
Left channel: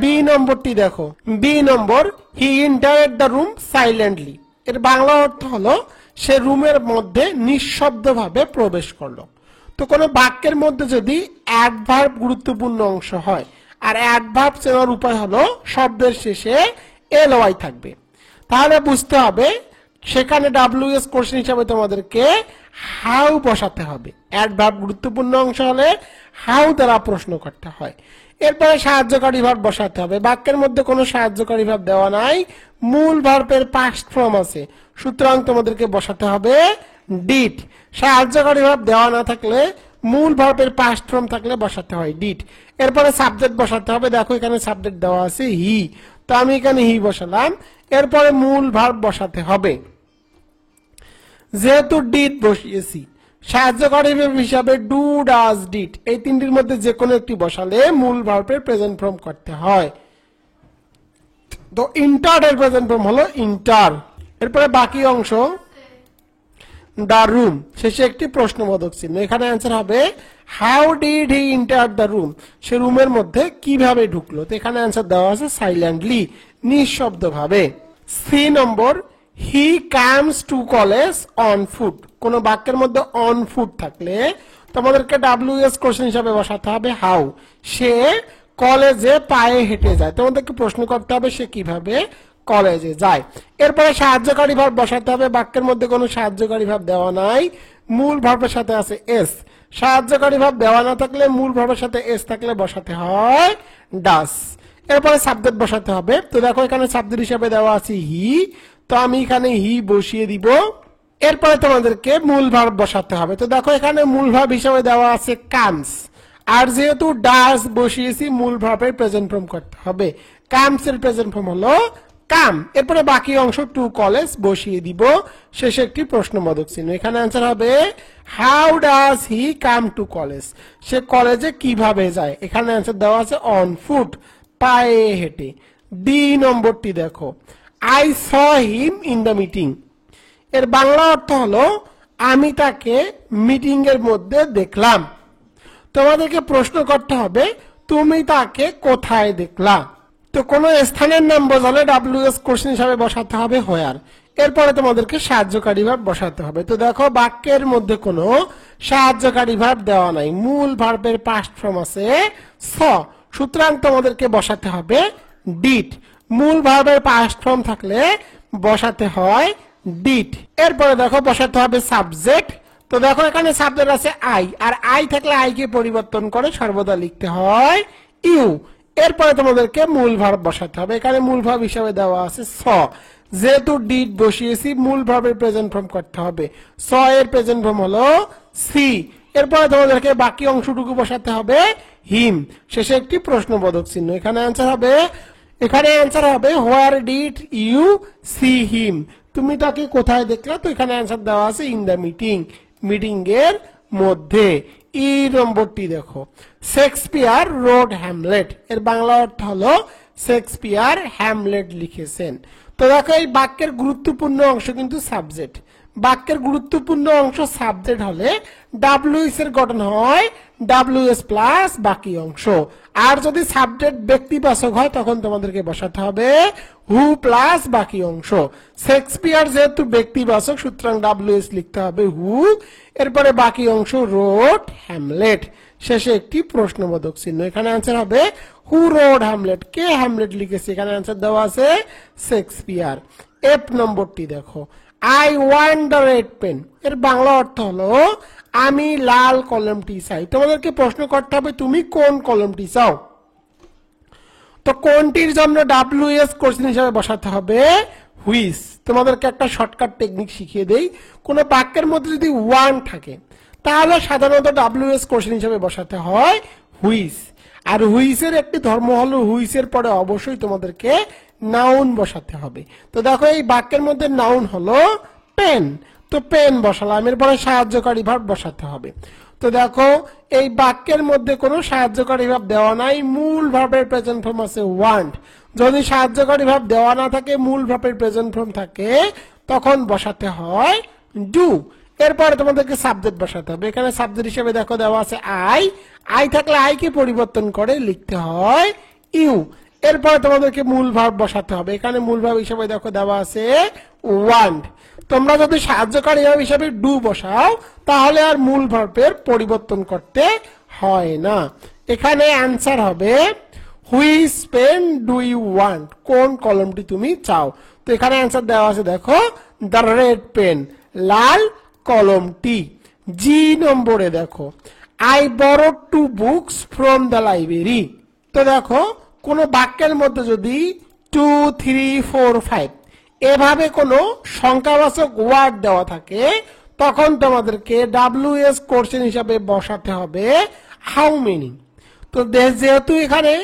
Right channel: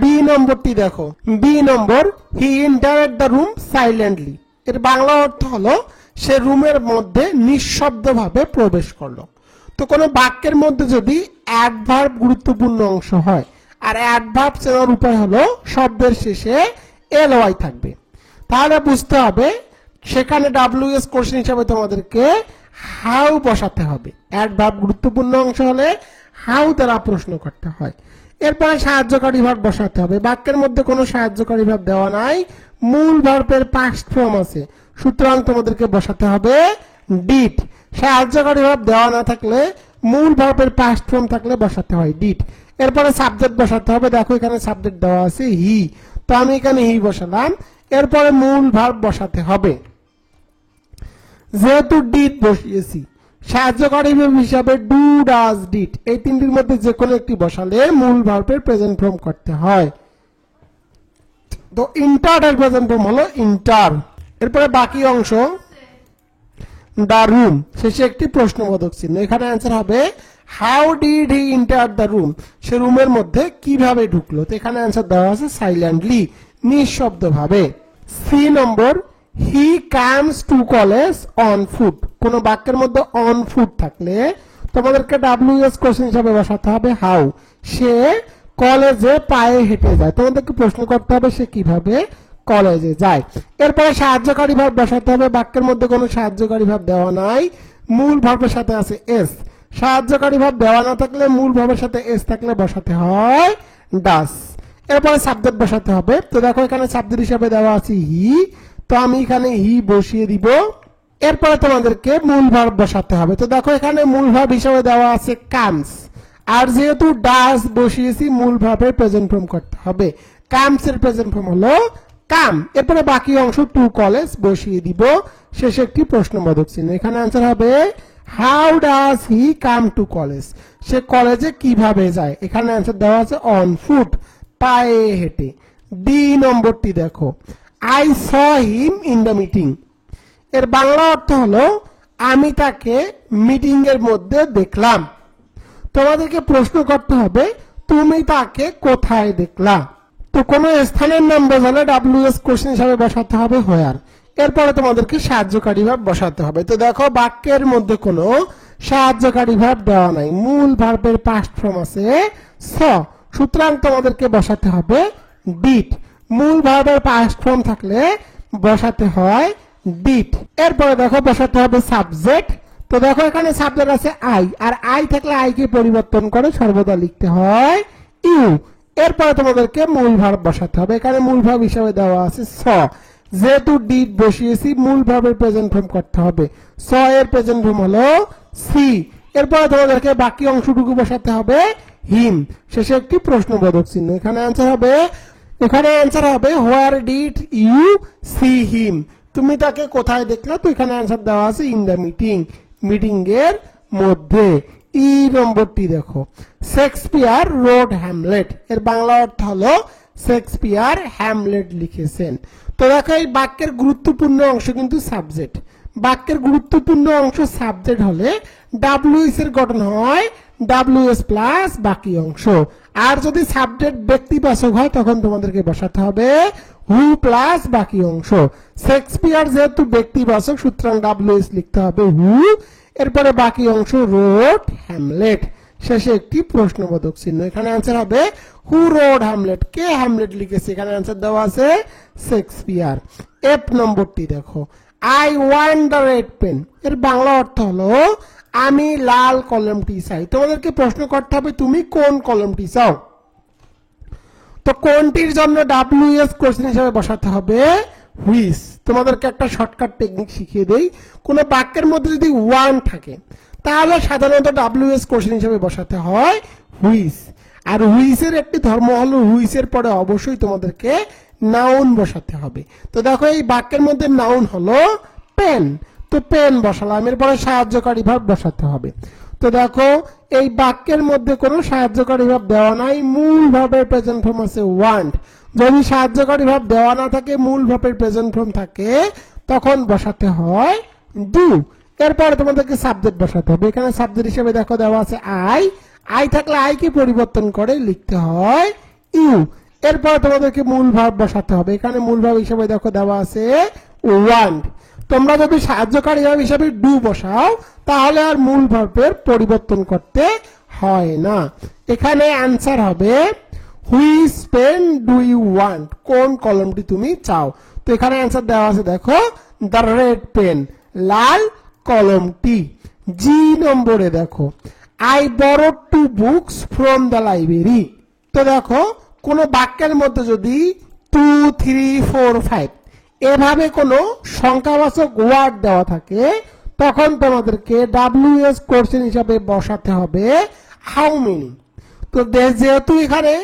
বি নম্বরটি দেখো, B number, he entered the room silently. এর বাংলা অর্থ হলো সে রুমের মধ্যে নিঃশব্দভাবে প্রবেশ করলো। তো কোনো বাক্যের মধ্যে যদি অ্যাডভার্ব গুরুত্বপূর্ণ অংশ হয়, আর অ্যাডভার্ব চেনার উপায় হলো শব্দের শেষে এলওয়াই থাকবে, তাহলে বুঝতে হবে সেখানে WS কোশ্চেন হিসাবে তোমাদেরকে হাউ বসাতে হবে। অ্যাডভার্ব গুরুত্বপূর্ণ অংশ হলে হাউ দ্বারা প্রশ্ন করতে হয়। এরপরে সাহায্যকারী ভার্ব বসাতে হবে। বাক্যের মধ্যে কোনো সাহায্যকারী ভার্ব দেওয়া নাই, মূল ভার্বের পাস্ট ফর্ম আছে, সুতরাং তোমাদেরকে বসাতে হবে ডিড। সাহায্যকারী ভার্ব দেওয়া না থাকলে মূল ভার্বের পাস্ট ফর্ম থাকলে বসাতে হয় ডিড। এরপরে সাবজেক্ট বসাতে হবে। দেখো, এখানে সাবজেক্ট দেওয়া আছে হি, তো আমি এখানে হি বসালাম। এরপরে মূল ভার্ব বসাতে হবে। যেহেতু ডিড বসিয়েছি, সাহায্যকারী ভার্ব হিসাবে ডু, ডাজ, ডিড এই তিনটির মধ্যে যে কোনো একটি বসালে মূল ভার্বের প্রেজেন্ট ফর্ম করতে হয়। তো ইন্টার এর প্রেজেন্ট ফর্ম হলো ইন্টার। এরপরে বাকি অংশ দ্য রুম, শেষে একটি প্রশ্নবোধক চিহ্ন। এখানে অ্যান্সার হবে how did he enter the room, সে রুমের মধ্যে কিভাবে ঢুকলো। তো এখানে অ্যান্সার দেওয়া আছে সাইলেন্টলি, নিঃশব্দভাবে। C number, he comes to college on foot. কোন বাক্যের মধ্যে অন ফুট থাকলে তোমাদেরকে WS কোশ্চেন হিসাবে বসাতে হবে হাউ। সে কলেজে পায়ে হেঁটে যায়, তোমাদেরকে প্রশ্ন করতে হবে সে কিভাবে কলেজে যায়। এরপরে সাহায্যকারী ভার্ব বসাতে হবে। বাক্যের মধ্যে কোনো সাহায্যকারী ভার্ব দেওয়া নাই, মূল ভার্বের সাথে আছে এস। সাহায্যকারী ভার্ব দেওয়া না থাকলে মূল ভার্বের সাথে এস থাকলে বসাতে হয় ডাস। এরপরে সাবজেক্ট বসাতে হবে। তো দেখো, এখানে সাবজেক্ট হিসাবে দেওয়া আছে হি, তো আমি এখানে হি বসিয়ে দিব। এরপরে তোমাদেরকে মূল ভার্ব বসাতে হবে। তো দেখো, এখানে মূল ভার্ব হিসাবে দেওয়া আছে কামস, আর যেহেতু ডাস বসিয়েছি মূল ভার্বের প্রেজেন্ট ফর্ম করতে হবে। কামস এর প্রেজেন্ট ফর্ম হলো কাম। এরপরে বাকি অংশ টু কলেজ বসিয়ে দিব, শেষে একটি প্রশ্নবোধক চিহ্ন। এখানে অ্যান্সার হবে how does he come to college, সে কলেজে কিভাবে যায়। এখানে অ্যান্সার দেওয়া আছে অন ফুট, পায়ে হেঁটে। ডি নম্বরটি দেখো, I saw him in the meeting. এর বাংলা অর্থ হলো আমি তাকে মিটিং এর মধ্যে দেখলাম। তোমাদেরকে প্রশ্ন করতে হবে তুমি তাকে কোথায় দেখলা। তো কোনো স্থানের নাম বোঝালে WS কোশ্চেন হিসাবে বসাতে হবে হোয়ার। এরপরে তোমাদেরকে সাহায্যকারী ভার্ব বসাতে হবে। তো দেখো, বাক্যের মধ্যে কোনো সাহায্যকারী ভার্ব দেওয়া নাই, মূল ভার্বের পাস্ট ফর্ম আছে স, সুতরাং তোমাদেরকে বসাতে হবে ডিড। মূল ভার্বের পাস্ট ফর্ম থাকলে বসাতে হয় ডিড। এরপরে দেখো, বসাতে হবে সাবজেক্ট। তো দেখো, এখানে সাবজেক্ট আছে আই, আর আই থাকলে আই কে পরিবর্তন করে সর্বদা লিখতে হয় ইউ। এরপরে তোমাদেরকে মূল ভার্ব বসাতে হবে। এখানে মূল ভার্ব হিসাবে দেওয়া আছে স, যেহেতু ডিড বসিয়েছি মূল ভার্বের প্রেজেন্ট ফর্ম করতে হবে। স এর প্রেজেন্ট ফর্ম হলো সি। এরপরে তোমাদেরকে বাকি অংশটুকু বসাতে হবে হিম, শেষে একটি প্রশ্নবোধক চিহ্ন। এখানে অ্যান্সার হবে where did you see him, তুমি তাকে কোথায় দেখলা। তো এখানে অ্যান্সার দেওয়া আছে ইন দ্য মিটিং, মিটিং এর মধ্যে। ই নম্বরটি দেখো, শেক্সপিয়ার রোড হ্যামলেট। এর বাংলা অর্থ হলো শেক্সপিয়ার হ্যামলেট লিখেছেন। তো দেখো, এই বাক্যের গুরুত্বপূর্ণ অংশ কিন্তু সাবজেক্ট। বাক্যের গুরুত্বপূর্ণ অংশ সাবজেক্ট হলে WS এর গঠন হয় WS প্লাস বাকি অংশ। আর যদি সাবজেক্ট ব্যক্তিবাচক হয় তখন তোমাদেরকে বসাতে হবে হু প্লাস বাকি অংশ। শেক্সপিয়ার যেহেতু ব্যক্তিবাচক সুতরাং WH লিখতে হবে হু, এরপরে বাকি অংশ রোড হ্যামলেট, শেষে একটি প্রশ্নবোধক চিহ্ন। এখানে आंसर হবে হু রোড হ্যামলেট, কে হ্যামলেট লিখেছে, এখানে आंसर দেওয়া আছে শেক্সপিয়ার। এফ নম্বরটি দেখো, I want the red pen, এর বাংলা অর্থ হলো আমি লাল কলমটি চাই। তোমাদেরকে প্রশ্ন করতে হবে তুমি কোন কলমটি চাও। তো কোনটির জন্য WH কোশ্চেন হিসেবে বসাতে হবে হুইচ। তোমাদেরকে একটা শর্টকাট টেকনিক শিখিয়ে দেই, কোন বাক্যের মধ্যে যদি ওয়ান থাকে তাহলে সাধারণত WH কোশ্চেন হিসেবে বসাতে হয় হুইচ। আর হুইচের একটি ধর্ম হলো হুইচের পরে অবশ্যই তোমাদেরকে নাউন বসাতে হবে। তো দেখো এই বাক্যের মধ্যে নাউন হলো পেন, তো পেন বসালাম, এরপরে সাহায্যকারী ভাব বসাতে হবে। তো দেখো এই বাক্যের মধ্যে কোনো সাহায্যকারী ভাব দেওয়া নাই, মূল ভাবের প্রেজেন্ট ফর্ম আছে ওয়ান্ট। যদি সাহায্যকারী ভাব দেওয়া না থাকে, মূল ভাবের প্রেজেন্ট ফর্ম থাকে, তখন বসাতে হয় ডু। এরপরে তোমাদেরকে সাবজেক্ট বসাতে হবে। এখানে সাবজেক্ট হিসেবে দেখো দেওয়া আছে আই, আই থাকলে আই কে পরিবর্তন করে লিখতে হয় ইউ। এরপরে তোমাদেরকে মূল ভাব বসাতে হবে। এখানে মূল ভাব হিসেবে দেখো দেওয়া আছে ওয়ান্ট। তোমরা যদি সাহায্যকারী ভাব হিসেবে ডু বসাও তাহলে আর মূল ভার্বের পরিবর্তন করতে হয় না। এখানে आंसर হবে which pen do you want, কোন কলমটি তুমি চাও। তো এখানে आंसर দেওয়া আছে দেখো দ্য রেড পেন, লাল কলমটি। জি নম্বরে দেখো I borrowed 2 books from the library. তো দেখো কোন বাক্যের মধ্যে যদি 2, 3, 4, 5 এভাবে কোনো সংখ্যাবাচক ওয়ার্ড দেওয়া থাকে তখন তোমাদেরকে WH কোশ্চেন হিসাবে বসাতে হবে হাউ মেনি। তো যেহেতু এখানে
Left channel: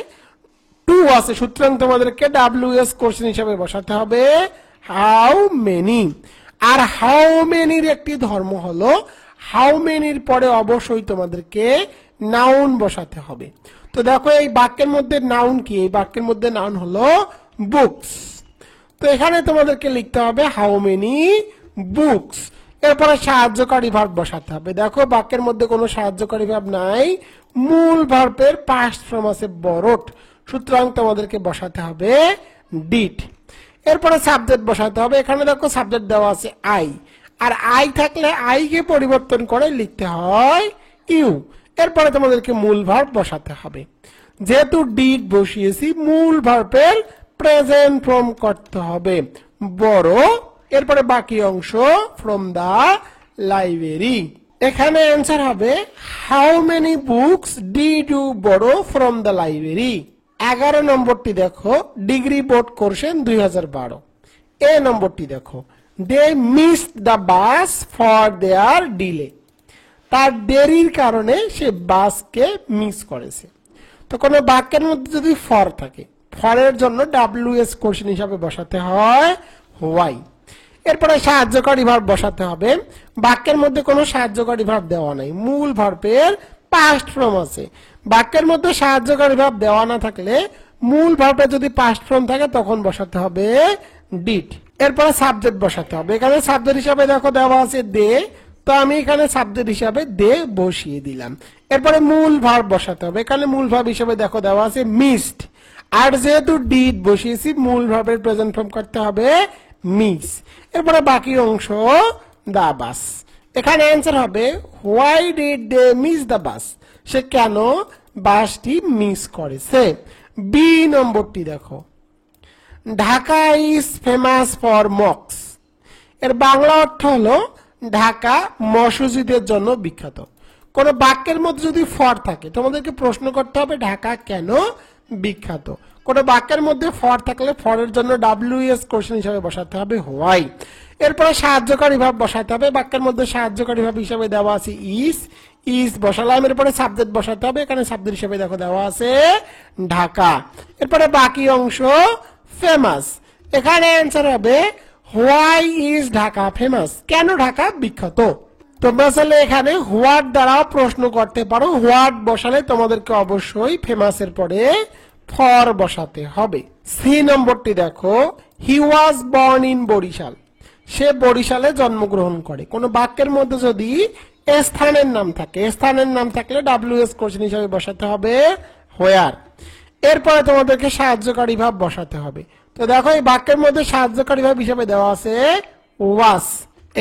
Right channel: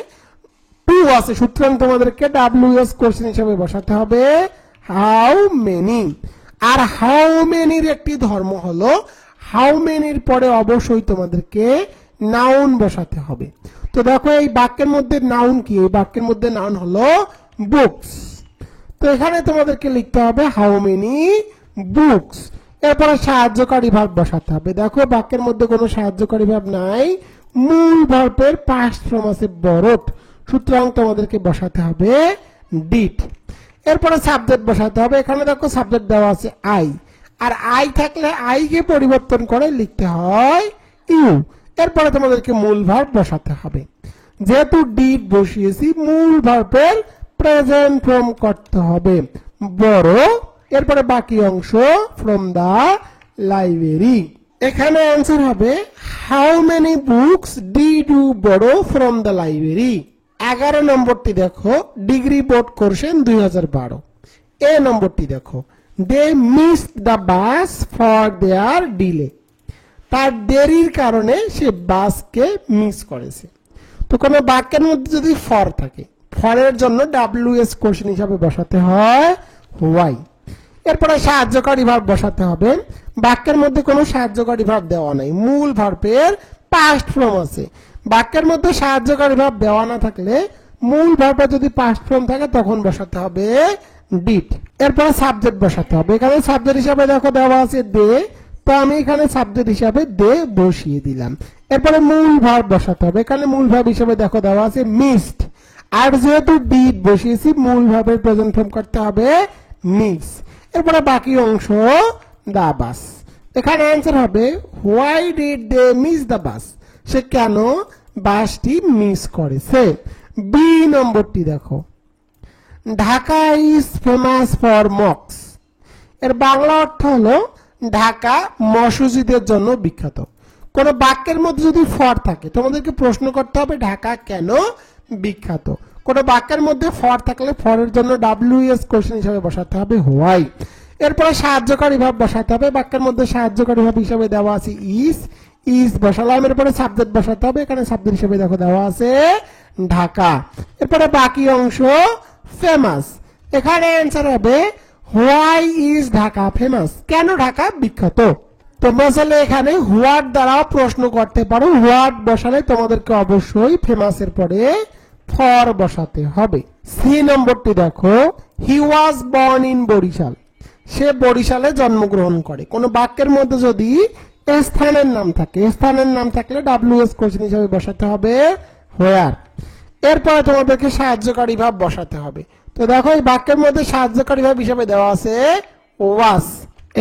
2 আছে সুতরাং তোমাদেরকে WH কোশ্চেন হিসাবে বসাতে হবে হাউ মেনি। আর হাউ মেনির একটি ধর্ম হলো হাউ মেনির পরে অবশ্যই তোমাদেরকে নাউন বসাতে হবে। তো দেখো এই বাক্যের মধ্যে নাউন কি, এই বাক্যের মধ্যে নাউন হলো বুকস। তো এখানে তোমাদেরকে লিখতে হবে হাউ মেনি বুকস, এরপরে সাহায্যকারী ভাব বসাতে হবে। দেখো বাক্যের মধ্যে কোনো সাহায্যকারী ভাব নাই, মূল ভার্বের পাস্ট ফর্ম আছে বরোড, সুতরাং তোমাদেরকে বসাতে হবে ডিড। এরপরে সাবজেক্ট বসাতে হবে। এখানে দেখো সাবজেক্ট দেওয়া আছে আই, আর আই থাকলে আই কে পরিবর্তন করে লিখতে হয় ইউ। এরপরে তোমাদেরকে মূল ভার্ব বসাতে হবে। যেহেতু ডিড বসিয়েছি মূল ভার্বের প্রেজেন্ট ফর্ম করতে হবে বড়, এরপরে বাকি অংশ ফ্রম দা লাইব্রেরি। এখানে आंसर হবে how many books did you borrow from the library. 11 নম্বরটি দেখো ডিগ্রি বোর্ড কোশ্চেন 2012। এ নম্বরটি দেখো they missed the bus for their delay, তার দেরির কারণে সে বাসকে মিস করেছে। তো কোনো বাক্যের মধ্যে যদি ফর থাকে ফরের জন্য WH কোশ্চেন হিসাবে বসাতে হয় হোয়াই। এরপরে সাহায্যকারী ভাব বসাতে হবে। বাক্যের মধ্যে কোনো সাহায্যকারী ভাব দেওয়া নাই, মূল ভার্বের পাস্ট ফর্ম আছে। বাক্যের মধ্যে সাহায্যকারী ভাব দেওয়া না থাকলে মূল ভার্বে যদি পাস্ট ফর্ম থাকে তখন বসাতে হবে ডিড। এরপরে সাবজেক্ট বসাতে হবে। এখানে সাবজেক্ট হিসাবে দেখো দেওয়া আছে দে, তো আমি এখানে সাবজেক্ট হিসাবে দে বসিয়ে দিলাম। এরপরে মূল ভার্ব বসাতে হবে। এখানে মূল ভার্ব হিসাবে দেখো দেওয়া আছে মিসড, আর যেহেতু ডিড বসিয়েছি মূল ভার্বের প্রেজেন্ট ফর্ম করতে হবে মিস। এরপরে বাকি অংশ দা বাস। এখানে आंसर হবে হোয়াই ডিড দে মিস দা বাস, সে কেন বাসটি মিস করেছে। বি নম্বরটি দেখো Dhaka is famous for Mox, এর বাংলা অর্থ হলো ঢাকা মসজিদের জন্য বিখ্যাত। কোন বাক্যের মধ্যে যদি ফর থাকে তোমাদেরকে প্রশ্ন করতে হবে ঢাকা কেন বিখ্যাত। কোন বাক্যের মধ্যে ফর থাকলে ফরের জন্য WH কোশ্চেন হিসাবে বসাতে হবে হোয়াই। এরপরে সাহায্যকারী ভাব বসাতে হবে। বাক্যের মধ্যে সাহায্যকারী ভাব হিসাবে দেওয়া আছে ইজ, ইজ বসালাম। এরপরে সাবজেক্ট বসাতে হবে। এখানে সাবজেক্ট হিসেবে দেখো দেওয়া আছে ঢাকা। এরপরে বাকি অংশ ফেমাস। এখানে आंसर হবে হোয়াই ইজ ঢাকা ফেমাস, কেন ঢাকা বিখ্যাত। তোমরা আসলে এখানে হোয়াট দ্বারাও প্রশ্ন করতে পারো। হোয়াট বসালে তোমাদেরকে অবশ্যই ফেমাসের পরে ফর বসাতে হবে। সি নম্বরটি দেখো হি ওয়াজ বর্ন ইন বরিশাল, সে বরিশালে জন্মগ্রহণ করে। কোন বাক্যের মধ্যে যদি স্থানের নাম থাকে, স্থানের নাম থাকলে WH কোশ্চেন হিসেবে বসাতে হবে হোয়ার। এরপরে তোমাদেরকে সাহায্যকারী ভাব বসাতে হবে। তো দেখো এই বাক্যের মধ্যে সাহায্যকারী ভাব হিসেবে দেওয়া আছে ওয়াজ,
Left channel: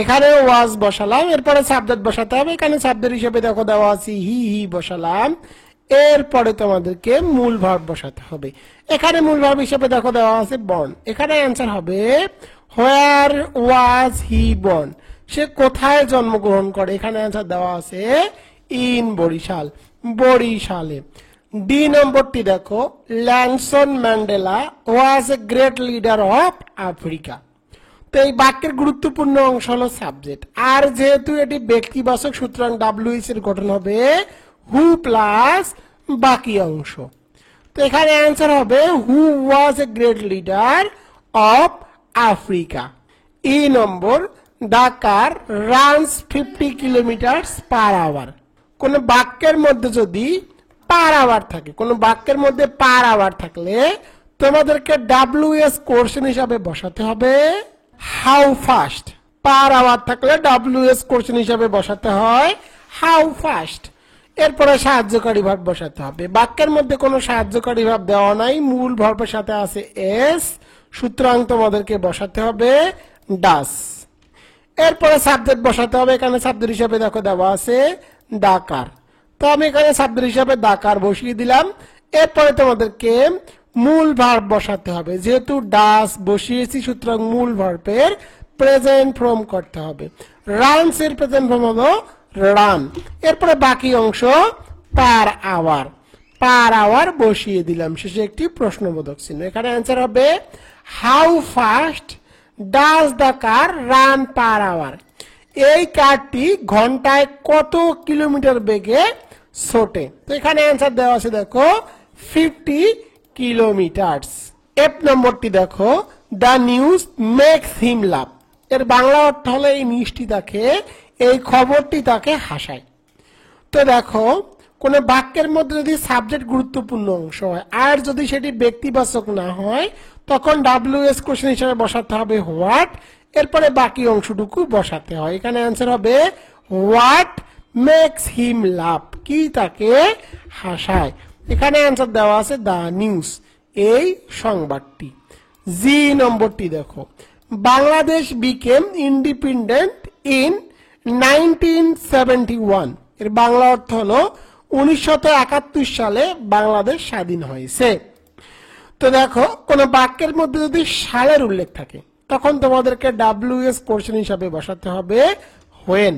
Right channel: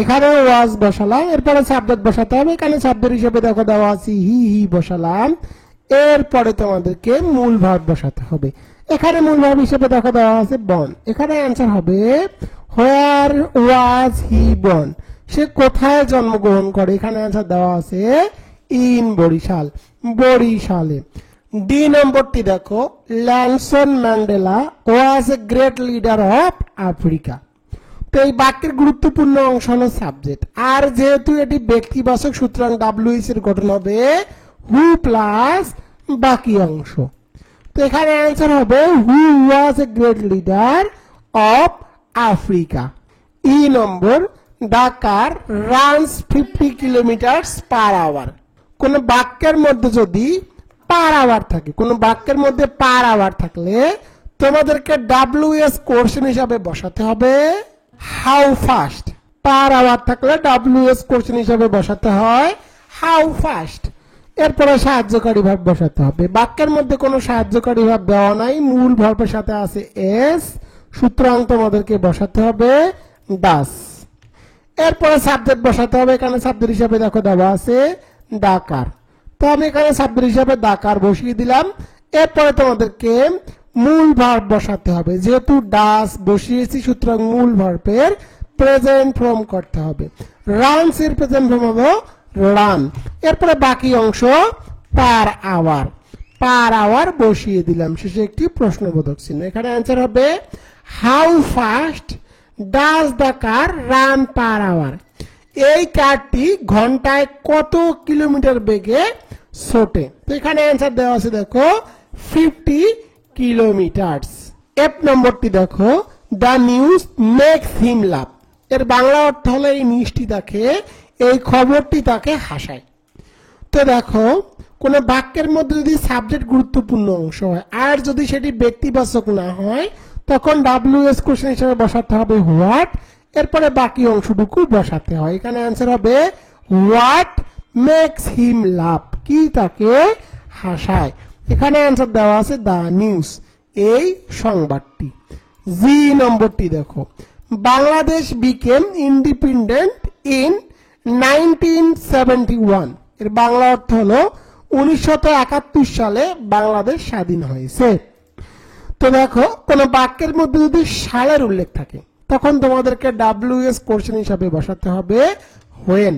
এখানে ওয়াজ বসালাম, এরপরে সাবজেক্ট বসাতে হবে, এখানে সাবজেক্ট হিসেবে দেখো দেওয়া আছে হি বসালাম, এরপরে তোমাদেরকে মূল ভার্ব বসাতে হবে, এখানে মূল ভার্ব হিসেবে দেখো দেওয়া আছে বর্ন, এখানে অ্যান্সার হবে হোয়ার ওয়াজ হি বর্ন, সে কোথায় জন্মগ্রহণ করে, এখানে অ্যান্সার দেওয়া আছে ইন বরিশাল, বরিশালে। ডি নম্বরটি দেখো Nelson Mandela was a great leader of Africa. তো এই বাক্যের গুরুত্বপূর্ণ অংশ হলো সাবজেক্ট, আর যেহেতু এটি ব্যক্তিবাচক সুতরাং ডাব্লিউএস এর গঠন হবে হু প্লাস বাকি অংশ। তো এখানে অ্যান্সার হবে who was a great leader of Africa. E number the car runs 50 kilometre per hour. কোন বাক্যের মধ্যে যদি পার আওয়ার থাকে, কোন বাক্যের মধ্যে পার আওয়ার থাকলে তোমাদেরকে ডাব্লিউএস কোশ্চেন হিসাবে বসাতে হবে হাউ ফাস্ট। পার আওয়ার থাকলে ডাব্লিউএস কোশ্চেন হিসাবে বসাতে হয় হাউ ফাস্ট। এরপরে সাহায্যকারী ভাব বসাতে হবে, বাক্যের মধ্যে কোনো সাহায্যকারী ভাব দেওয়া নাই, মূল ভার্বের সাথে আছে এস, সুতরাং তোমাদেরকে বসাতে হবে ডাস। এরপরে সাবজেক্ট বসাতে হবে, এখানে সাবজেক্ট হিসাবে দেখো দেওয়া আছে ডাকার, তো আমি এখানে সাবজেক্ট হিসাবে ডাকার বসিয়ে দিলাম। এরপরে তোমাদেরকে মূল ভার্ব বসাতে হবে, যেহেতু ডাস বসিয়েছি সুতরাং মূল ভার্বের প্রেজেন্ট ফর্ম করতে হবে, রানস এর প্রেজেন্ট ফর্ম হলো রান। এরপরে বাকি অংশ পার আওয়ার, পার আওয়ার বসিয়ে দিলাম, শেষে একটি প্রশ্নবোধক চিহ্ন। এখানে অ্যান্সার হবে how fast does the car run per hour. এই কারটি ঘন্টায় কত কিলোমিটার বেগে ছোটে। তো এখানে অ্যান্সার দেওয়া আছে দেখো 50 কিলোমিটার। এফ নম্বরটি দেখো দ্য নিউজ মেক্স হিম লাভ। এর বাংলা অর্থ হলো এই নিউজটি তাকে, এই খবরটি তাকে হাসায়। তো দেখো কোন বাক্যের মধ্যে যদি সাবজেক্ট গুরুত্বপূর্ণ অংশ হয় আর যদি সেটি ব্যক্তিবাচক না হয় তখন ডাব্লিউএস কোশ্চেন হিসেবে বসাতে হবে হোয়াট, এরপরে বাকি অংশটুকু বসাতে হয়। এখানে অ্যান্সার হবে হোয়াট মেক্স হিম লাভ, কি তাকে হাসায়। এখানে অ্যান্সার দেওয়া আছে দ্য নিউজ, এই সংবাদটি। জি নম্বরটি দেখো বাংলাদেশ বিকেম ইন্ডিপেন্ডেন্ট ইন 1971। এর বাংলা অর্থ হলো 1971 সালে বাংলাদেশ স্বাধীন হয়েছে। তো দেখো কোন বাক্যের মধ্যে যদি সালের উল্লেখ থাকে তখন তোমাদেরকে ডাব্লিউএস কোশ্চেন হিসাবে বসাতে হবে হোয়েন।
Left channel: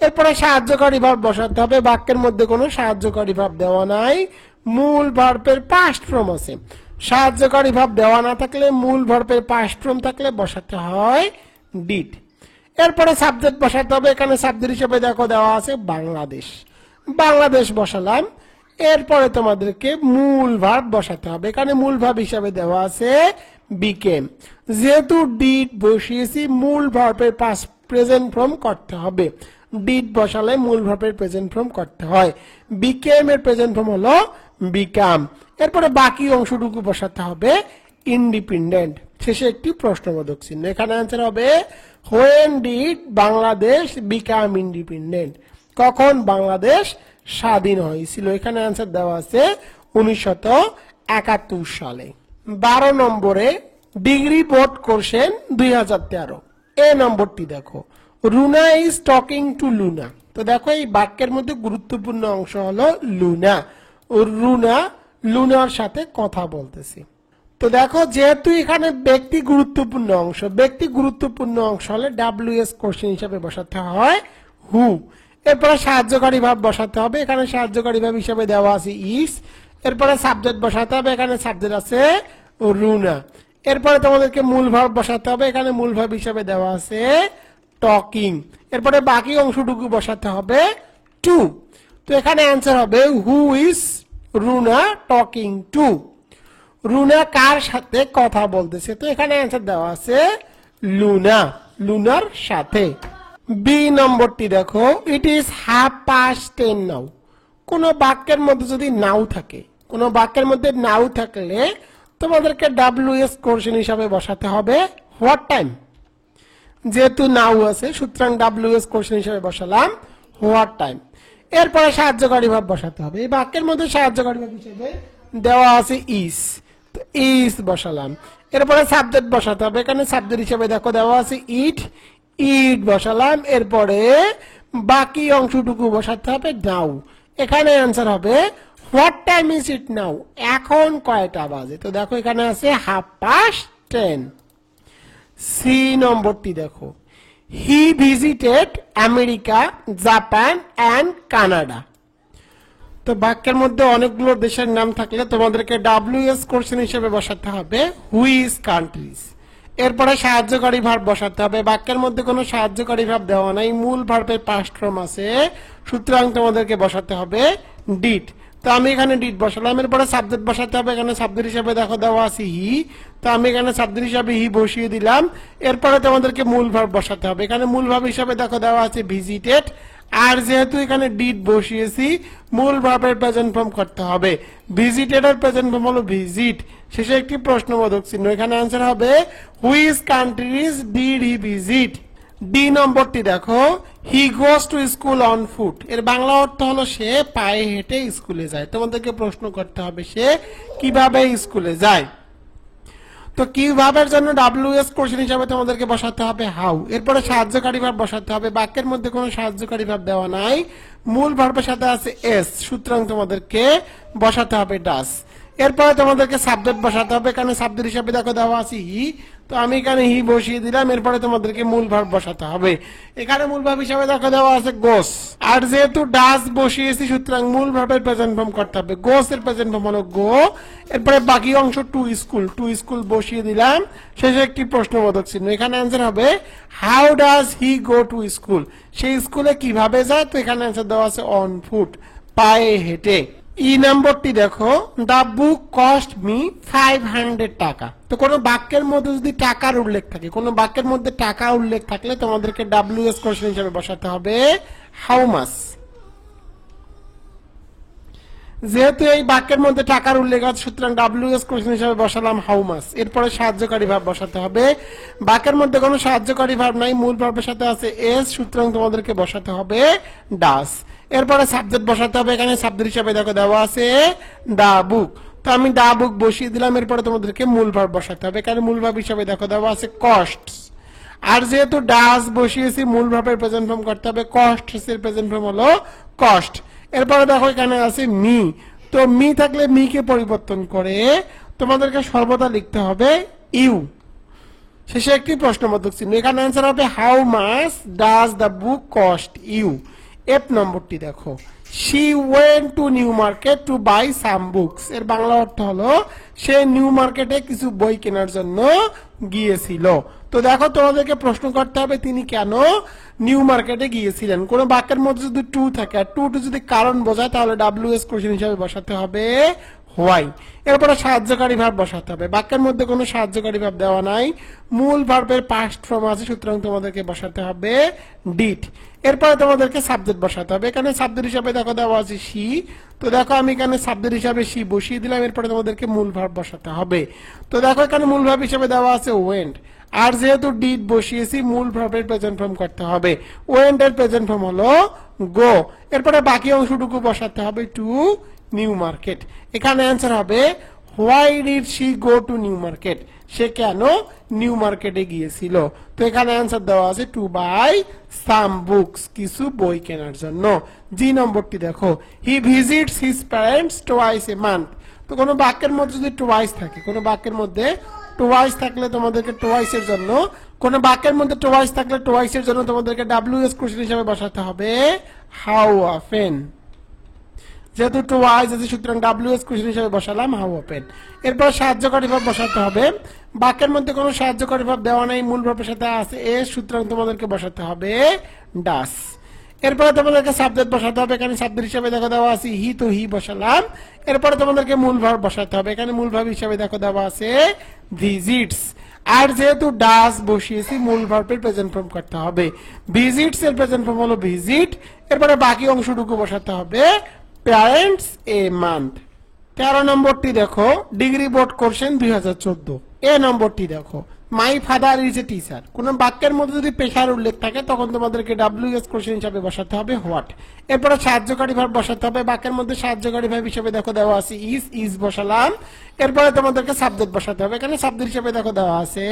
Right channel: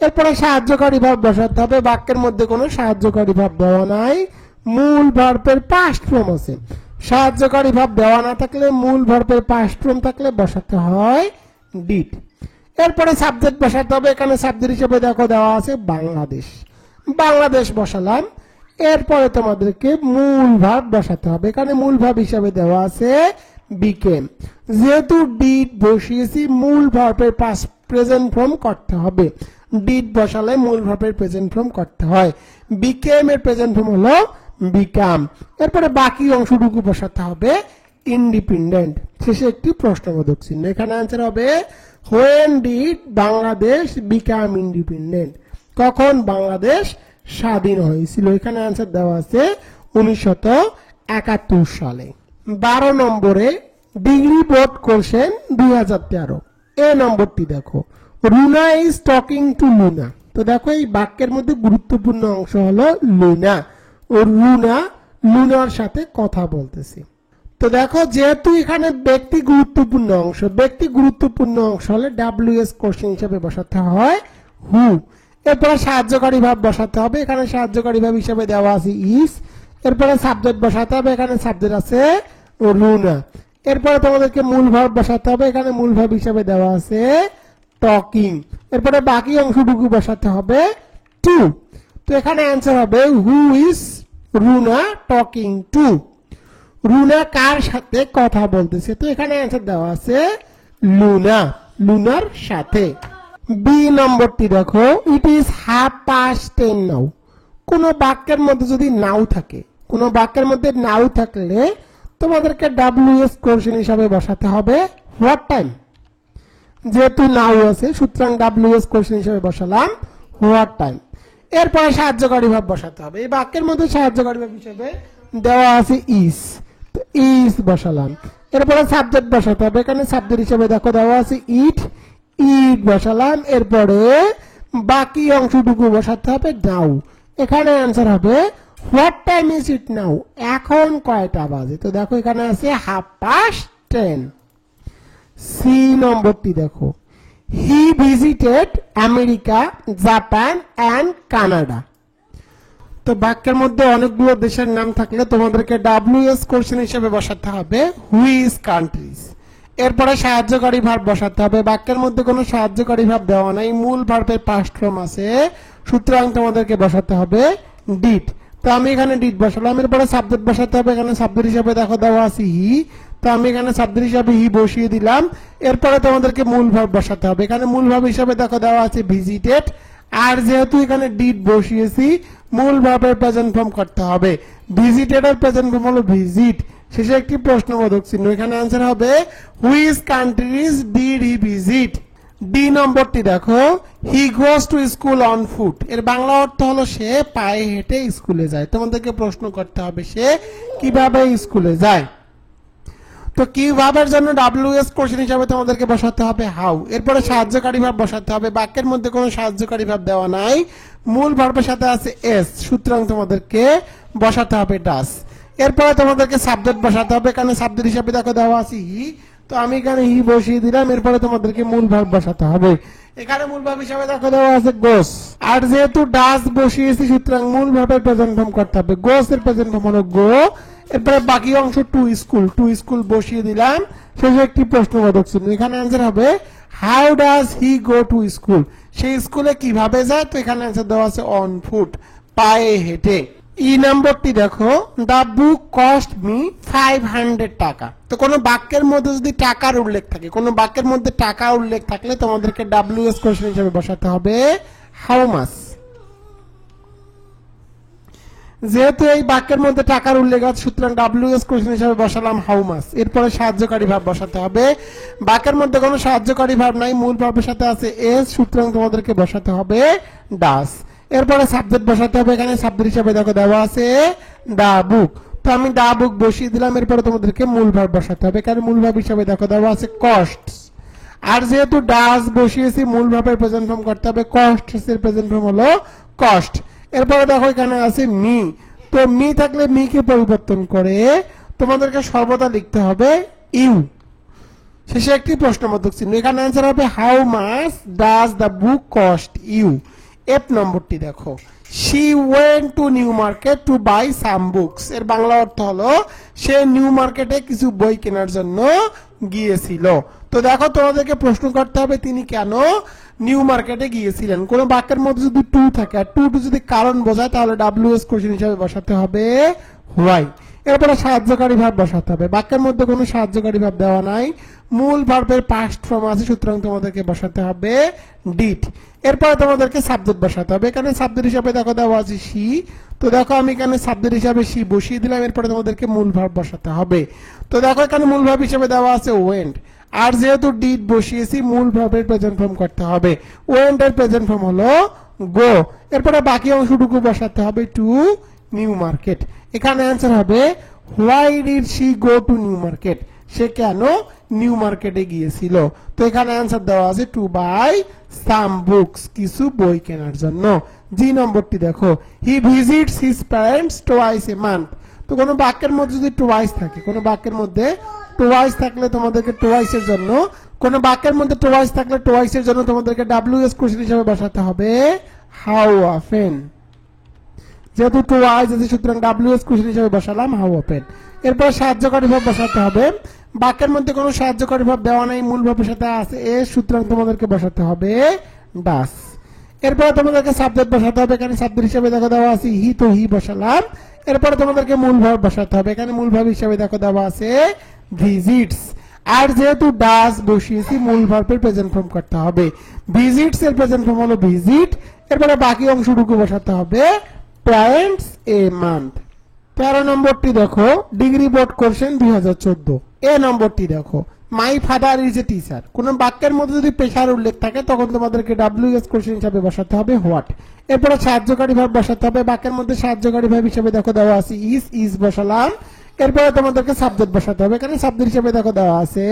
এরপরে সাহায্যকারী ভাব বসাতে হবে, বাক্যের মধ্যে কোনো সাহায্যকারী ভাব দেওয়া নাই, মূল ভার্বের পাস্ট ফর্ম আছে, সাহায্যকারী ভাব দেওয়া না থাকলে মূল ভার্বের পাস্ট ফর্ম থাকলে বসাতে হয় ডিড। এরপরে সাবজেক্ট বসাতে হবে, এখানে সাবজেক্ট হিসেবে দেখো দেওয়া আছে বাংলাদেশ, বাংলাদেশ বসালাম। এরপরে তোমাদেরকে মূল ভার্ব বসাতে হবে, এখানে মূল ভার্ব হিসেবে দেওয়া আছে বিকেম, যেহেতু ডিড বসিয়েছি মূল ভার্বের পাস্ট প্রেজেন্ট ফর্ম করতে হবে, ডিড বসালে মূল ভার্বের প্রেজেন্ট ফর্ম করতে হয়, বিকেম এর প্রেজেন্ট ফর্ম হলো বিকাম। এরপরে বাকি অংশটুকু বসাতে হবে ইন্ডিপেন্ডেন্ট, শেষে একটি প্রশ্নবোধক চিহ্ন। এখানে অ্যান্সার হবে when did Bangladesh become independent, কখন বাংলাদেশ স্বাধীন হয়েছিল। এখানে অ্যান্সার দেওয়া আছে 1971 সালে। 12 নম্বরে ডিগ্রি বোর্ড কোশ্চেন 2013। এ নম্বরটি দেখো Runa is talking to Luna. তো দেখো এই বাক্যের মধ্যে গুরুত্বপূর্ণ অংশ হলো লুনা, ও রুনা লুনার সাথে কথা বলতেছে। তো দেখো যেহেতু এখানে ব্যক্তি গুরুত্বপূর্ণ অংশ, ব্যক্তি গুরুত্বপূর্ণ অংশ হলে ডাব্লিউএস কোশ্চেন হিসেবে বসাতে হয় হু। এরপরে সাহায্যকারী ভাব বসাতে হবে, এখানে সাহায্যকারী ভাব হিসেবে দেওয়া আছে ইজ। এরপরে সাবজেক্ট বসাতে হবে, এখানে সাবজেক্ট আছে রুনা। এরপরে তোমাদেরকে মূল ভাব বসাতে হবে, এখানে মূল ভাব হিসেবে দেওয়া আছে টকিং। এরপরে বাকি অংশটুকু বসাতে হবে টু। তো এখানে অ্যান্সার হবে who is Runa talking to. Runa কার সাথে কথা বলতেছে, তো এখানে অ্যান্সার দেওয়া আছে লুনা, লুনার সাথে। বি নম্বরটি দেখো ইট ইজ 10:30 নাও। কোন বাক্যের মধ্যে যদি নাও থাকে, কোন বাক্যের মধ্যে নাও থাকলে তোমাদেরকে ডাব্লিউএস কোশ্চেন হিসাবে বসাতে হবে হোয়াট টাইম, যেহেতু নাও আছে সুতরাং ডাব্লিউএস কোশ্চেন হিসাবে বসালাম হোয়াট টাইম। এরপরে সাহায্যকারী ভাব বসাতে হবে, এই বাক্যের মধ্যে সাহায্যকারী ভাব হিসেবে দেওয়া আছে ইজ, তো ইজ বসালাম। এরপরে সাবজেক্ট বসাতে হবে, এখানে সাবজেক্ট হিসেবে দেখো দেওয়া আছে ইট, ইট বসালাম। এরপরে বাকি অংশটুকু বসাতে হবে নাও। এখানে অ্যান্সার হবে হোয়াট টাইম ইজ ইট নাও, এখন কয়টা বাজে। তো দেখো এখানে আছে 10:30। সি নম্বরটি দেখো, he visited America, Japan and Canada. তো বাক্যের মধ্যে অনেকগুলো দেশের নাম থাকলে তোমাদেরকে WS কোশ্চেন হিসেবে বসাতে হবে হুইচ কান্ট্রিজ। এরপরে সাহায্যকারী ভার্ব বসাতে হবে। বাক্যের মধ্যে কোনো সাহায্যকারী ভার্ব দেওয়া নাই, মূল ভার্বের পাস্ট ফর্ম আছে, সুতরাং তোমাদেরকে বসাতে হবে ডিড। তো আমি এখানে ডিড বসালাম। এরপরে সাবজেক্ট বসাতে হবে, এখানে সাবজেক্ট হিসাবে দেখো দেওয়া আছে হি, তো আমি এখানে সাবজেক্ট হিসাবে হি বসিয়ে দিলাম। এরপরে তোমাদেরকে মূল ভার্ব বসাতে হবে, এখানে মূল ভার্ব হিসাবে দেখো দেওয়া আছে ভিজিটেড, আর যেহেতু এখানে ডিড বসিয়েছি মূল ভার্বের প্রেজেন্ট ফর্ম করতে হবে। ভিজিটেড এর প্রেজেন্ট ফর্ম হলো ভিজিট, শেষে একটি প্রশ্নবোধক চিহ্ন। এখানে आंसर হবে which countries did he visit. D নম্বরটি দেখো, he goes to school on foot. এর বাংলা অর্থ হলো সে পায়ে হেঁটে স্কুলে যায়। তোমাদেরকে প্রশ্ন করতে হবে সে কিভাবে স্কুলে যায়। তো কিভাবের জন্য WS কোশ্চেন হিসাবে তোমাদেরকে বসাতে হবে হাউ। এরপরে সাহায্যকারী ভার্ব বসাতে হবে। বাক্যের মধ্যে কোনো সাহায্যকারী ভার্ব দেওয়া নাই, মূল ভার্বের সাথে আছে এস, সুতরাং তোমাদেরকে বসাতে হবে ডাস। এরপরে তোমাদেরকে সাবজেক্ট বসাতে হবে, এখানে সাবজেক্ট হিসাবে দেখো দেওয়া আছে হি, তো আমি এখানে হি বসিয়ে দিলাম। এরপরে তোমাদেরকে মূল ভার্ব বসাতে হবে, এখানে মূল ভার্ব হিসাবে দেখো দেওয়া আছে গোস, আর যেহেতু ডাস বসিয়েছি সুতরাং মূল ভার্বের প্রেজেন্ট ফর্ম করতে হবে। গোস এর প্রেজেন্ট ফর্ম হলো গো। এরপরে বাকি অংশ টু স্কুল, টু স্কুল বসিয়ে দিলাম, শেষে একটি প্রশ্নবোধক চিহ্ন। এখানে आंसर হবে how does he go to school, সেই স্কুলে কিভাবে যায়। তো এখানে आंसर দেওয়া আছে অন ফুট, পায়ে হেঁটে। ই নম্বরটি দেখো, দা বুক কস্ট মি 500 টাকা। তো কোনো বাক্যের মধ্যে যদি টাকার উল্লেখ থাকে, কোনো বাক্যের মধ্যে টাকা উল্লেখ থাকলে তোমাদেরকে WS কোশ্চেন হিসেবে বসাতে হবে হাউ মাচ। যেহেতু এই বাক্যের মধ্যে টাকার উল্লেখ আছে সুতরাং WS কোশ্চেন হিসেবে বসালাম হাউ মাচ। এরপরে সাহায্যকারী ভার্ব বসাতে হবে। বাক্যের মধ্যে কোনো সাহায্যকারী ভার্ব নাই, মূল ভার্বের সাথে আছে এস, সুতরাং তোমাদেরকে বসাতে হবে ডাস। এরপরে সাবজেক্ট বসাতে হবে, এখানে সাবজেক্ট হিসেবে দেখো দেওয়া আছে দা বুক, তো আমি দা বুক বসিয়ে দিলাম। এরপরে তোমাদেরকে মূল ভার্ব বসাতে হবে, এখানে মূল ভার্ব হিসেবে দেখো দেওয়া আছে কস্ট, আর যেহেতু ডাস বসিয়েছি মূল ভার্বের প্রেজেন্ট ফর্ম করতে হবে। কস্ট এর প্রেজেন্ট ফর্ম হলো কস্ট। এরপরে দেখো এখানে আছে মি, তো মি থাকলে মি কে পরিবর্তন করে তোমাদেরকে সর্বদা লিখতে হবে ইউ, শেষে একটি প্রশ্নবোধক চিহ্ন। এখানে आंसर হবে how much does the book cost you. F নম্বরটি দেখো, she went to New Market to buy some books. এর বাংলা অর্থ হলো সে নিউ মার্কেটে কিছু বই কেনার জন্য গিয়েছিল। তো দেখো তোমাদেরকে প্রশ্ন করতে হবে তিনি কেন নিউ মার্কেটে গিয়েছিলেন। কোন বাক্যের মধ্যে যদি টু থাকে আর টু যদি কারণ বোঝায় তাহলে WS কোশ্চেন হিসেবে বসাতে হবে হোয়াই। এরপরে সাহায্যকারী ভার্ব বসাতে হবে। বাক্যের মধ্যে কোনো সাহায্যকারী ভার্ব দেওয়া নাই, মূল ভার্বের পাস্ট ফর্ম আছে, সুতরাং তোমাদেরকে বসাতে হবে ডিড। এরপরে তোমাদেরকে সাবজেক্ট বসাতে হবে, এখানে সাবজেক্ট হিসাবে দেখো দেওয়া আছে শি, তো দেখো আমি এখানে সাবজেক্ট হিসাবে শি বসিয়ে দিলাম। এরপরে তোমাদেরকে মূল ভার্ব বসাতে হবে, তো দেখো এখানে মূল ভার্ব হিসেবে দেওয়া আছে ওয়েন্ট, আর যেহেতু ডিড বসিয়েছি মূল ভার্বের প্রেজেন্ট ফর্ম করতে হবে। ওয়েন্ট এর প্রেজেন্ট ফর্ম হলো গো। এরপরে বাকি অংশটুকু বসাতে হবে টু নিউ মার্কেট। এখানে आंसर হবে why did she go to New Market, সে কেন নিউ মার্কেটে গিয়েছিল। তো এখানে आंसर দেওয়া আছে টু বাই সাম বুকস, কিছু বই কেনার জন্য। জি নম্বরটি দেখো, he visits his parents twice a month. তো কোনো বাক্যের মধ্যে যদি টুয়াইস থাকে, কোনো বাক্যের মধ্যে টুয়াইস থাকলে তোমাদেরকে টুয়াইস এর জন্য, কোনো বাক্যের মধ্যে টুয়াইস থাকলে টুয়াইস এর জন্য তোমাদেরকে WS কোশ্চেন হিসেবে বসাতে হবে হাউ অফেন। যেহেতু টুয়াইস আছে সুতরাং WS কোশ্চেন হিসেবে বসালাম হাউ অফেন। এরপর সাহায্যকারী ভার্ব বসাতে হবে। বাক্যের মধ্যে কোনো সাহায্যকারী ভার্ব দেওয়া নাই, মূল ভার্বের সাথে আছে এ, সুতরাং তোমাদেরকে বসাতে হবে ডাস। এরপরে তোমাদেরকে সাবজেক্ট বসাতে হবে, এখানে সাবজেক্ট হিসেবে দেখো দেওয়া আছে হি, তো হি বসালাম। এরপরে তোমাদেরকে মূল ভার্ব বসাতে হবে, এখানে মূল ভার্ব হিসেবে দেখো দেওয়া আছে ভিজিটস, আর যেহেতু ডাস বসিয়েছি মূল ভার্বের প্রেজেন্ট ফর্ম করতে হবে। ভিজিটস এর প্রেজেন্ট ফর্ম হলো ভিজিট। এরপরে বাকি অংশটুকু বসাতে হবে প্যারেন্টস এ মান্থ। 13 নম্বরটি দেখো, ডিগ্রি বোর্ড কোশ্চেন 2014। এ নম্বরটি দেখো, my father is a teacher. কোন বাক্যের মধ্যে যদি পেশার উল্লেখ থাকে তখন তোমাদেরকে WS কোশ্চেন হিসাবে বসাতে হবে হোয়াট। এরপরে সাহায্যকারী ভাব বসাতে হবে। বাক্যের মধ্যে সাহায্যকারী ভাব হিসেবে দেখো দেওয়া আছে ইজ বসালাম। এরপরে তোমাদেরকে সাবজেক্ট বসাতে হবে। এখানে সাবজেক্ট হিসেবে দেখো দেওয়া আছে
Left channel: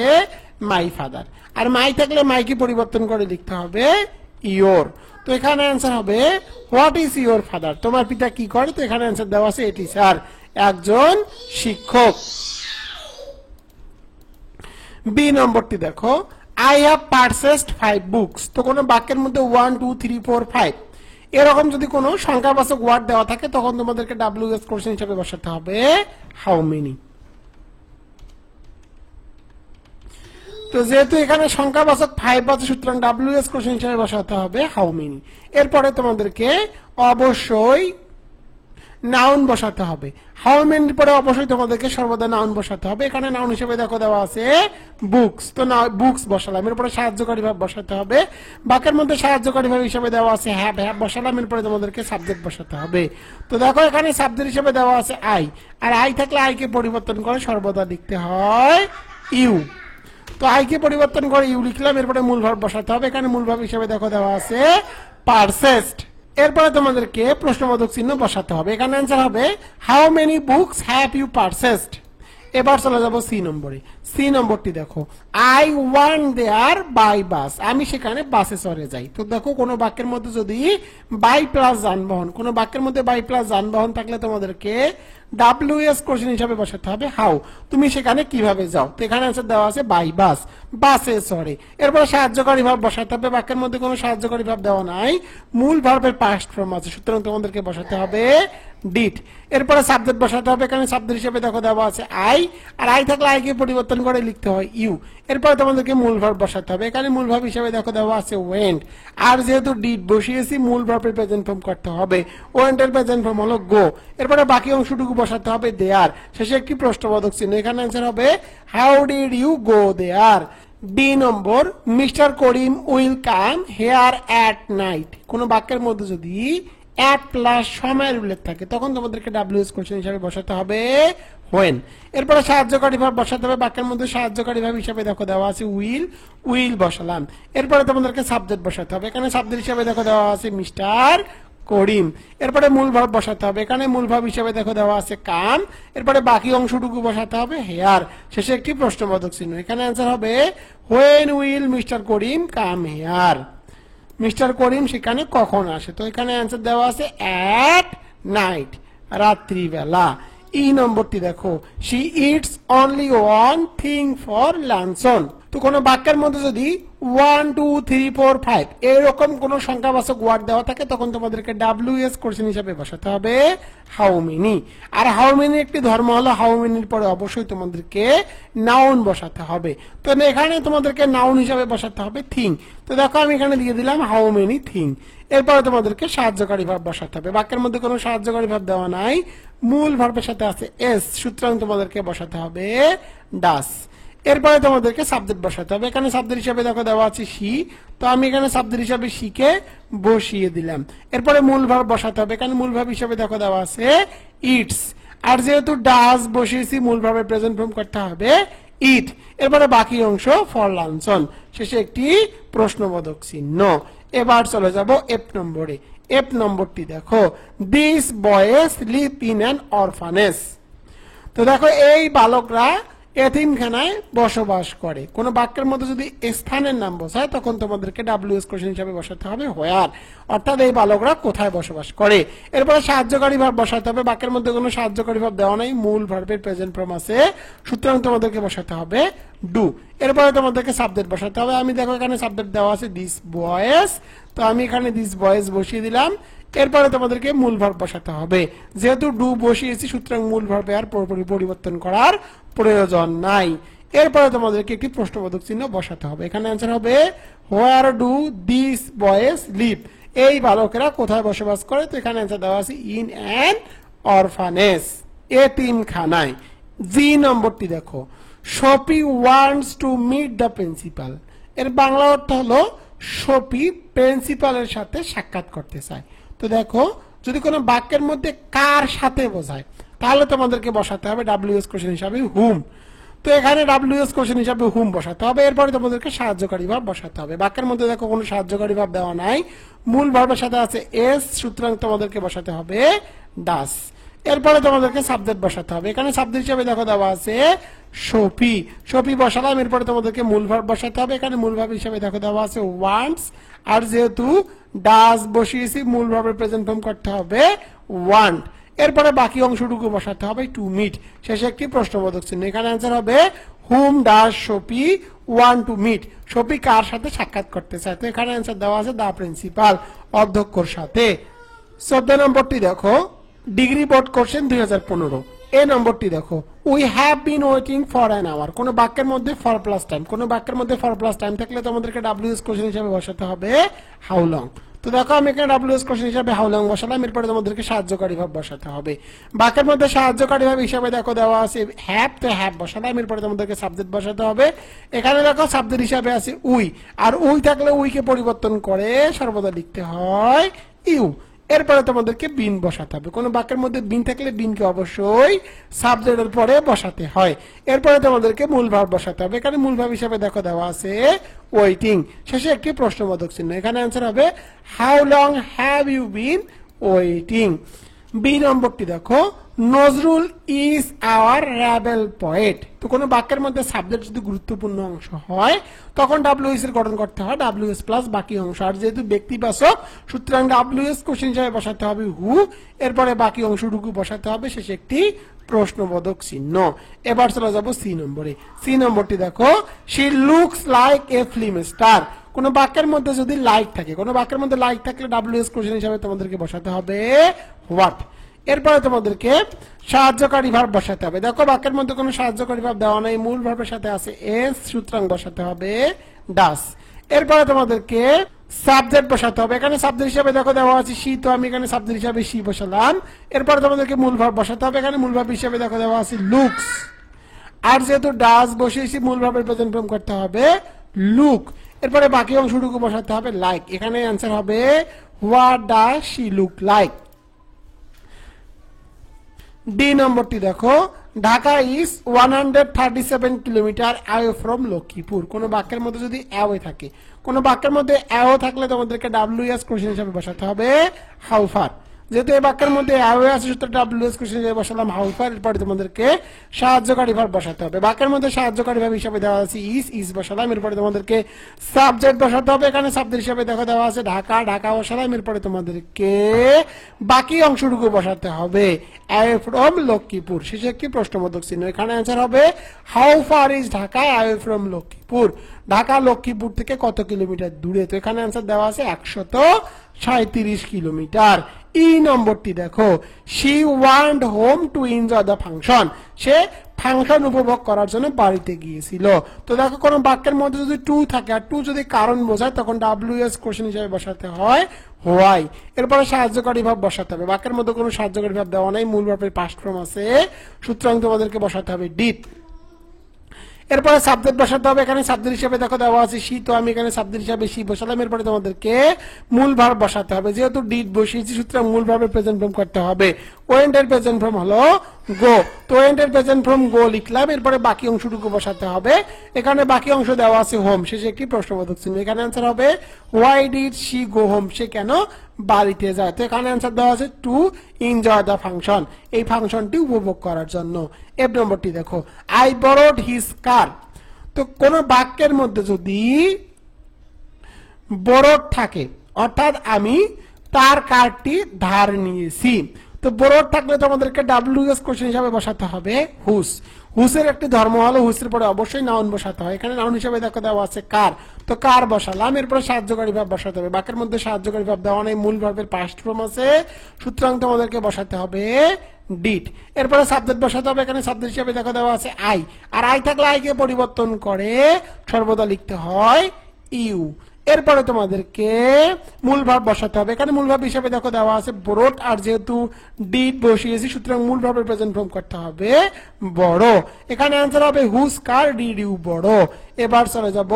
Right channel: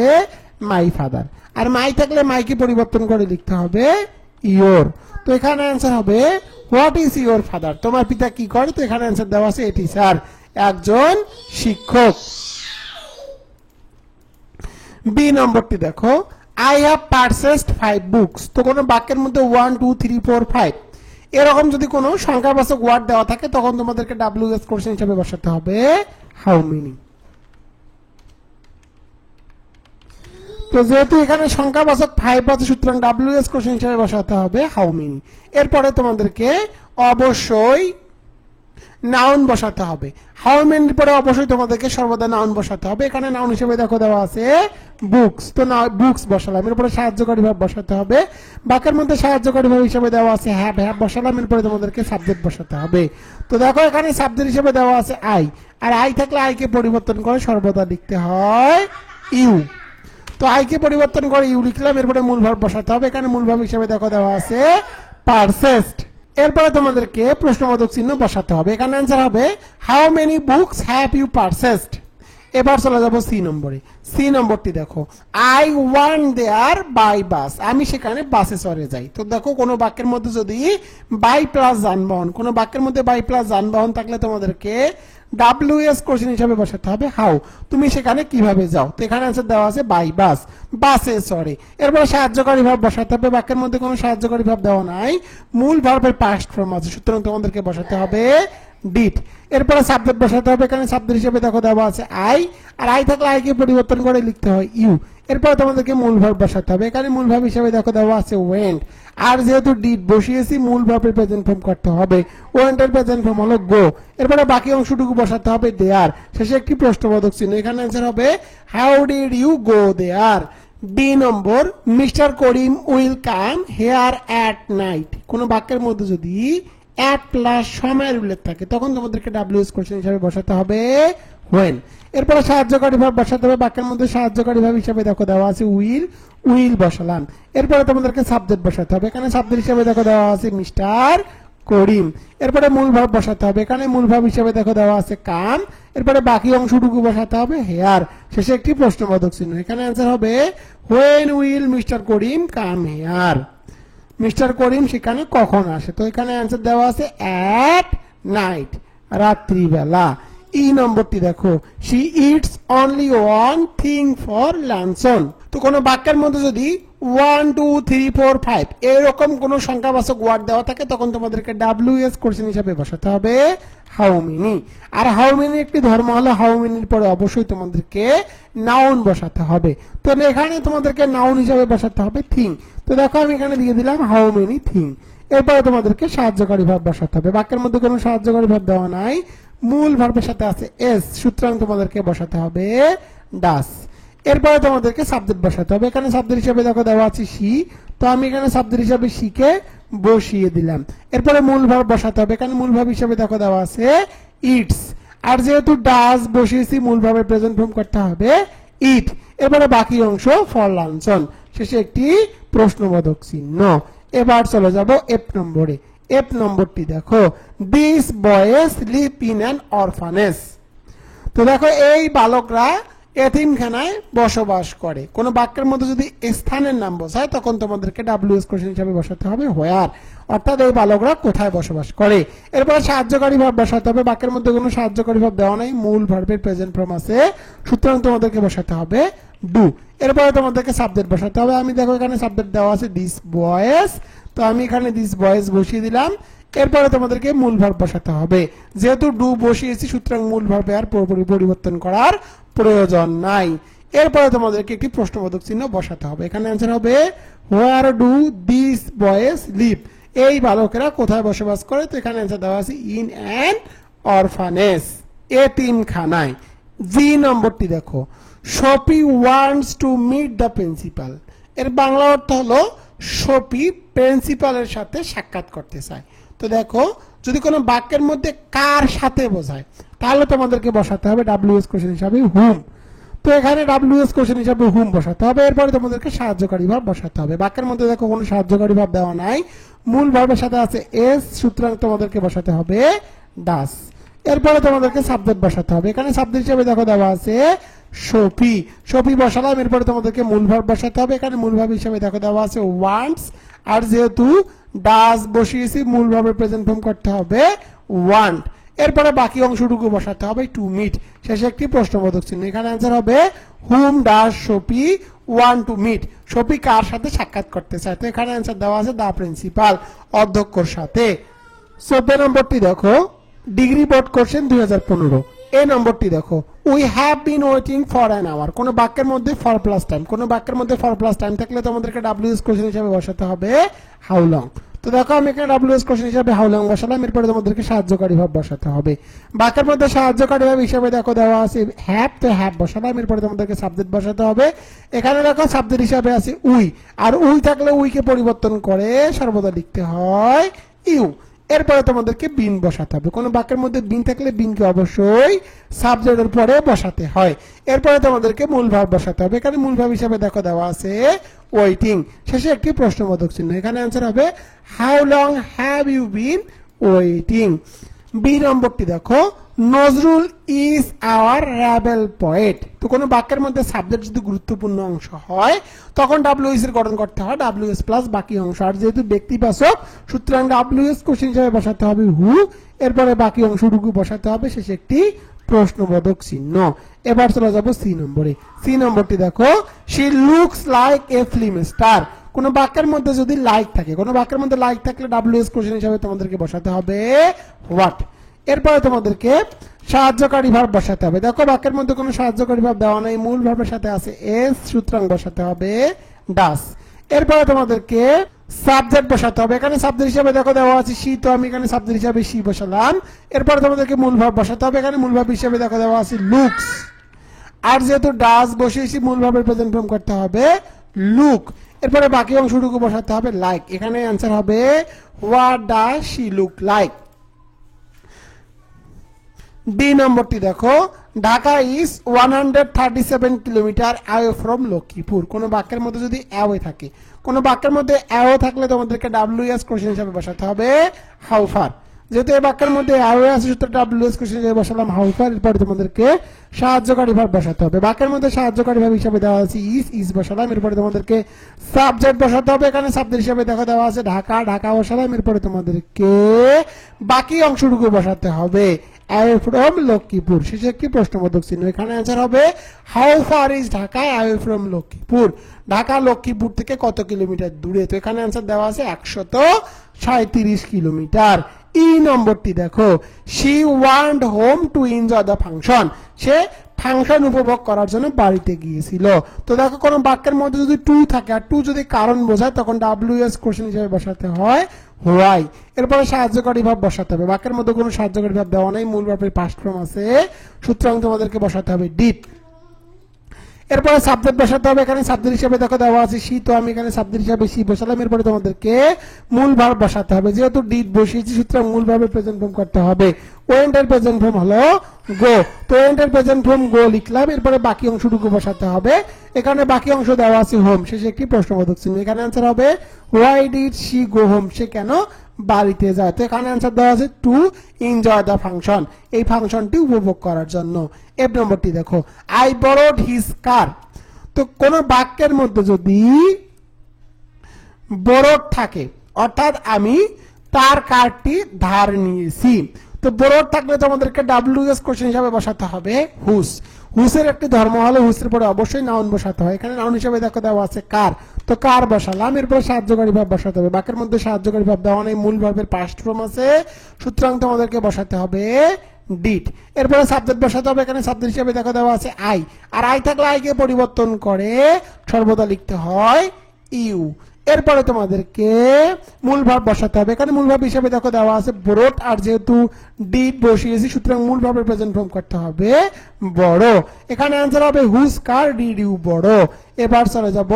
মাই ফাদার। আর মাই থাকলে মাইকে পরিবর্তন করে লিখতে হবে ইয়োর। তো এখানে অ্যান্সার হবে হোয়াট ইজ ইয়োর ফাদার, তোমার পিতা কি করে। তো এখানে অ্যান্সার দেওয়া আছে এ টিচার, একজন শিক্ষক। বি নম্বরটি দেখো আই হ্যাভ পারচেসড 5 বুকস। তো কোনো বাক্যের মধ্যে 1 2 3 4 5 এরকম যদি কোনো সংখ্যাবাচক ওয়ার্ড দেওয়া থাকে তখন তোমাদেরকে WS কোশ্চেন হিসেবে বসাতে হবে হাউ মেনি। তো যেহেতু এখানে সংখ্যাবাচক 5 আছে সুতরাং WS কোশ্চেন হিসেবে বসাতে হবে হাউ মেনি। এরপরে তোমাদেরকে অবশ্যই নাউন বসাতে হবে। হাউ মেনির পরে অবশ্যই তোমাদেরকে সর্বদা নাউন বসাতে হবে। এখানে নাউন হিসেবে দেখো দেওয়া আছে বুকস। তো বুকস বসালাম। এরপরে সাহায্যকারী ভাব বসাতে হবে। বাক্যের মধ্যে সাহায্যকারী ভাব হিসেবে দেওয়া আছে হ্যাভ বসালাম। এরপরে তোমাদেরকে সাবজেক্ট বসাতে হবে। তো দেখো এখানে সাবজেক্ট হিসেবে দেওয়া আছে আই। আর আই থাকলে আইকে পরিবর্তন করে সর্বদা লিখতে হয় ইউ। তো আইকে পরিবর্তন করে ইউ লিখলাম। এরপরে মূল ভাব বসাতে হবে। এখানে মূল ভাব হিসেবে দেখো দেওয়া আছে পারচেসড। এরপরে তোমাদেরকে প্রশ্নবোধক চিহ্ন বসাতে হবে। এখানে অ্যান্সার হবে how many books have you purchased. এবার চলে যাবো সি নম্বরে। সি নম্বরটি দেখো I want there by bus. আমি সেখানে বাসে চড়ে যাই। তো দেখো কোনো বাক্যের মধ্যে যদি বাই প্লাস যানবাহন, কোনো বাক্যের মধ্যে বাই প্লাস যানবাহন থাকলে তোমাদেরকে WS কোশ্চেন হিসাবে বসাতে হবে হাউ, তুমি সেখানে কিভাবে যাও। তো এখানে অ্যান্সার দেওয়া আছে বাই বাস, বাসে চড়ে। এরপরে সাহায্যকারী ভাব বসাতে হবে। বাক্যের মধ্যে কোনো সাহায্যকারী ভাব দেওয়া নাই, মূল ভার্বের পাস্ট ফর্ম আছে সুতরাং তোমাদেরকে বসাতে হবে ডিড। এরপরে সাবজেক্ট বসাতে হবে। এখানে সাবজেক্ট হিসেবে দেখো দেওয়া আছে আই। আর আই থাকলে আইকে পরিবর্তন করে লিখতে হয় ইউ। এরপরে তোমাদেরকে মূল ভার্ব বসাতে হবে। এখানে মূল ভার্ব হিসেবে দেখো দেওয়া আছে ওয়েন্ট। আর যেহেতু ডিড বসিয়েছি মূল ভার্বের প্রেজেন্ট ফর্ম করতে হবে। ওয়েন্টের প্রেজেন্ট ফর্ম হলো গো। এরপরে বাকি অংশটুকু বসাতে হবে দেয়ার। শেষে একটি প্রশ্নবোধক চিহ্ন। এখানে অ্যান্সার হবে how did you go there. D number mister Karim will come here at night. কোন বাক্যের মধ্যে যদি অ্যাট প্লাস সময়ের উল্লেখ থাকে তখন তোমাদেরকে WS কোশ্চেন হিসাবে বসাতে হবে হোয়েন। এরপরে সাহায্যকারী ভাব বসাতে হবে। বাক্যের মধ্যে সাহায্যকারী ভাব হিসাবে দেখো দেওয়া আছে উইল বসালাম। এরপরে তোমাদেরকে সাবজেক্ট বসাতে হবে। এখানে সাবজেক্ট হিসাবে দেখো দেওয়া আছে মিস্টার করিম। এরপরে মূল ভাব বসাতে হবে। এখানে মূল ভাব হিসাবে দেখো দেওয়া আছে কাম। এরপরে বাকি অংশটুকু বসাতে হবে হেয়ার। শেষে একটি প্রশ্নবোধক চিহ্ন। এখানে অ্যান্সার হবে when will mister Karim come here. Mister Karim সেখানে কখন আসে। তো এখানে অ্যান্সার দেওয়া আছে অ্যাট নাইট, রাত্রিবেলা। ই নম্বরটি দেখো she eats only one thing for luncheon. তো কোনো বাক্যের মধ্যে যদি 1 2 3 4 5 এরকম কোন সংখ্যাবাচক ওয়ার্ড দেওয়া থাকে তখন তোমাদেরকে WS কোশ্চেন হিসাবে বসাতে হবে হাউ মেনি। আর হাউ মেনি একটি ধর্ম হলো হাউ মেনির পরে অবশ্যই তোমাদেরকে নাউন বসাতে হবে। তো এখানে তোমাদেরকে নাউন হিসাবে বসাতে হবে থিং। তো দেখো আমি এখানে দিয়ে দিলাম হাউ মেনি থিং। এরপরে তোমাদেরকে সাহায্যকারী ভাব বসাতে হবে। বাক্যের মধ্যে কোনো সাহায্যকারী ভাব দেওয়া নাই, মূল ভার্বের সাথে আছে এস সুতরাং তোমাদেরকে বসাতে হবে ডাস। এরপরে তোমাদেরকে সাবজেক্ট বসাতে হবে। এখানে সাবজেক্ট হিসাবে দেখো দেওয়া আছে শি। তো আমি এখানে সাবজেক্ট হিসাবে শিকে বসিয়ে দিলাম। এরপরে মূল ভার্ব বসাতে হবে। এখানে মূল ভার্ব হিসাবে দেখো দেওয়া আছে ইটস। আর যেহেতু ডাস বসিয়েছি মূল ভার্বের প্রেজেন্ট ফর্ম করতে হবে ইট। এরপরে বাকি অংশ ফর লাঞ্চন। শেষে একটি প্রশ্নবোধক চিহ্ন। এবার চলে যাব এফ নম্বরে। এফ নম্বরটি দেখো this boys live in an orphanage. তো দেখো এই বালকরা এতিমখানায় বসবাস করে। কোন বাক্যের মধ্যে যদি স্থানের নাম বসায় তখন তোমাদেরকে WS কোশ্চেন হিসাবে বসাতে হবে হোয়ার, অর্থাৎ এই বালকরা কোথায় বসবাস করে। এরপরে সাহায্যকারী ভাব বসাতে হবে। বাক্যের মধ্যে কোনো সাহায্যকারী ভাব দেওয়া নাই, মূল ভার্বের প্রেজেন্ট ফর্ম আছে সুতরাং তোমাদেরকে বসাতে হবে ডু। এরপরে তোমাদেরকে সাবজেক্ট বসাতে হবে। আমি দেখো এখানে সাবজেক্ট দেওয়া আছে দিস বয়েজ। তো আমি এখানে দিস বয়েজ বসিয়ে দিলাম। এরপরে তোমাদেরকে মূল ভার্ব বসাতে হবে। যেহেতু ডু বসিয়েছি সুতরাং মূল ভার্বে আর পুরোপুরি পরিবর্তন করার প্রয়োজন নাই। এরপরে তোমাদেরকে একটি প্রশ্নবোধক চিহ্ন বসাতে হবে। এখানে অ্যান্সার হবে where do this boys live. এই বালকেরা কোথায় বসবাস করে। তো এখানে অ্যান্সার দেওয়া আছে ইন অ্যান অরফানেজ, এতিমখানায়। জি নম্বরটি দেখো Shafi wants to meet the principal. এর বাংলা অর্থ হলো শপি প্রিন্সিপালের সাথে সাক্ষাৎ করতে চায়। তো দেখো যদি কোনো বাক্যের মধ্যে কার সাথে বোঝায় তাহলে তোমাদেরকে বসাতে হবে WS কোশ্চেন হিসাবে হুম। তো এখানে ডাব্লিউএস কোশ্চেন হিসাবে হুম বসাতে হবে, এরপরে তোমাদেরকে সাহায্যকারী ভাব বসাতে হবে। বাক্যের মধ্যে দেখো কোনো সাহায্যকারী ভাব দেওয়া নাই, মূল ভাবের সাথে আছে এস, সুতরাং তোমাদেরকে বসাতে হবে ডাস। এরপরে তোমাদেরকে সাবজেক্ট বসাতে হবে, এখানে সাবজেক্ট হিসাবে দেখো দেওয়া আছে সফি, সফি বসালাম, এরপরে তোমাদেরকে মূল ভাব বসাতে হবে, এখানে মূল ভাব হিসাবে দেখো দেওয়া আছে ওয়ান্টস, আর যেহেতু ডাস বসিয়েছি মূল ভাবের প্রেজেন্ট ফর্ম করতে হবে ওয়ান্ট। এরপরে বাকি অংশটুকু বসাতে হবে টু মিট, শেষে একটি প্রশ্নবোধক চিহ্ন। এখানে অ্যান্সার হবে whom does Shafi want to meet, Shafi কার সাথে সাক্ষাৎ করতে চায়। তো এখানে অ্যান্সার দেওয়া আছে দা প্রিন্সিপাল, অধ্যক্ষর সাথে। 14 নম্বরটি দেখো ডিগ্রি বোর্ড কোশ্চেন 2015। এই নম্বরটি দেখো we have been waiting for an hour, কোন বাক্যের মধ্যে ফর প্লাস টাইম, কোন বাক্যের মধ্যে ফর প্লাস টাইম থাকলে তোমাদেরকে ডাব্লিউএস কোশ্চেন হিসাবে বসাতে হবে হাউ লং। তো দেখো আমি এখানে ডাব্লিউএস কোশ্চেন হিসাবে হাউ লং বসালাম, এরপরে তোমাদেরকে সাহায্যকারী ভাব বসাতে হবে। বাক্যের মধ্যে সাহায্যকারী ভাব হিসাবে দেখো দেওয়া আছে হ্যাভ, তো হ্যাভ বসালাম, এরপরে তোমাদেরকে সাবজেক্ট বসাতে হবে। এখানে দেখো সাবজেক্ট হিসাবে আছে উই, আর উই থাকলে উইকে পরিবর্তন করে সর্বদা লিখতে হয় ইউ। এরপরে তোমাদেরকে বিন বসাতে হবে, কোন বাক্যের মধ্যে বিন থাকলে বিনকে অবশ্যই সাবজেক্টের পরে বসাতে হয়। এরপরে তোমাদেরকে মূল ভাব বসাতে হবে, এখানে মূল ভাব হিসাবে দেখো দেওয়া আছে ওয়েটিং, শেষে একটি প্রশ্নবোধক চিহ্ন। এখানে অ্যান্সার হবে how long have you been waiting. B নম্বরটি দেখো Nazrul is our rebel poet. তো কোনো বাক্যের মধ্যে সাবজেক্ট যদি গুরুত্বপূর্ণ অংশ হয় তখন ডাব্লিউএস এর গঠন করতে হয় ডাব্লিউএস প্লাস বাকি অংশ, আর যেহেতু ব্যক্তিবাচক সুতরাং ডাব্লিউএস কোশ্চেন হিসাবে বসাতে হবে হু, এরপরে বাকি অংশটুকু বসাতে হবে, শেষে একটি প্রশ্নবোধক চিহ্ন। এবার চলে যাবো সি নম্বরে। সি নম্বরটি দেখো she looks like A film star. কোন বাক্যের মধ্যে যদি লাইক থাকে, কোন বাক্যের মধ্যে লাইক থাকলে ডাব্লিউএস কোশ্চেন হিসাবে তোমাদেরকে বসাতে হবে হোয়াট। এরপরে তোমাদেরকে সাহায্যকারী ভাব বসাতে হবে। দেখো বাক্যের মধ্যে কোনো সাহায্যকারী ভাব দেওয়া নাই, মূল ভাবের সাথে আছে এস, সুতরাং বসাতে হবে ডাস। এরপরে তোমাদেরকে সাবজেক্ট বসাতে হবে, এখানে সাবজেক্ট হিসাবে দেখো দেওয়া আছে শি, তো আমি এখানে সাবজেক্ট হিসাবে শি বসালাম। এরপরে তোমাদেরকে মূল ভাব বসাতে হবে, এখানে মূল ভাব হিসাবে দেখো দেওয়া আছে লুকস, আর যেহেতু ডাস বসিয়েছি মূল ভাবের প্রেজেন্ট ফর্ম করতে হবে লুক। এরপরে বাকি অংশটুকু বসাতে হবে লাইক, এখানে অ্যান্সার হবে what does she look like. D নম্বরটি দেখো Dhaka is 137 kilometre away from Lakshmipur. কোন বাক্যের মধ্যে যদি অ্যাওয়ে থাকে, কোন বাক্যের মধ্যে অ্যাওয়ে থাকলে তোমাদেরকে ডাব্লিউএস কোশ্চেন হিসাবে বসাতে হবে হাউ ফার। যেহেতু এই বাক্যের মধ্যে অ্যাওয়ে আছে সুতরাং ডাব্লিউএস কোশ্চেন হিসাবে বসালাম হাউ ফার। এরপরে তোমাদেরকে সাহায্যকারী ভাব বসাতে হবে, বাক্যের মধ্যে সাহায্যকারী ভাব হিসাবে দেওয়া আছে ইজ বসালাম। এরপরে তোমাদেরকে সাবজেক্ট বসাতে হবে, এখানে সাবজেক্ট হিসাবে দেখা দেওয়া আছে ঢাকা, ঢাকা বসালাম। এরপরে তোমাদেরকে বাকি অংশটুকু বসাতে হবে অ্যাওয়ে ফ্রম লক্ষ্মীপুর, শেষে একটি প্রশ্নবোধক চিহ্ন। এখানে অ্যান্সার হবে how far is Dhaka away from Lakshmipur. Dhaka Lakshmipur থেকে কত কিলোমিটার দূরে, তো এখানে অ্যান্সার দেওয়া আছে 137 কিলোমিটার। ই নম্বরটি দেখো she want home to enjoy the function. Say function উপভোগ করার জন্য বাড়িতে গিয়েছিল। তো দেখো কোন বাক্যের মধ্যে যদি টু থাকে আর টু যদি কারণ বোঝায় তখন ডাব্লিউএস কোশ্চেন হিসেবে বসাতে হয় হোয়াই। এরপরে সাহায্যকারী ভাব বসাতে হবে, বাক্যের মধ্যে কোনো সাহায্যকারী ভাব দেওয়া নাই, মূল ভাবের পাস্ট ফর্ম আছে সুতরাং তোমাদেরকে বসাতে হবে ডিড। এরপরে সাবজেক্ট বসাতে হবে, এখানে সাবজেক্ট হিসাবে দেখো দেওয়া আছে শি, তো আমি এখানে সাবজেক্ট হিসাবে শি বসালাম। এরপরে তোমাদেরকে মূল ভাব বসাতে হবে, যেহেতু ডিড বসিয়েছি সুতরাং মূল ভাবের প্রেজেন্ট ফর্ম করতে হবে। ওয়েন্ট এর প্রেজেন্ট ফর্ম হলো গো, তো ওয়েন্ট এর প্রেজেন্ট ফর্ম গো লিখলাম। এরপরে বাকি অংশটুকু বসাতে হবে, এখানে বাকি অংশ দেওয়া আছে হোম, শেষে একটি প্রশ্নবোধক চিহ্ন। এখানে অ্যান্সার হবে why did she go home, সে কেন বাড়িতে যায়। তো এখানে অ্যান্সার দেওয়া আছে টু এনজয় দ্য ফাংশন, এই ফাংশনটি উপভোগ করার জন্য। এফ নম্বরটি দেখো আই বরোড হিজ কার। তো কোন বাক্যের মধ্যে যদি বরোড থাকে অর্থাৎ আমি তার কারটি ধার নিয়েছি, তো বরোড থাকলে তোমাদেরকে ডাব্লিউএস কোশ্চেন হিসাবে বসাতে হবে হুস। হুসের একটি ধর্ম হলো হুসের পরে অবশ্যই নাউন বসাতে হয়, এখানে নাউন হিসাবে দেখো দেওয়া আছে কার, তো কার বসালাম। এরপরে সাহায্যকারী ভাব বসাতে হবে, বাক্যের মধ্যে সাহায্যকারী ভাব দেওয়া নেই, মূল ভাবের পাস্ট ফর্ম আছে সুতরাং তোমাদেরকে বসাতে হবে ডিড। এরপরে সাবজেক্ট বসাতে হবে, এখানে সাবজেক্ট হিসাবে দেখো দেওয়া আছে আই, আর আই থাকলে আইকে পরিবর্তন করে সর্বদা লিখতে হয় ইউ। এরপরে তোমাদেরকে মূল ভাব বসাতে হবে, এখানে মূল ভাব হিসাবে দেখো দেওয়া আছে বড়, আর যেহেতু ডিড বসিয়েছি সুতরাং মূল ভাবের প্রেজেন্ট ফর্ম করতে হবে বড়। এখানে অ্যান্সার হবে হুজ কার ডিড ইউ বড়। এবার চলে যাব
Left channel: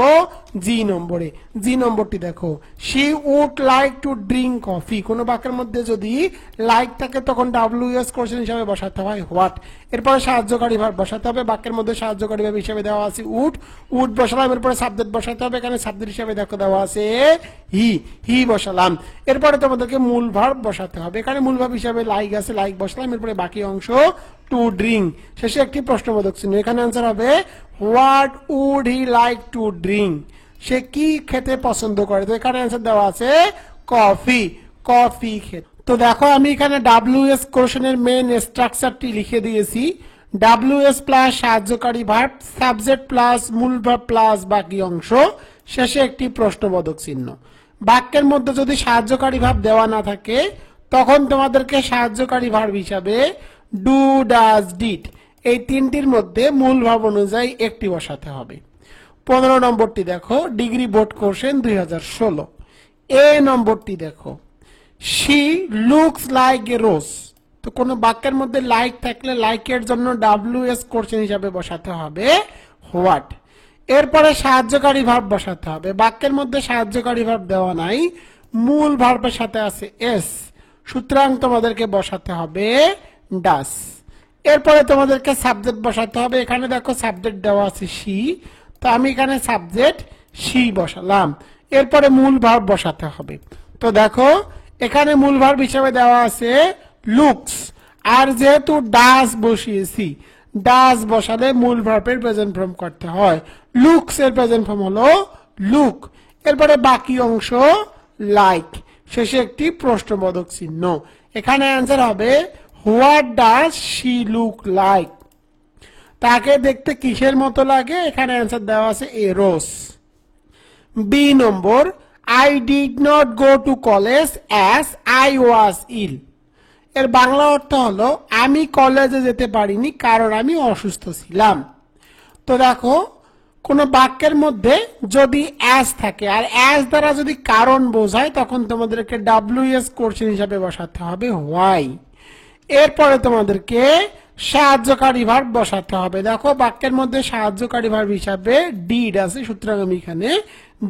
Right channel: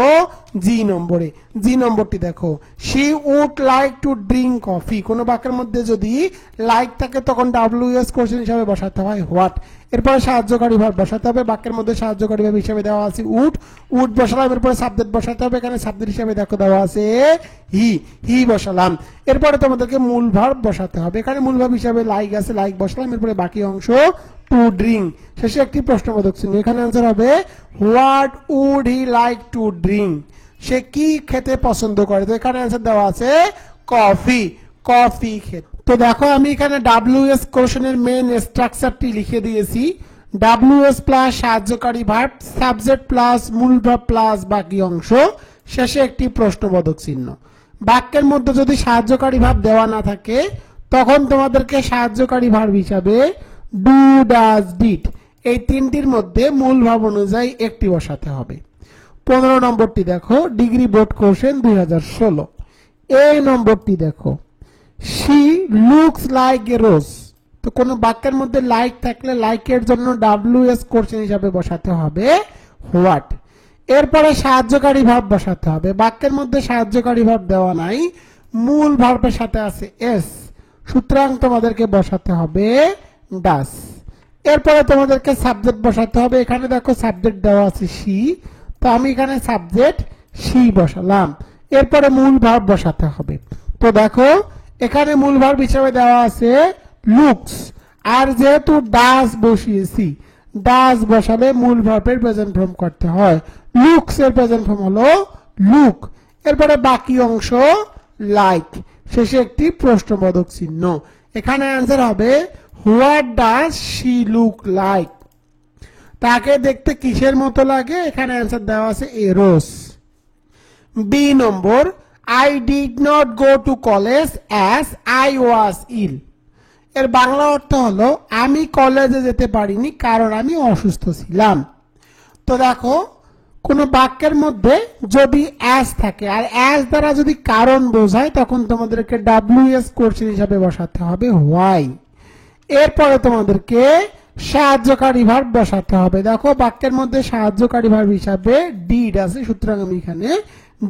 জি নম্বরে। জি নম্বরটি দেখো, she would like to drink coffee. কোন বাক্যের মধ্যে যদি লাইক থাকে তখন WS কোশ্চেন হিসাবে বসাতে হয় হোয়াট। এরপরে সাহায্যকারী ভার্ব বসাতে হবে। বাক্যের মধ্যে সাহায্যকারী ভার্ব হিসেবে দেওয়া আছে উড, উড বসালাম। এরপরে সাবজেক্ট বসাতে হবে। এখানে সাবজেক্ট হিসেবে দেখো দেওয়া আছে হি, হি বসালাম। এরপরে তোমাদেরকে মূল ভার্ব বসাতে হবে। এখানে মূল ভার্ব হিসেবে লাইক আছে, লাইক বসালাম। এরপরে বাকি অংশ টু ড্রিঙ্ক, শেষে একটি প্রশ্নবোধক চিহ্ন। এখানে আনসার হবে what would he like to drink. সে কি খেতে পছন্দ করে? তো এখানে আনসার দেওয়া আছে কফি, কফি খেতে। তো দেখো আমি এখানে WS কোশ্চেনের মেইন স্ট্রাকচারটি লিখে দিয়েছি। WS প্লাস সাহায্যকারী ভার্ব, সাবজেক্ট প্লাস মূল ভার্ব প্লাস বাকি অংশ, শেষে একটি প্রশ্নবোধক চিহ্ন। বাক্যের মধ্যে যদি সাহায্যকারী ভার্ব দেওয়া না থাকে তখন তোমাদেরকে সাহায্যকারী ভার্ব হিসাবে ডু, ডাজ, ডিড এই তিনটির মধ্যে মূল ভাব অনুযায়ী একটি বসাতে হবে। 15 নম্বরটি দেখো, ডিগ্রি বোর্ড কোশ্চেন 2016। এ নম্বরটি দেখো, she looks like a rose. তো কোন বাক্যের মধ্যে লাইক থাকলে লাইকের জন্য WS কোশ্চেন হিসাবে বসাতে হবে হোয়াট। এরপরে সাহায্যকারী ভাব বসাতে হবে। বাক্যের মধ্যে সাহায্যকারী ভাব দেওয়া নাই, মূল ভার্বের সাথে আছে এস, সুতরাং তোমাদেরকে বসাতে হবে ডাস। এরপরে তোমাদেরকে সাবজেক্ট বসাতে হবে। এখানে দেখো সাবজেক্ট দেওয়া আছে শি, তো আমি এখানে সাবজেক্ট শি বসালাম। এরপরে মূল ভার্ব বসাতে হবে। তো দেখো এখানে মূল ভার্ব হিসেবে দেওয়া আছে লুকস, আর যেহেতু ডাস বসিয়েছি, ডাস বসালে মূল ভার্বের প্রেজেন্ট ফর্ম করতে হয়। লুকস এর প্রেজেন্ট ফর্ম হলো লুক। এরপরে বাকি অংশ লাইক, শেষে একটি প্রশ্নবোধক চিহ্ন। এখানে অ্যান্সার হবে what does she look like. তাকে দেখতে কিসের মতো লাগে? এখানে অ্যান্সার দেওয়া আছে a rose. B number, I did not go to college as I was ill. এর বাংলা অর্থ হলো আমি কলেজে যেতে পারিনি কারণ আমি অসুস্থ ছিলাম। তো দেখো কোন বাক্যের মধ্যে যদি অ্যাজ থাকে আর অ্যাজ দ্বারা যদি কারণ বোঝায় তখন তোমাদেরকে WS কোশ্চেন হিসাবে বসাতে হবে হোয়াই। এরপরে তোমাদেরকে সাহায্যকারী ভার্ব বসাতে হবে। দেখো বাক্যের মধ্যে সাহায্যকারী ভার্ব হিসাবে ডিড আছে, সুতরাং আমি এখানে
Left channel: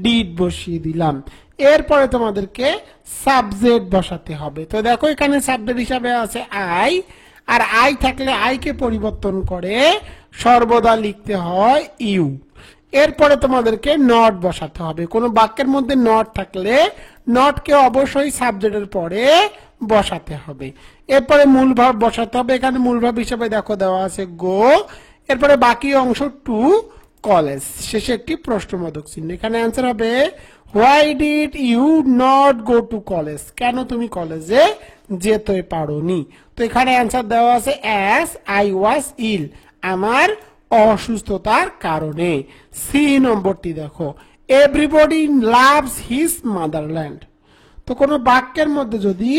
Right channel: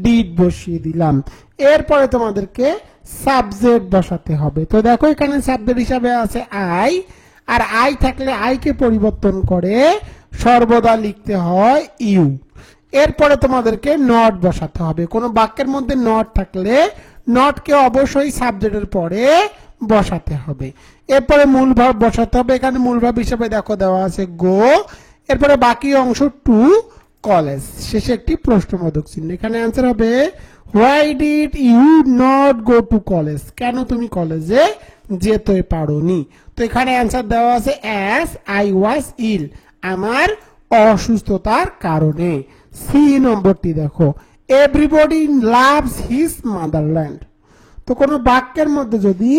ডিড বসিয়ে দিলাম। এরপরে তোমাদেরকে সাবজেক্ট বসাতে হবে। তো দেখো এখানে সাবজেক্ট হিসাবে আছে আই, আর আই থাকলে আইকে পরিবর্তন করে সর্বদা লিখতে হয় ইউ। এরপরে তোমাদেরকে নট বসাতে হবে। কোন বাক্যের মধ্যে নট থাকলে নটকে অবশ্যই সাবজেক্টের পরে বসাতে হবে। এরপরে মূল ভার্ব বসাতে হবে। এখানে মূল ভার্ব হিসেবে দেখো দেওয়া আছে গো। এরপরে বাকি অংশ টু কলেজ, শেষে একটি প্রশ্নবোধক চিহ্ন। এখানে অ্যান্সার হবে why did you not go to college. কেন তুমি কলেজে যেতে পারোনি? তো এখানে অ্যান্সার দেওয়া আছে অ্যাজ আই ওয়াজ ইল, আমার অসুস্থতার কারণে। সি নম্বরটি দেখো, এভরিবডি লাভস হিজ মাদারল্যান্ড। তো কোন বাক্যের মধ্যে যদি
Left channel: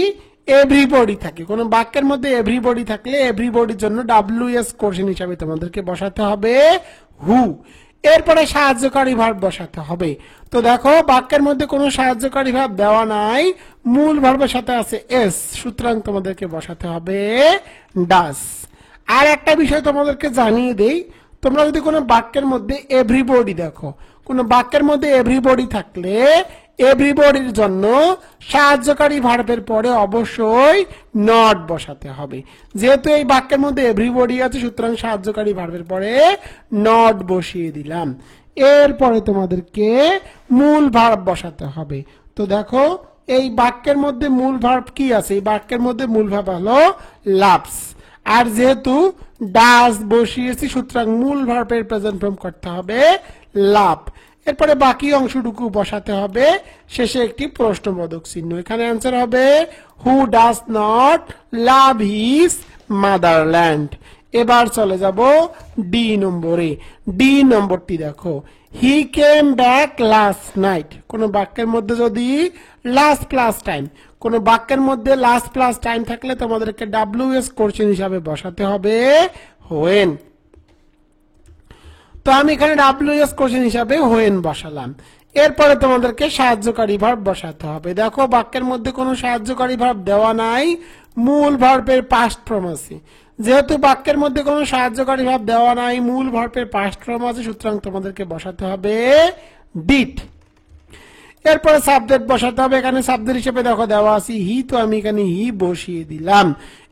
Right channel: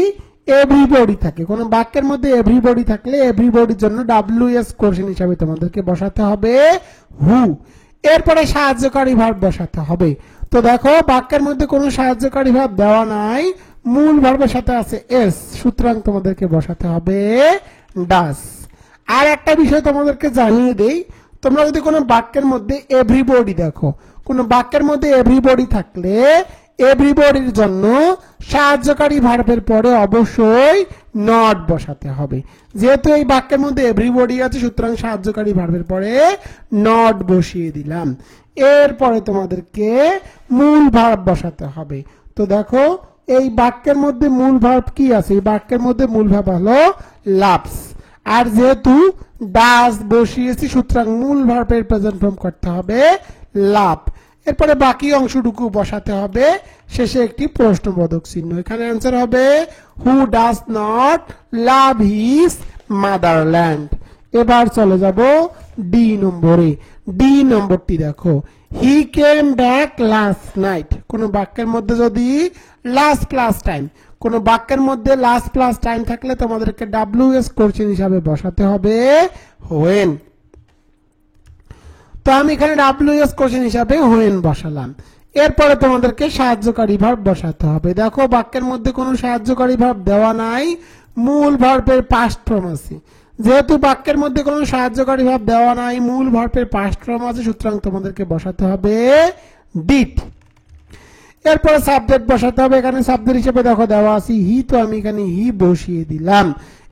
এভরিবডি থাকে, কোন বাক্যের মধ্যে এভরিবডি থাকলে এভরিবডির জন্য WS কোশ্চেন হিসাবে তোমাদেরকে বসাতে হবে হু। এরপরে সাহায্যকারী ভার্ব বসাতে হবে। তো দেখো বাক্যের মধ্যে কোনো সাহায্যকারী ভার্ব দেওয়া নাই, মূল ভার্বের সাথে আছে এস, সুতরাং তোমাদেরকে বসাতে হবে ডাস। আর একটা বিষয় তোমাদেরকে জানিয়ে দেই, তোমরা যদি কোনো বাক্যের মধ্যে এভরিবডি দেখো, কোন বাক্যের মধ্যে এভরিবডি থাকলে এভরিবডির জন্য সাহায্যকারী ভার্বের পরে অবশ্যই নট বসাতে হবে। যেহেতু এই বাক্যের মধ্যে এভরিবডি আছে সুতরাং সাহায্যকারী ভার্বের পরে নট বসিয়ে দিলাম। এরপরে তোমাদেরকে মূল ভার্ব বসাতে হবে। তো দেখো এই বাক্যের মধ্যে মূল ভার্ব কি আছে? এই বাক্যের মধ্যে মূল ভার্ব হলো লাভস, আর যেহেতু ডাজ বসিয়েছি সুতরাং মূল ভার্বের প্রেজেন্ট ফর্ম করতে হবে লাভ। এরপরে বাকি অংশটুকু বসাতে হবে, শেষে একটি প্রশ্নবোধক চিহ্ন। এখানে অ্যান্সার হবে who does not love his motherland. এবার চলে যাব ডি নম্বরে। ডি নম্বরটি দেখো, হি কেম ব্যাক লাস্ট নাইট। কোন বাক্যের মধ্যে যদি লাস্ট প্লাস টাইম, কোন বাক্যের মধ্যে লাস্ট প্লাস টাইম থাকলে তোমাদেরকে WS কোশ্চেন হিসাবে বসাতে হবে হোয়েন। তো আমি এখানে WS কোশ্চেন হিসাবে হোয়েন বসালাম। এরপরে তোমাদেরকে সাহায্যকারী ভার্ব বসাতে হবে। দেখো বাক্যের মধ্যে কোনো সাহায্যকারী ভার্ব দেওয়া নাই, মূল ভার্বের পাস্ট ফর্ম আছে। যেহেতু বাক্যের মধ্যে কোনো সাহায্যকারী ভাব দেওয়া নাই, মূল ভার্বের পাস্ট ফর্ম আছে, সুতরাং তোমাদেরকে বসাতে হবে ডিড। এরপরে সাবজেক্ট বসাতে হবে। এখানে সাবজেক্ট হিসেবে দেখো দেওয়া আছে হি, তো আমি এখানে হি বসিয়ে দিলাম।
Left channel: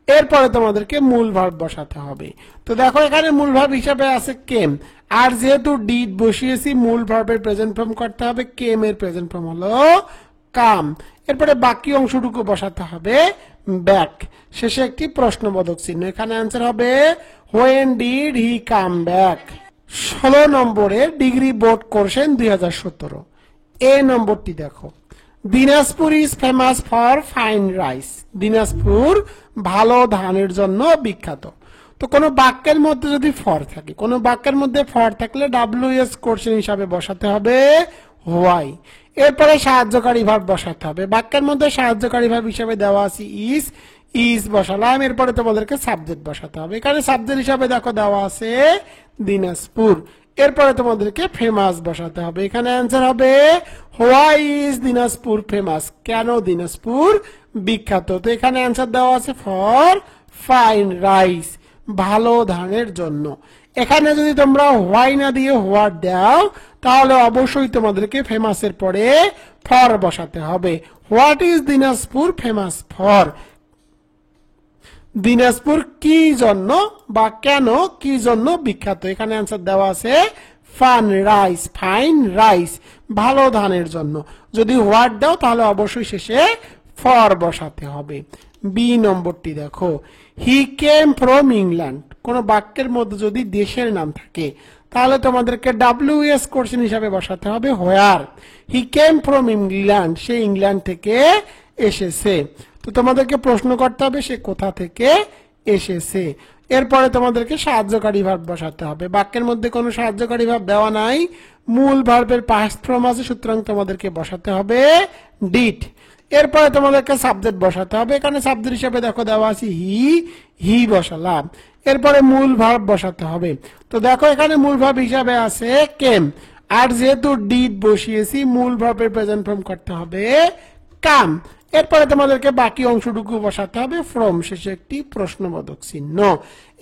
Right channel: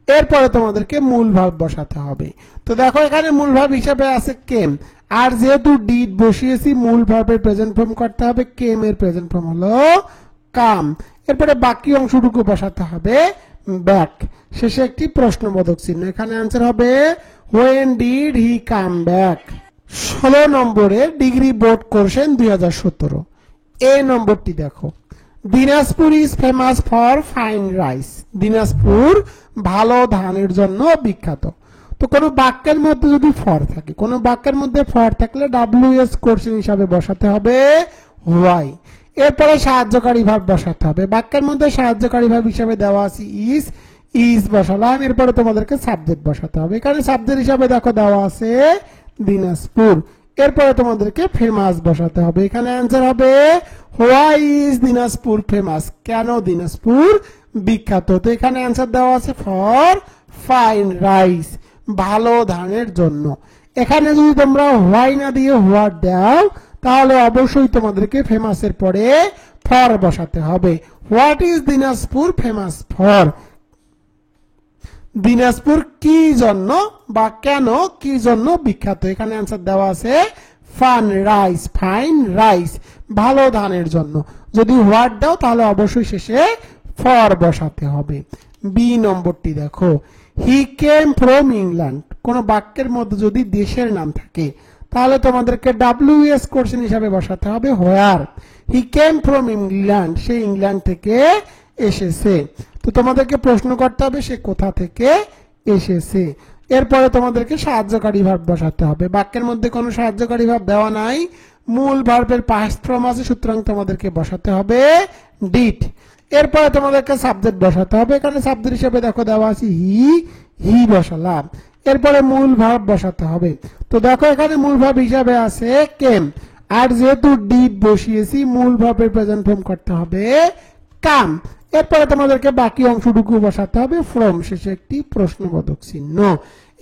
এরপরে তোমাদেরকে মূল ভার্ব বসাতে হবে। তো দেখো এখানে মূল ভার্ব হিসেবে আছে কেম, আর যেহেতু ডিড বসিয়েছি মূল ভার্বের প্রেজেন্ট ফর্ম করতে হবে, কেম এর প্রেজেন্ট ফর্ম হলো কাম। এরপরে বাকি অংশটুকু বসাতে হবে ব্যাক, শেষে একটি প্রশ্নবোধক চিহ্ন। এখানে অ্যান্সার হবে when did he come back. 16 নম্বরের ডিগ্রি বোর্ড কোশ্চেন 2017। এ নম্বরটি দেখো, Dinajpur is famous for fine rice. Dinajpur ভালো ধানের জন্য বিখ্যাত। তো কোনো বাক্যের মধ্যে যদি ফর থাকে, কোনো বাক্যের মধ্যে ফর থাকলে WS কোশ্চেন হিসাবে বসাতে হবে হোয়াই। এরপরে সাহায্যকারী ভাব বসাতে হবে। বাক্যের মধ্যে সাহায্যকারী ভাব হিসাবে দেওয়া আছে ইজ, ইজ বসালাম। এরপরে তোমাদেরকে সাবজেক্ট বসাতে হবে। এখানে সাবজেক্ট হিসাবে দেখো দেওয়া আছে দিনাজপুর। এরপরে তোমাদেরকে ফেমাস বসাতে হবে। এখানে অ্যান্সার হবে হোয়াই ইজ দিনাজপুর ফেমাস, কেন দিনাজপুর বিখ্যাত। তো এখানে অ্যান্সার দেওয়া আছে ফর ফাইন রাইস, ভালো ধানের জন্য। এখানে যদি তোমরা হোয়াই না দিয়ে হোয়াট দাও তাহলে অবশ্যই তোমাদেরকে ফেমাসের পরে ফর বসাতে হবে। What is Dinajpur famous for, Dinajpur কি জন্য বা কেন কি জন্য বিখ্যাত। এখানে অ্যান্সার দেওয়া আছে ফান রাইস, ফাইন রাইস, ভালো ধানের জন্য। যদি হোয়াট দাও তাহলে অবশ্যই শেষে ফর বসাতে হবে। বি নম্বরটি দেখো, হি কেম ফ্রম ইংল্যান্ড। কোন বাক্যের মধ্যে যদি দেশের নাম থাকে তাহলে তোমাদেরকে WS কোশ্চেন হিসাবে বসাতে হবে where. He came from England, সে ইংল্যান্ড থেকে এসেছে। তো তোমাদেরকে প্রশ্ন করতে হবে সে কোথা থেকে এসেছে। এরপরে তোমাদেরকে সাহায্যকারী ভাব বসাতে হবে। বাক্যের মধ্যে কোনো সাহায্যকারী ভাব দেওয়া নাই, মূল ভার্বের পাস্ট ফর্ম আছে, সুতরাং তোমাদেরকে বসাতে হবে ডিড। এরপরে তোমাদেরকে সাবজেক্ট বসাতে হবে। এখানে সাবজেক্ট হিসেবে দেখো দেওয়া আছে হি, হি বসালাম। এরপরে মূল ভার্ব বসাতে হবে। তো দেখো এখানে মূল ভার্ব হিসাবে আছে কেম, আর যেহেতু ডিড বসিয়েছি মূল ভার্বের প্রেজেন্ট ফর্ম করতে হবে কাম। এরপরে তোমাদেরকে বাকি অংশটুকু বসাতে হবে ফ্রম, শেষে একটি প্রশ্নবোধক চিহ্ন।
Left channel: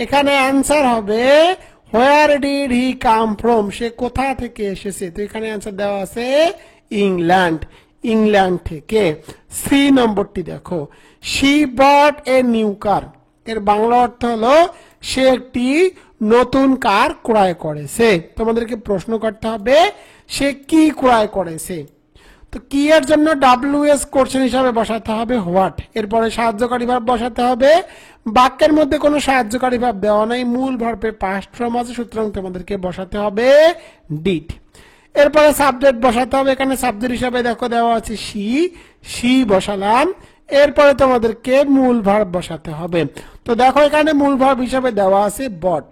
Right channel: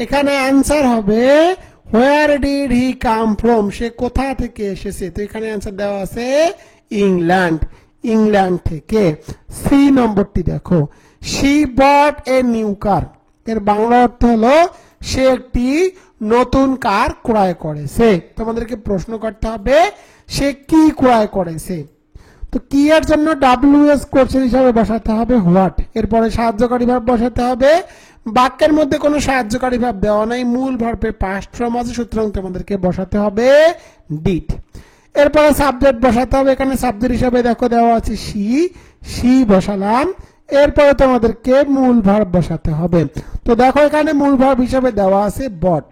এখানে অ্যান্সার হবে where did he come from, সে কোথা থেকে এসেছে। তো এখানে অ্যান্সার দেওয়া আছে ইংল্যান্ড, ইংল্যান্ড থেকে। সি নম্বরটি দেখো, she bot a new car. এর বাংলা অর্থ হলো সে একটি নতুন কার ক্রয় করেছে। তোমাদেরকে প্রশ্ন করতে হবে সে কি ক্রয় করেছে। তো কি এর জন্য WS কোশ্চেন হিসাবে বসাতে হবে হোয়াট। এরপরে সাহায্যকারী ভাব বসাতে হবে। বাক্যের মধ্যে কোনো সাহায্যকারী ভাব দেওয়া নাই, মূল ভার্বের পাস্ট ফর্ম আছে, সুতরাং তোমাদেরকে বসাতে হবে ডিড। এরপরে সাবজেক্ট বসাতে হবে। এখানে সাবজেক্ট হিসাবে দেখো দেওয়া আছে সি, সি বসালাম। এরপরে তোমাদেরকে মূল ভার্ব বসাতে হবে। তো দেখো এখানে মূল ভার্ব হিসাবে দেওয়া আছে বট,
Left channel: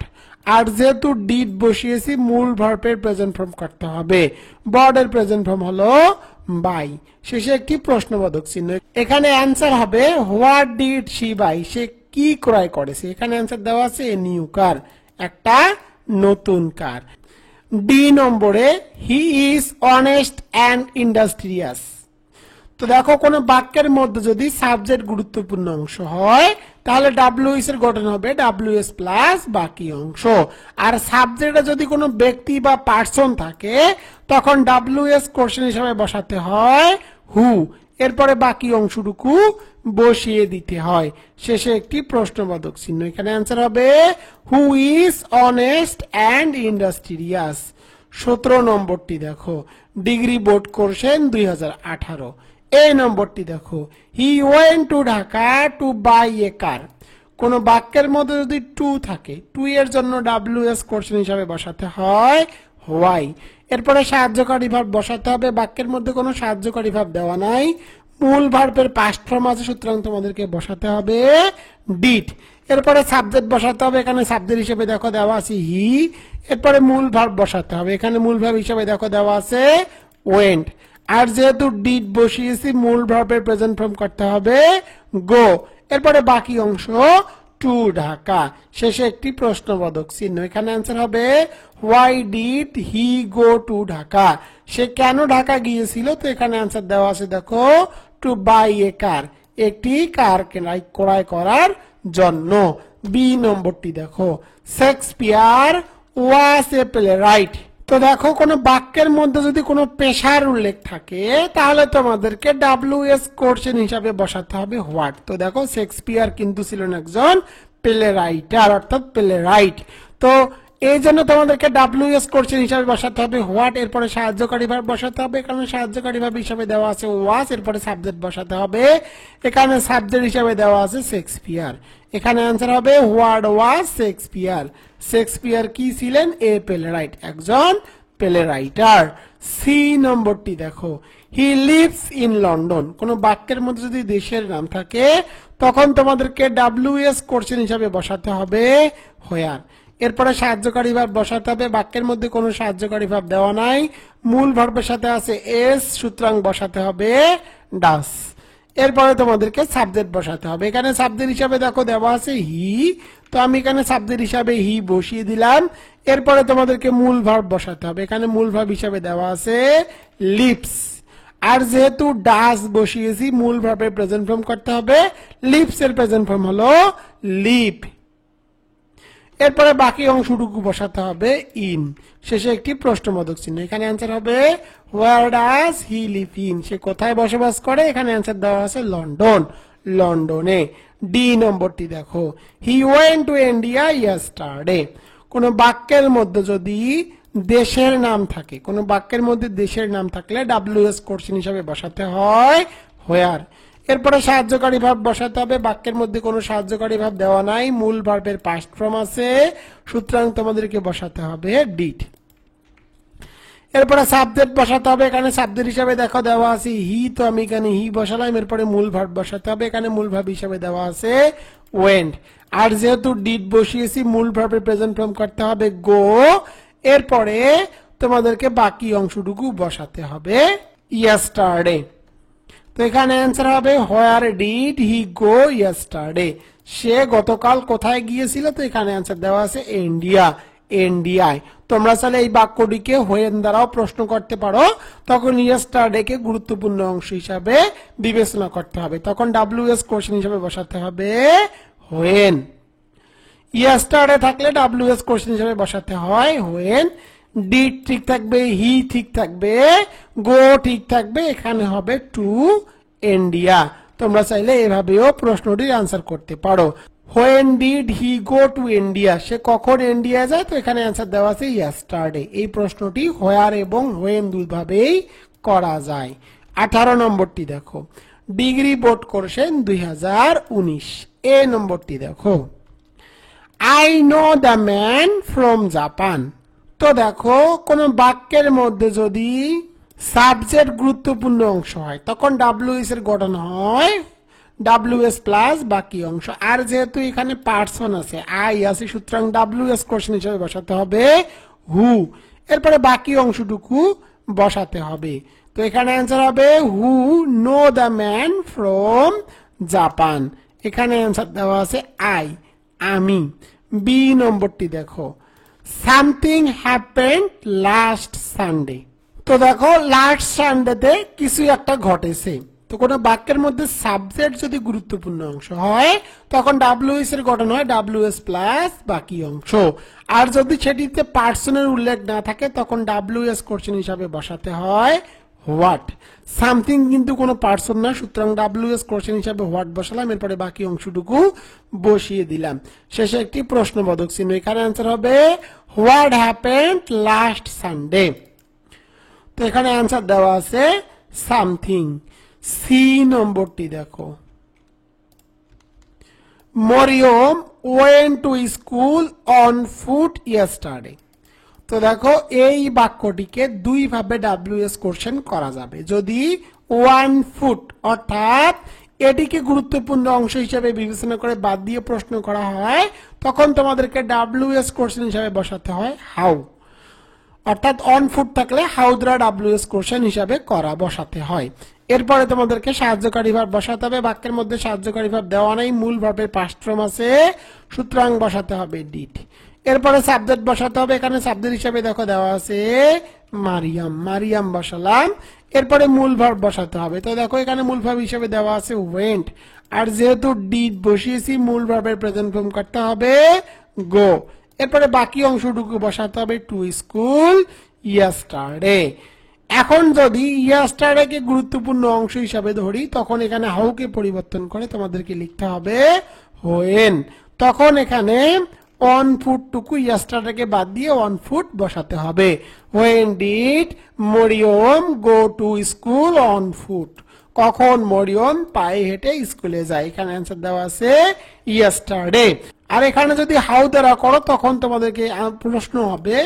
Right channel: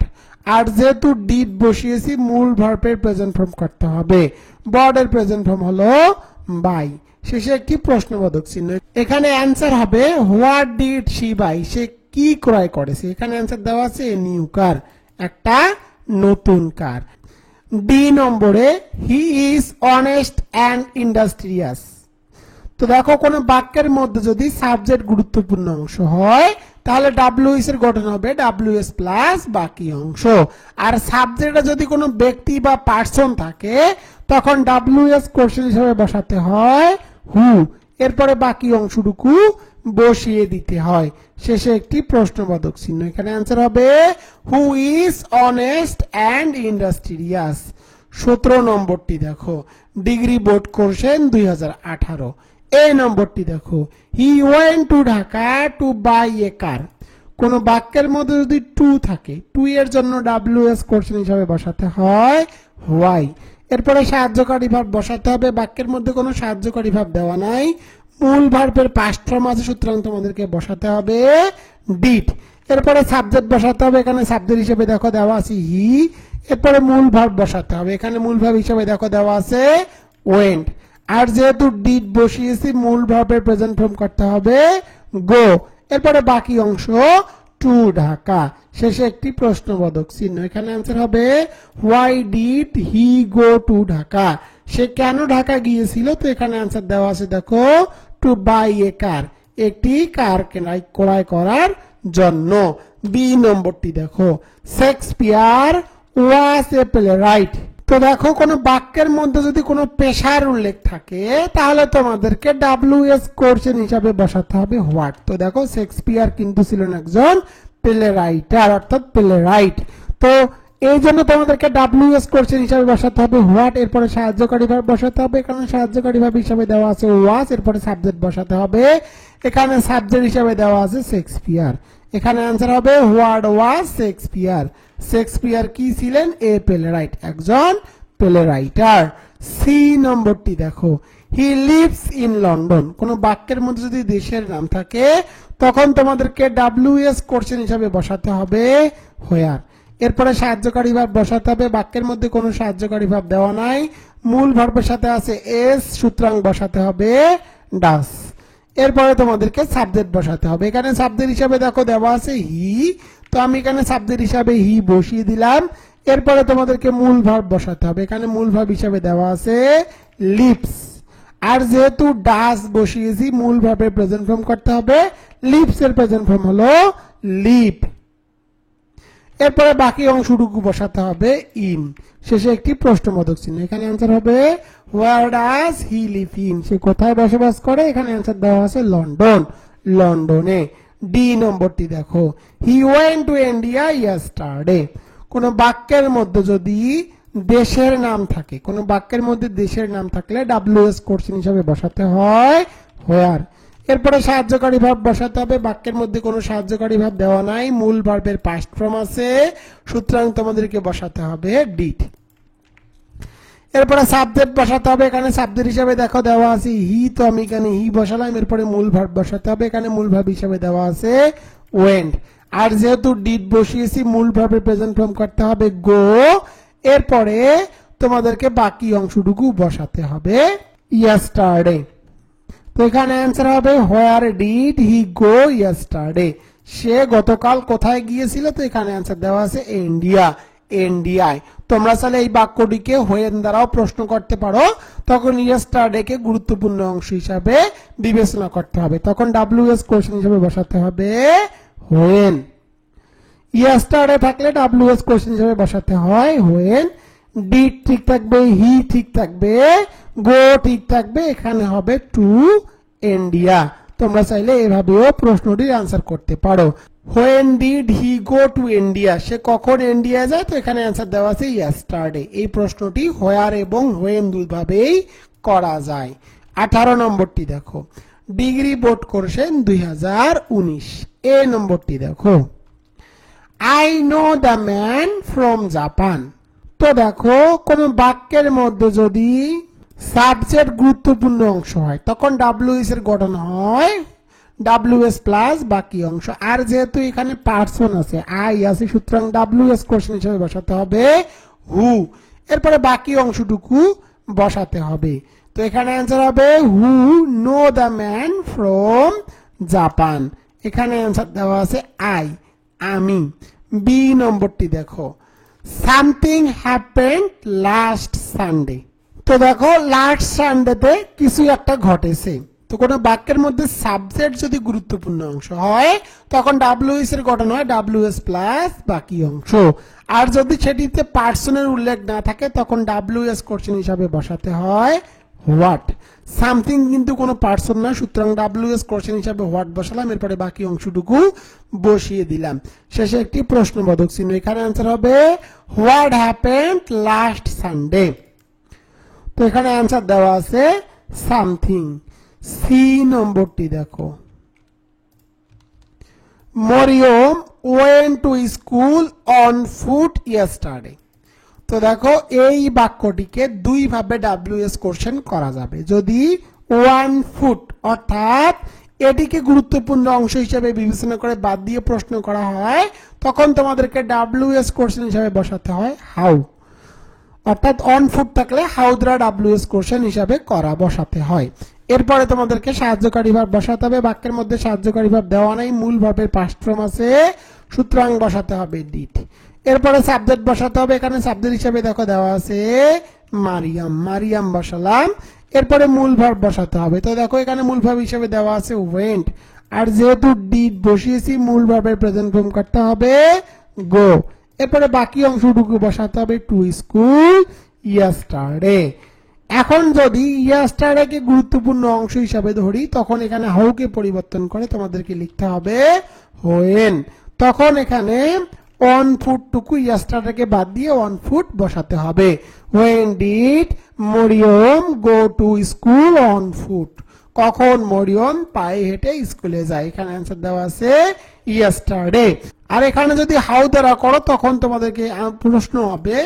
আর যেহেতু ডিড বসিয়েছি মূল ভার্বের প্রেজেন্ট ফর্ম করতে হবে। বট এর প্রেজেন্ট ফর্ম হলো বাই, শেষে একটি প্রশ্নবোধক চিহ্ন। এখানে অ্যান্সার হবে হোয়াট ডিড শি বাই, সে কি ক্রয় করেছে। এখানে অ্যান্সার দেওয়া আছে নিউ কার, একটা নতুন কার। ডি নম্বরে, he is honest and industrious. তো দেখো কোন বাক্যের মধ্যে যদি সাবজেক্ট গুরুত্বপূর্ণ অংশ হয় তাহলে WS এর গঠন হবে WS প্লাস বাকি অংশ। আর সাবজেক্টে যদি কোনো ব্যক্তি বা পার্সন থাকে তখন WS কোশ্চেন হিসেবে বসাতে হয় হু। এরপরে বাকি অংশটুকু বসিয়ে দিতে হয়, শেষে একটি প্রশ্নবোধক চিহ্ন। এখানে অ্যান্সার হবে who is honest and industrious. 17 নম্বরটি দেখো, ডিগ্রি বোর্ড কোশ্চেন 2018। এই নম্বরটি দেখো, he went to Dhaka to buy a car. কোন বাক্যের মধ্যে যদি টু থাকে, টু এর জন্য WS কোশ্চেন হিসাবে বসাতে হয় হোয়াই। এরপরে সাহায্যকারী ভাব বসাতে হবে। বাক্যের মধ্যে কোনো সাহায্যকারী ভাব দেওয়া নাই, মূল ভার্বের পাস্ট ফর্ম আছে, সুতরাং তোমাদেরকে বসাতে হবে ডিড। এরপরে সাবজেক্ট বসাতে হবে। এখানে সাবজেক্ট হিসেবে দেখো দেওয়া আছে হি। এরপরে মূল ভার্ব বসাতে হবে। এখানে মূল ভার্ব হিসেবে দেখো দেওয়া আছে ওয়েন্ট, আর যেহেতু ডিড বসিয়েছি মূল ভার্বের প্রেজেন্ট ফর্ম করতে হবে গো। এরপরে বাকি অংশ টু ঢাকা, শেষে একটি প্রশ্নবোধক চিহ্ন। এখানে অ্যান্সার হবে why did he go to Dhaka, সে কেন ঢাকা গিয়েছিল। তো এখানে অ্যান্সার দেওয়া আছে দেখো টু বাই এ কার, একটি কার ক্রয় করার জন্য। বি নম্বরটি দেখো, শেক্সপিয়ার ওয়াজ এ প্লেরাইট। তো দেখো কোনো বাক্যের মধ্যে যদি কোনো পেশার উল্লেখ থাকে তাহলে তোমাদেরকে WS কোশ্চেন হিসাবে বসাতে হবে হোয়াট। তো দেখো শেক্সপিয়ার কিন্তু ছিলেন একজন প্লেরাইটার অর্থাৎ প্লেরাইট। তো এই জন্য তোমাদেরকে WS কোশ্চেন হিসাবে বসাতে হবে হোয়াট, এরপরে সাহায্যকারী ভার্ব বসাতে হবে, এখানে সাহায্যকারী ভার্ব হিসাবে দেওয়া আছে ওয়াজ, এরপরে সাবজেক্ট বসাতে হবে, এখানে সাবজেক্ট হিসাবে দেওয়া আছে শেক্সপিয়ার। এখানে অ্যান্সার হবে হোয়াট ওয়াজ শেক্সপিয়ার। শেক্সপিয়ার কি ছিলেন? এ প্লেরাইট, একজন প্লেরাইটার। সি নম্বরটি দেখো, হি লিভস ইন লন্ডন। কোন বাক্যের মধ্যে যদি দেশের নাম থাকে তখন তোমাদেরকে WS কোশ্চেন হিসাবে বসাতে হবে হোয়ার। এরপরে সাহায্যকারী ভার্ব বসাতে হবে, বাক্যের মধ্যে কোনো সাহায্যকারী ভার্ব দেওয়া নাই, মূল ভার্বের সাথে আছে এস, সুতরাং বসাতে হবে ডাস। এরপরে তোমাদেরকে সাবজেক্ট বসাতে হবে, এখানে সাবজেক্ট হিসাবে দেখো দেওয়া আছে হি, তো আমি এখানে সাবজেক্ট হিসাবে হি বসিয়ে দিলাম। এরপরে তোমাদেরকে মূল ভার্ব বসাতে হবে, এখানে মূল ভার্ব হিসাবে দেওয়া আছে লিপস, আর যেহেতু ডাস বসিয়েছি মূল ভার্বের প্রেজেন্ট ফর্ম করতে হবে, লিপস এর প্রেজেন্ট ফর্ম হলো লিপ। এরপরে বাকি অংশটুকু বসাতে হবে ইন, শেষে একটি প্রশ্নবোধক চিহ্ন। এখানে অ্যান্সার হবে where does he live in, সে কোথায় বসবাস করে? এখানে অ্যান্সার দেওয়া আছে লন্ডন, লন্ডনে। ডি নম্বরটি দেখো, he went to India yesterday. কোন বাক্যের মধ্যে যদি দেশের নাম থাকে, কোন বাক্যের মধ্যে দেশের নাম থাকলে WS কোশ্চেন হিসাবে বসাতে হয় হোয়ার। এরপরে সাহায্যকারী ভার্ব বসাতে হবে, বাক্যের মধ্যে কোনো সাহায্যকারী ভার্ব দেওয়া নাই, মূল ভার্বের পাস্ট ফর্ম আছে, সুতরাং তোমাদেরকে বসাতে হবে ডিড। এরপরে সাবজেক্ট বসাতে হবে, এখানে সাবজেক্ট হিসাবে দেখো দেওয়া আছে হি, তো আমি এখানে হি বসালাম। এরপরে মূল ভার্ব বসাতে হবে, এখানে মূল ভার্ব হিসাবে দেওয়া আছে ওয়েন্ট, আর যেহেতু ডিড বসিয়েছি মূল ভার্বের প্রেজেন্ট ফর্ম করতে হবে গো। এরপরে তোমাদেরকে বাকি অংশটুকু বসাতে হবে ইয়েস্টারডে। তো এখানে অ্যান্সার হবে where did he go yesterday, সে গতকাল কোথায় গিয়েছিল? তো এখানে অ্যান্সার দেওয়া আছে ইন্ডিয়া, ইন্ডিয়ায়। তোমরা চাইলে এই বাক্যটিকে হোয়েন দ্বারাও প্রশ্ন করতে পারো, তখন ইয়েস্টারডে কে গুরুত্বপূর্ণ অংশ হিসাবে বিবেচনা করতে হবে, তখন WS কোশ্চেন হিসাবে বসাতে হবে হোয়েন। ইয়েস্টারডে থাকলে WS কোশ্চেন হিসাবে বসাতে হয় হোয়েন। ডিড ঠিক থাকবে, হি ঠিক থাকবে, গো ঠিক থাকবে, এখানে হবে টু ইন্ডিয়া। তোমরা চাইলে এভাবেও প্রশ্নটির আনসার করতে পারো। When did he go to India, সে কখন ইন্ডিয়া যায়? তো এখানে আনসার দেওয়া আছে ইয়েস্টারডে। এই প্রশ্নটি হোয়ার এবং হোয়েন দুইভাবেই করা যায়। 18 নম্বরটি দেখো, ডিগ্রি বোর্ড কোর্সেন 2019। এ নম্বরটি দেখো, I know the man from Japan. তো দেখো কোন বাক্যের মধ্যে যদি সাবজেক্ট গুরুত্বপূর্ণ অংশ হয় তখন WS এর গঠন হয় WS প্লাস বাকি অংশ, আর যেহেতু এখানে পার্সন আছে আই আছে, সুতরাং WS কোশ্চেন হিসেবে বসাতে হবে হু। এরপরে বাকি অংশটুকু বসাতে হবে, তো এখানে অ্যান্সার হবে হু know the man from Japan. এখানে অ্যান্সার দেওয়া আছে আই, আমি। বি নম্বরটি দেখো, সামথিং হ্যাপেন্ড লাস্ট সানডে। তো দেখো লাস্ট সানডেতে কিছু একটা ঘটেছে। তো কোনো বাক্যের মধ্যে সাবজেক্ট যদি গুরুত্বপূর্ণ অংশ হয় তখন WS এর গঠন হয় WS প্লাস বাকি অংশ, আর যদি সেটিতে পার্সনের উল্লেখ না থাকে তখন WS কোশ্চেন হিসাবে বসাতে হয় হোয়াট। সামথিং কিন্তু কোনো পার্সন না, সুতরাং WS কোশ্চেন হিসাবে হোয়াট বসালাম, এরপরে বাকি অংশটুকু বসিয়ে দিলাম, শেষে একটি প্রশ্নবোধক চিহ্ন। এখানে অ্যান্সার হবে হোয়াট হ্যাপেন্ড লাস্ট সানডে। তো এখানে অ্যান্সার দেওয়া আছে সামথিং। সি নম্বরটি দেখো, Maryam went to school on foot yesterday. তো দেখো এই বাক্যটিকে দুই ভাবে WS কোশ্চেন করা যাবে। যদি 1 ফুট অর্থাৎ এটিকে গুরুত্বপূর্ণ অংশ হিসেবে বিবেচনা করে বাদ দিয়ে প্রশ্ন করা হয় তখন তোমাদেরকে WS কোশ্চেন হিসাবে বসাতে হয় হাউ, অর্থাৎ অন ফুট থাকলে হাউ দ্বারা WS কোশ্চেন হিসাবে বসাতে হয়। এরপরে তোমাদেরকে সাহায্যকারী ভার্ব বসাতে হবে, বাক্যের মধ্যে সাহায্যকারী ভার্ব দেওয়া নাই, মূল ভার্বের পাস্ট ফর্ম আছে, সুতরাং বসাতে হবে ডিড। এরপরে সাবজেক্ট বসাতে হবে, এখানে সাবজেক্ট হিসাবে দেখো দেওয়া আছে মারিয়াম, মারিয়াম বসালাম। এরপরে মূল ভার্ব বসাতে হবে, তো দেখো এখানে মূল ভার্ব হিসাবে দেওয়া আছে ওয়েন্ট, আর যেহেতু ডিড বসিয়েছি মূল ভার্বের প্রেজেন্ট ফর্ম করতে হবে গো। এরপরে বাকি অংশটুকু বসাতে হবে টু স্কুল ইয়েস্টারডে। এখন যদি ইয়েস্টারডে কে গুরুত্বপূর্ণ অংশ হিসাবে ধরি তখন এখানে হাউকে পরিবর্তন করে তোমাদেরকে লিখতে হবে হোয়েন। তখন এখানে 1 ফুট টুকু ইয়েস্টারডে বাদ দিয়ে 1 ফুট বসাতে হবে। When did Maryam go to school on foot? কখন মরিয়ম পায়ে হেঁটে স্কুলে যায়? এখানে অ্যান্সার দেওয়া আছে ইয়েস্টারডে। আর এখানে যদি হাউ দ্বারা করো তখন তোমাদেরকে প্রশ্ন হবে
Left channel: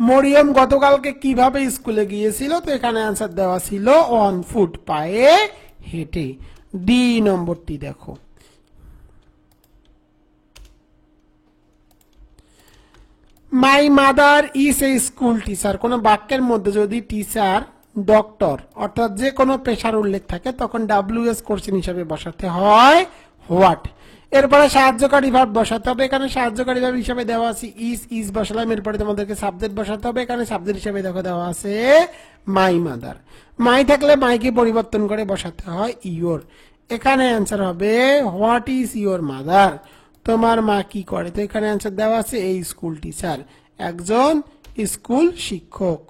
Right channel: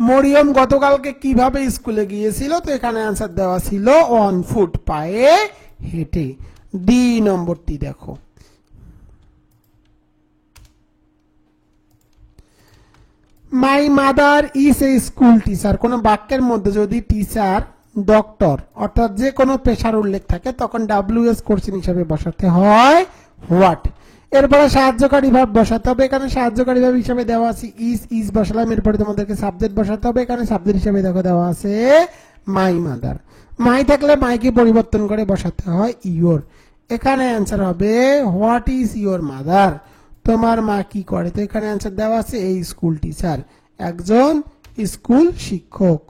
মরিয়ম গতকালকে কিভাবে স্কুলে গিয়েছিল? তো এখানে অ্যান্সার দেওয়া ছিল 1 ফুট পায়ে হেঁটে। ডি নম্বরটি দেখো, my mother is a school teacher. কোন বাক্যের মধ্যে যদি টিচার, ডক্টর অর্থাৎ যে কোনো পেশার উল্লেখ থাকে তখন WS কোশ্চেন হিসাবে বসাতে হয় হোয়াট। এরপরে সাহায্যকারী ভাব বসাতে হবে। এখানে সাহায্যকারী ভাব হিসাবে দেওয়া আছে ইজ বসালাম। এরপরে তোমাদেরকে সাবজেক্ট বসাতে হবে। এখানে সাবজেক্ট হিসাবে দেখো দেওয়া আছে মাই মাদার। মাই থাকলে মাইকে পরিবর্তন করে বসাতে হয় ইয়োর। এখানে অ্যান্সার হবে হোয়াট ইজ ইয়োর মাদার? তোমার মা কি করে? তো এখানে অ্যান্সার দেওয়া আছে এই স্কুল টিচার, একজন স্কুল শিক্ষক।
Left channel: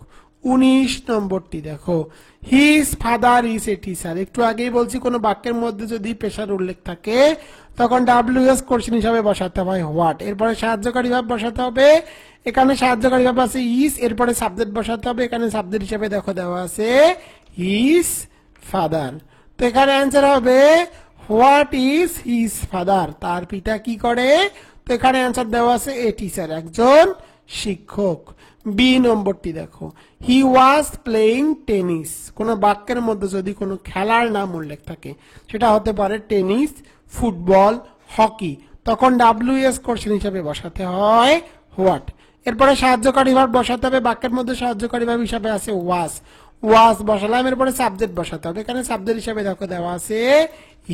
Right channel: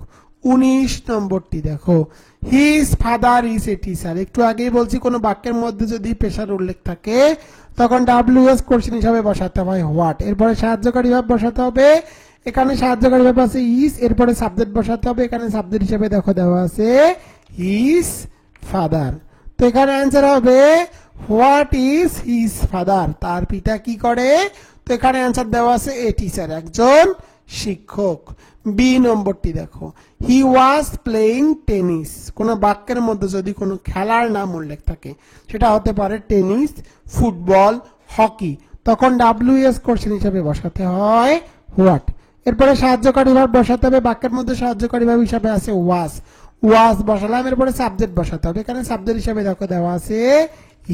19 নম্বরটি দেখো, his father is a teacher. একটু আগেই বলছি কোন বাক্যের মধ্যে যদি পেশার উল্লেখ থাকে তখন WS কোশ্চেন হিসাবে বসাতে হয় হোয়াট। এরপরে সাহায্যকারী ভাব বসাতে হবে। এখানে সাহায্যকারী ভাব আছে ইজ, এরপরে সাবজেক্ট বসাতে হবে। এখানে সাবজেক্ট হিসাবে দেখো দেওয়া আছে হিজ ফাদার। তো এখানে অ্যান্সার হবে হোয়াট ইজ হিজ ফাদার? তার পিতা কি করে? তো এখানে অ্যান্সার দেওয়া আছে এ টিচার, একজন শিক্ষক। বি নম্বরটি দেখো, হি ওয়াজ প্লেইং টেনিস। কোন বাক্যের মধ্যে যদি কোনো খেলার নাম উল্লেখ থাকে, সেটা হতে পারে টেনিস, ফুটবল, হকি, তখন WS কোশ্চেন হিসাবে বসাতে হয় হোয়াট। এরপরে সাহায্যকারী ভাব বসাতে হবে। বাক্যের মধ্যে সাহায্যকারী ভাব হিসাবে আছে ওয়াজ, ওয়াজ বসালাম। এরপরে সাবজেক্ট বসাতে হবে। এখানে সাবজেক্ট হিসাবে দেখো দেওয়া আছে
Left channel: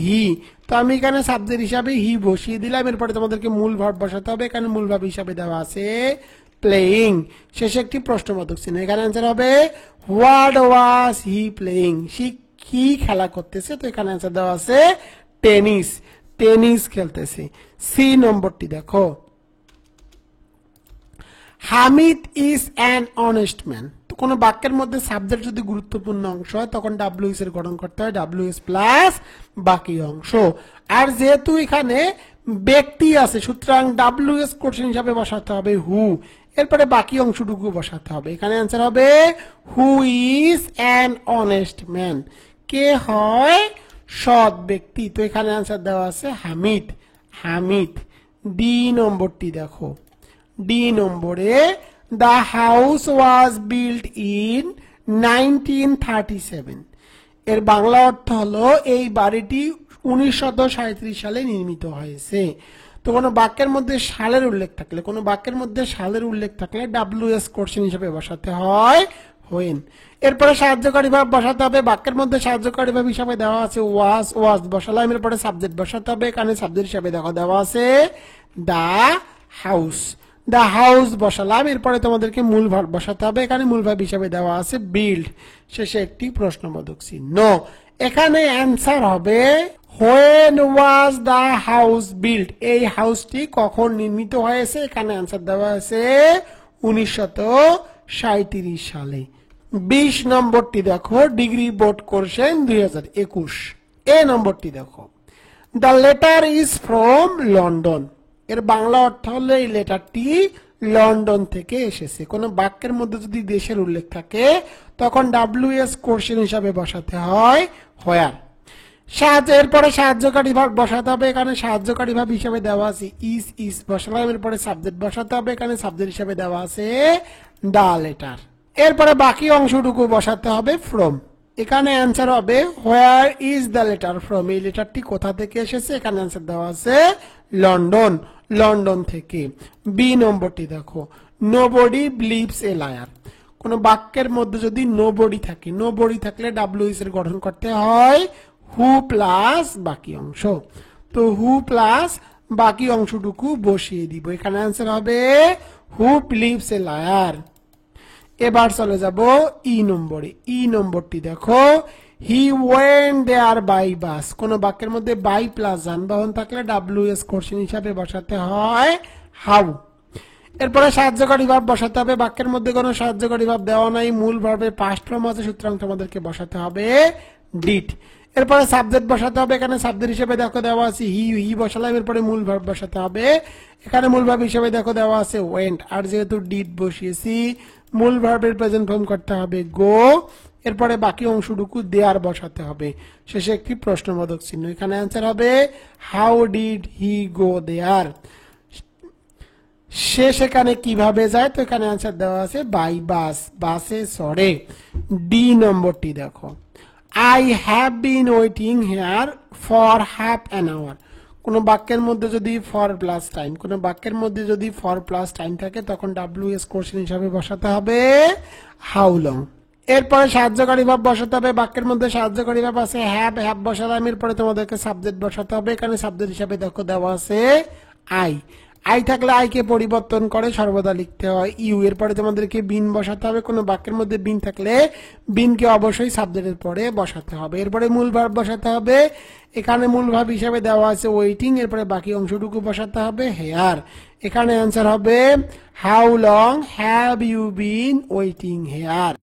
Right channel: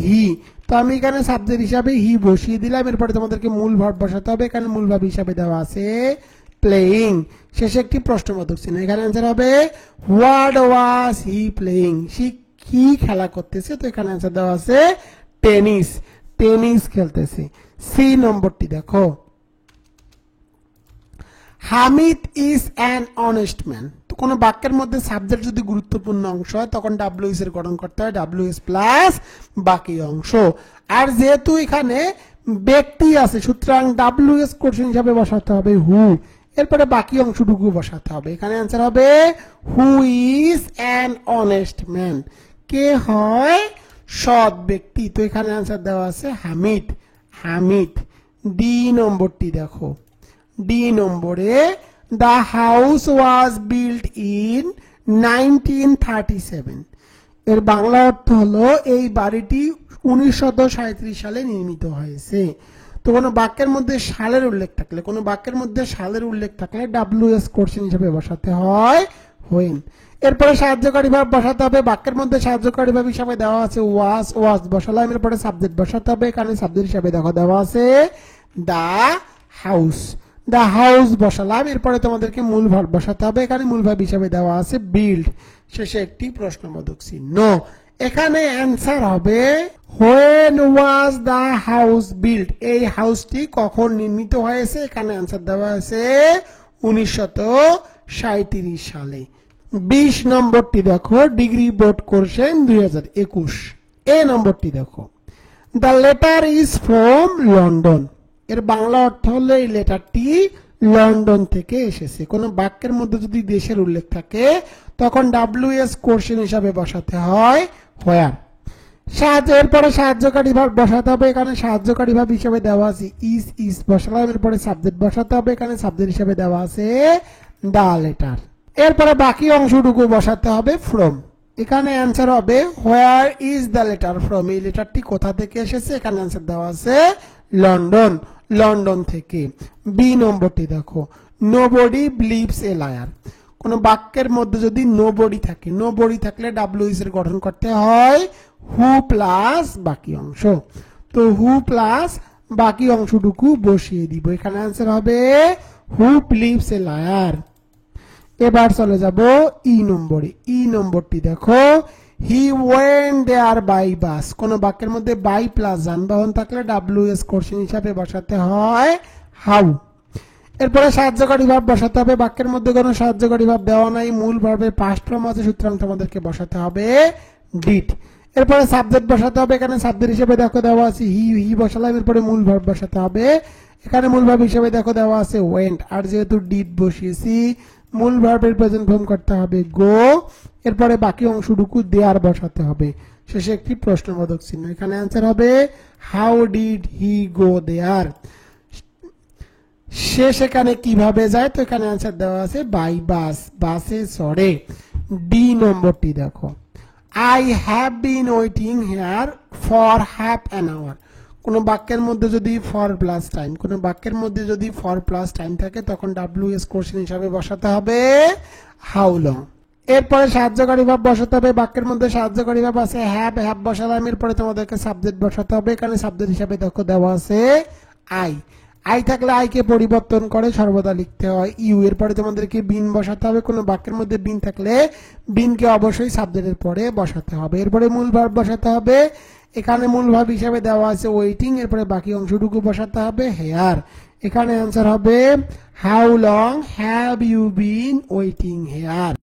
হি। তো আমি এখানে সাবজেক্ট হিসাবে হি বসিয়ে দিলাম। এরপরে তোমাদেরকে মূল ভার্ব বসাতে হবে। এখানে মূল ভার্ব হিসাবে দেওয়া আছে প্লেইং। শেষে একটি প্রশ্নবোধক চিহ্ন। এখানে অ্যান্সার হবে হোয়াট ওয়াজ হি প্লেইং? সে কি খেলা করতেছে? তো এখানে অ্যান্সার দেওয়া আছে টেনিস, টেনিস খেলতেছে। সি নম্বরটি দেখো, Hamid is an honest man. তো কোন বাক্যের মধ্যে সাবজেক্ট যদি গুরুত্বপূর্ণ অংশ হয় তখন WS এর গঠন করতে হয় WS প্লাস বাকি অংশ। আর যেহেতু এখানে ব্যক্তি আছে সুতরাং WS কোশ্চেন হিসাবে বসাতে হবে হু। এরপরে বাকি অংশটুকু বসাতে হবে। এখানে অ্যান্সার হবে who is an honest man? কে হয় সৎ ব্যক্তি? তো এখানে অ্যান্সার দেওয়া আছে হামিদ, হামিদ। ডি নম্বরটি দেখো, ডি নম্বরে the house was built in 1937। এর বাংলা অর্থ হলো এই বাড়িটি 1937 সালে নির্মিত হয়েছে। তো কোনো বাক্যের মধ্যে সালের উল্লেখ থাকলে, কোনো বাক্যের মধ্যে সালের উল্লেখ থাকলে WS কোশ্চেন হিসেবে বসাতে হয় হোয়েন। এরপরে সাহায্যকারী ভাব বসাতে হবে। বাক্যের মধ্যে সাহায্যকারী ভাব হিসাবে দেওয়া আছে ওয়াজ, ওয়াজ বসালাম। এরপরে সাবজেক্ট বসাতে হবে। এখানে সাবজেক্ট হিসাবে দেখো দেওয়া আছে দা হাউস, দা হাউস বসালাম। এরপরে তোমাদেরকে মূল ভার্ব বসাতে হবে। এখানে মূল ভার্ব হিসাবে দেওয়া আছে বিল্ড। শেষে একটি প্রশ্নবোধক চিহ্ন। এখানে অ্যান্সার হবে when was the house build? এই হাউসটি কখন নির্মিত হয়েছে? এখানে অ্যান্সার দেওয়া আছে 1937 সালে। 20 নম্বরটি দেখো, ডিগ্রি বোর্ড কোশ্চেন 2021। এ নম্বরটি দেখো, the letter is from London. এর বাংলা অর্থ হলো এই লেটারটি লন্ডন থেকে এসেছে। কোন বাক্যের মধ্যে যদি দেশের উল্লেখ থাকে তখন WS কোশ্চেন হিসাবে বসাতে হয় হোয়ার। এরপরে সাহায্যকারী ভাব বসাতে হবে। এখানে সাহায্যকারী ভাব হিসাবে দেওয়া আছে ইজ, ইজ বসালাম। এরপরে সাবজেক্ট বসাতে হবে। এখানে সাবজেক্ট হিসাবে দেওয়া আছে দা লেটার। এরপরে বাকি অংশটুকু বসাতে হবে ফ্রম। এখানে অ্যান্সার হবে where is the letter from? এই লেটারটি কোথা থেকে এসেছে? এখানে অ্যান্সার দেওয়া আছে লন্ডন, লন্ডন থেকে। বি নম্বরটি দেখো, নোবডি বিলিভস এ লায়ার। কোন বাক্যের মধ্যে যদি নোবডি থাকে, নোবডি থাকলে WS এর গঠন করতে হয় হু প্লাস বাকি অংশ। তো হু প্লাস বাকি অংশটুকু বসিয়ে দিব। এখানে অ্যান্সার হবে হু বিলিভস এ লায়ার। এবার চলে যাব ই নম্বরে। ই নম্বরটি দেখো, হি ওয়েন্ট দেয়ার বাই বাস। কোন বাক্যের মধ্যে বাই প্লাস যানবাহন থাকলে WS কোশ্চেন হিসাবে বসাতে হয় হাউ। এরপরে সাহায্যকারী ভাব বসাতে হবে। বাক্যের মধ্যে কোনো সাহায্যকারী ভাব দেওয়া নাই, মূল ভার্বের পাস্ট ফর্ম আছে, সুতরাং তোমাদেরকে বসাতে হবে ডিড। এরপরে সাবজেক্ট বসাতে হবে। এখানে সাবজেক্ট হিসেবে দেখো দেওয়া আছে হি বসালাম। এরপরে মূল ভার্ব বসাতে হবে। এখানে মূল ভার্ব হিসেবে দেখো দেওয়া আছে ওয়েন্ট, আর যেহেতু ডিড বসিয়েছি মূল ভার্বের প্রেজেন্ট ফর্ম করতে হবে গো। এরপরে বাকি অংশটুকু দেয়ার বসাতে হবে। শেষে একটি প্রশ্নবোধক চিহ্ন। এখানে অ্যান্সার হবে হাউ ডিড হি গো দেয়ার। সে সেখানে কিভাবে যায়, তো এখানে অ্যান্সার দেওয়া আছে বাই বাস, বাসে চড়ে। ডি নম্বরটি দেখো, I have been waiting here for half an hour. কোন বাক্যের মধ্যে যদি ফর প্লাস টাইম, কোন বাক্যের মধ্যে যদি ফর প্লাস টাইম থাকে তখন WS কোশ্চেন হিসাবে বসাতে হবে হাউ লং। এরপরে সাহায্যকারী ভাব বসাতে হবে। বাক্যের মধ্যে সাহায্যকারী ভাব আছে হ্যাভ, হ্যাভ বসালাম। এরপরে তোমাদেরকে সাবজেক্ট বসাতে হবে। এখানে সাবজেক্ট হিসাবে দেখো দেওয়া আছে আই। আই থাকলে আইকে পরিবর্তন করে সর্বদা লিখতে হয় ইউ। এরপরে তোমাদেরকে বিন বসাতে হবে। কোনো বাক্যের মধ্যে বিন থাকলে বিনকে অবশ্যই সাবজেক্টের পরে বসাতে হবে। এরপরে মূল ভার্ব বসাতে হবে। এখানে মূল ভার্ব হিসাবে দেওয়া আছে ওয়েটিং। এরপরে বাকি অংশটুকু বসাতে হবে হেয়ার। এখানে অ্যান্সার হবে how long have you been waiting hair.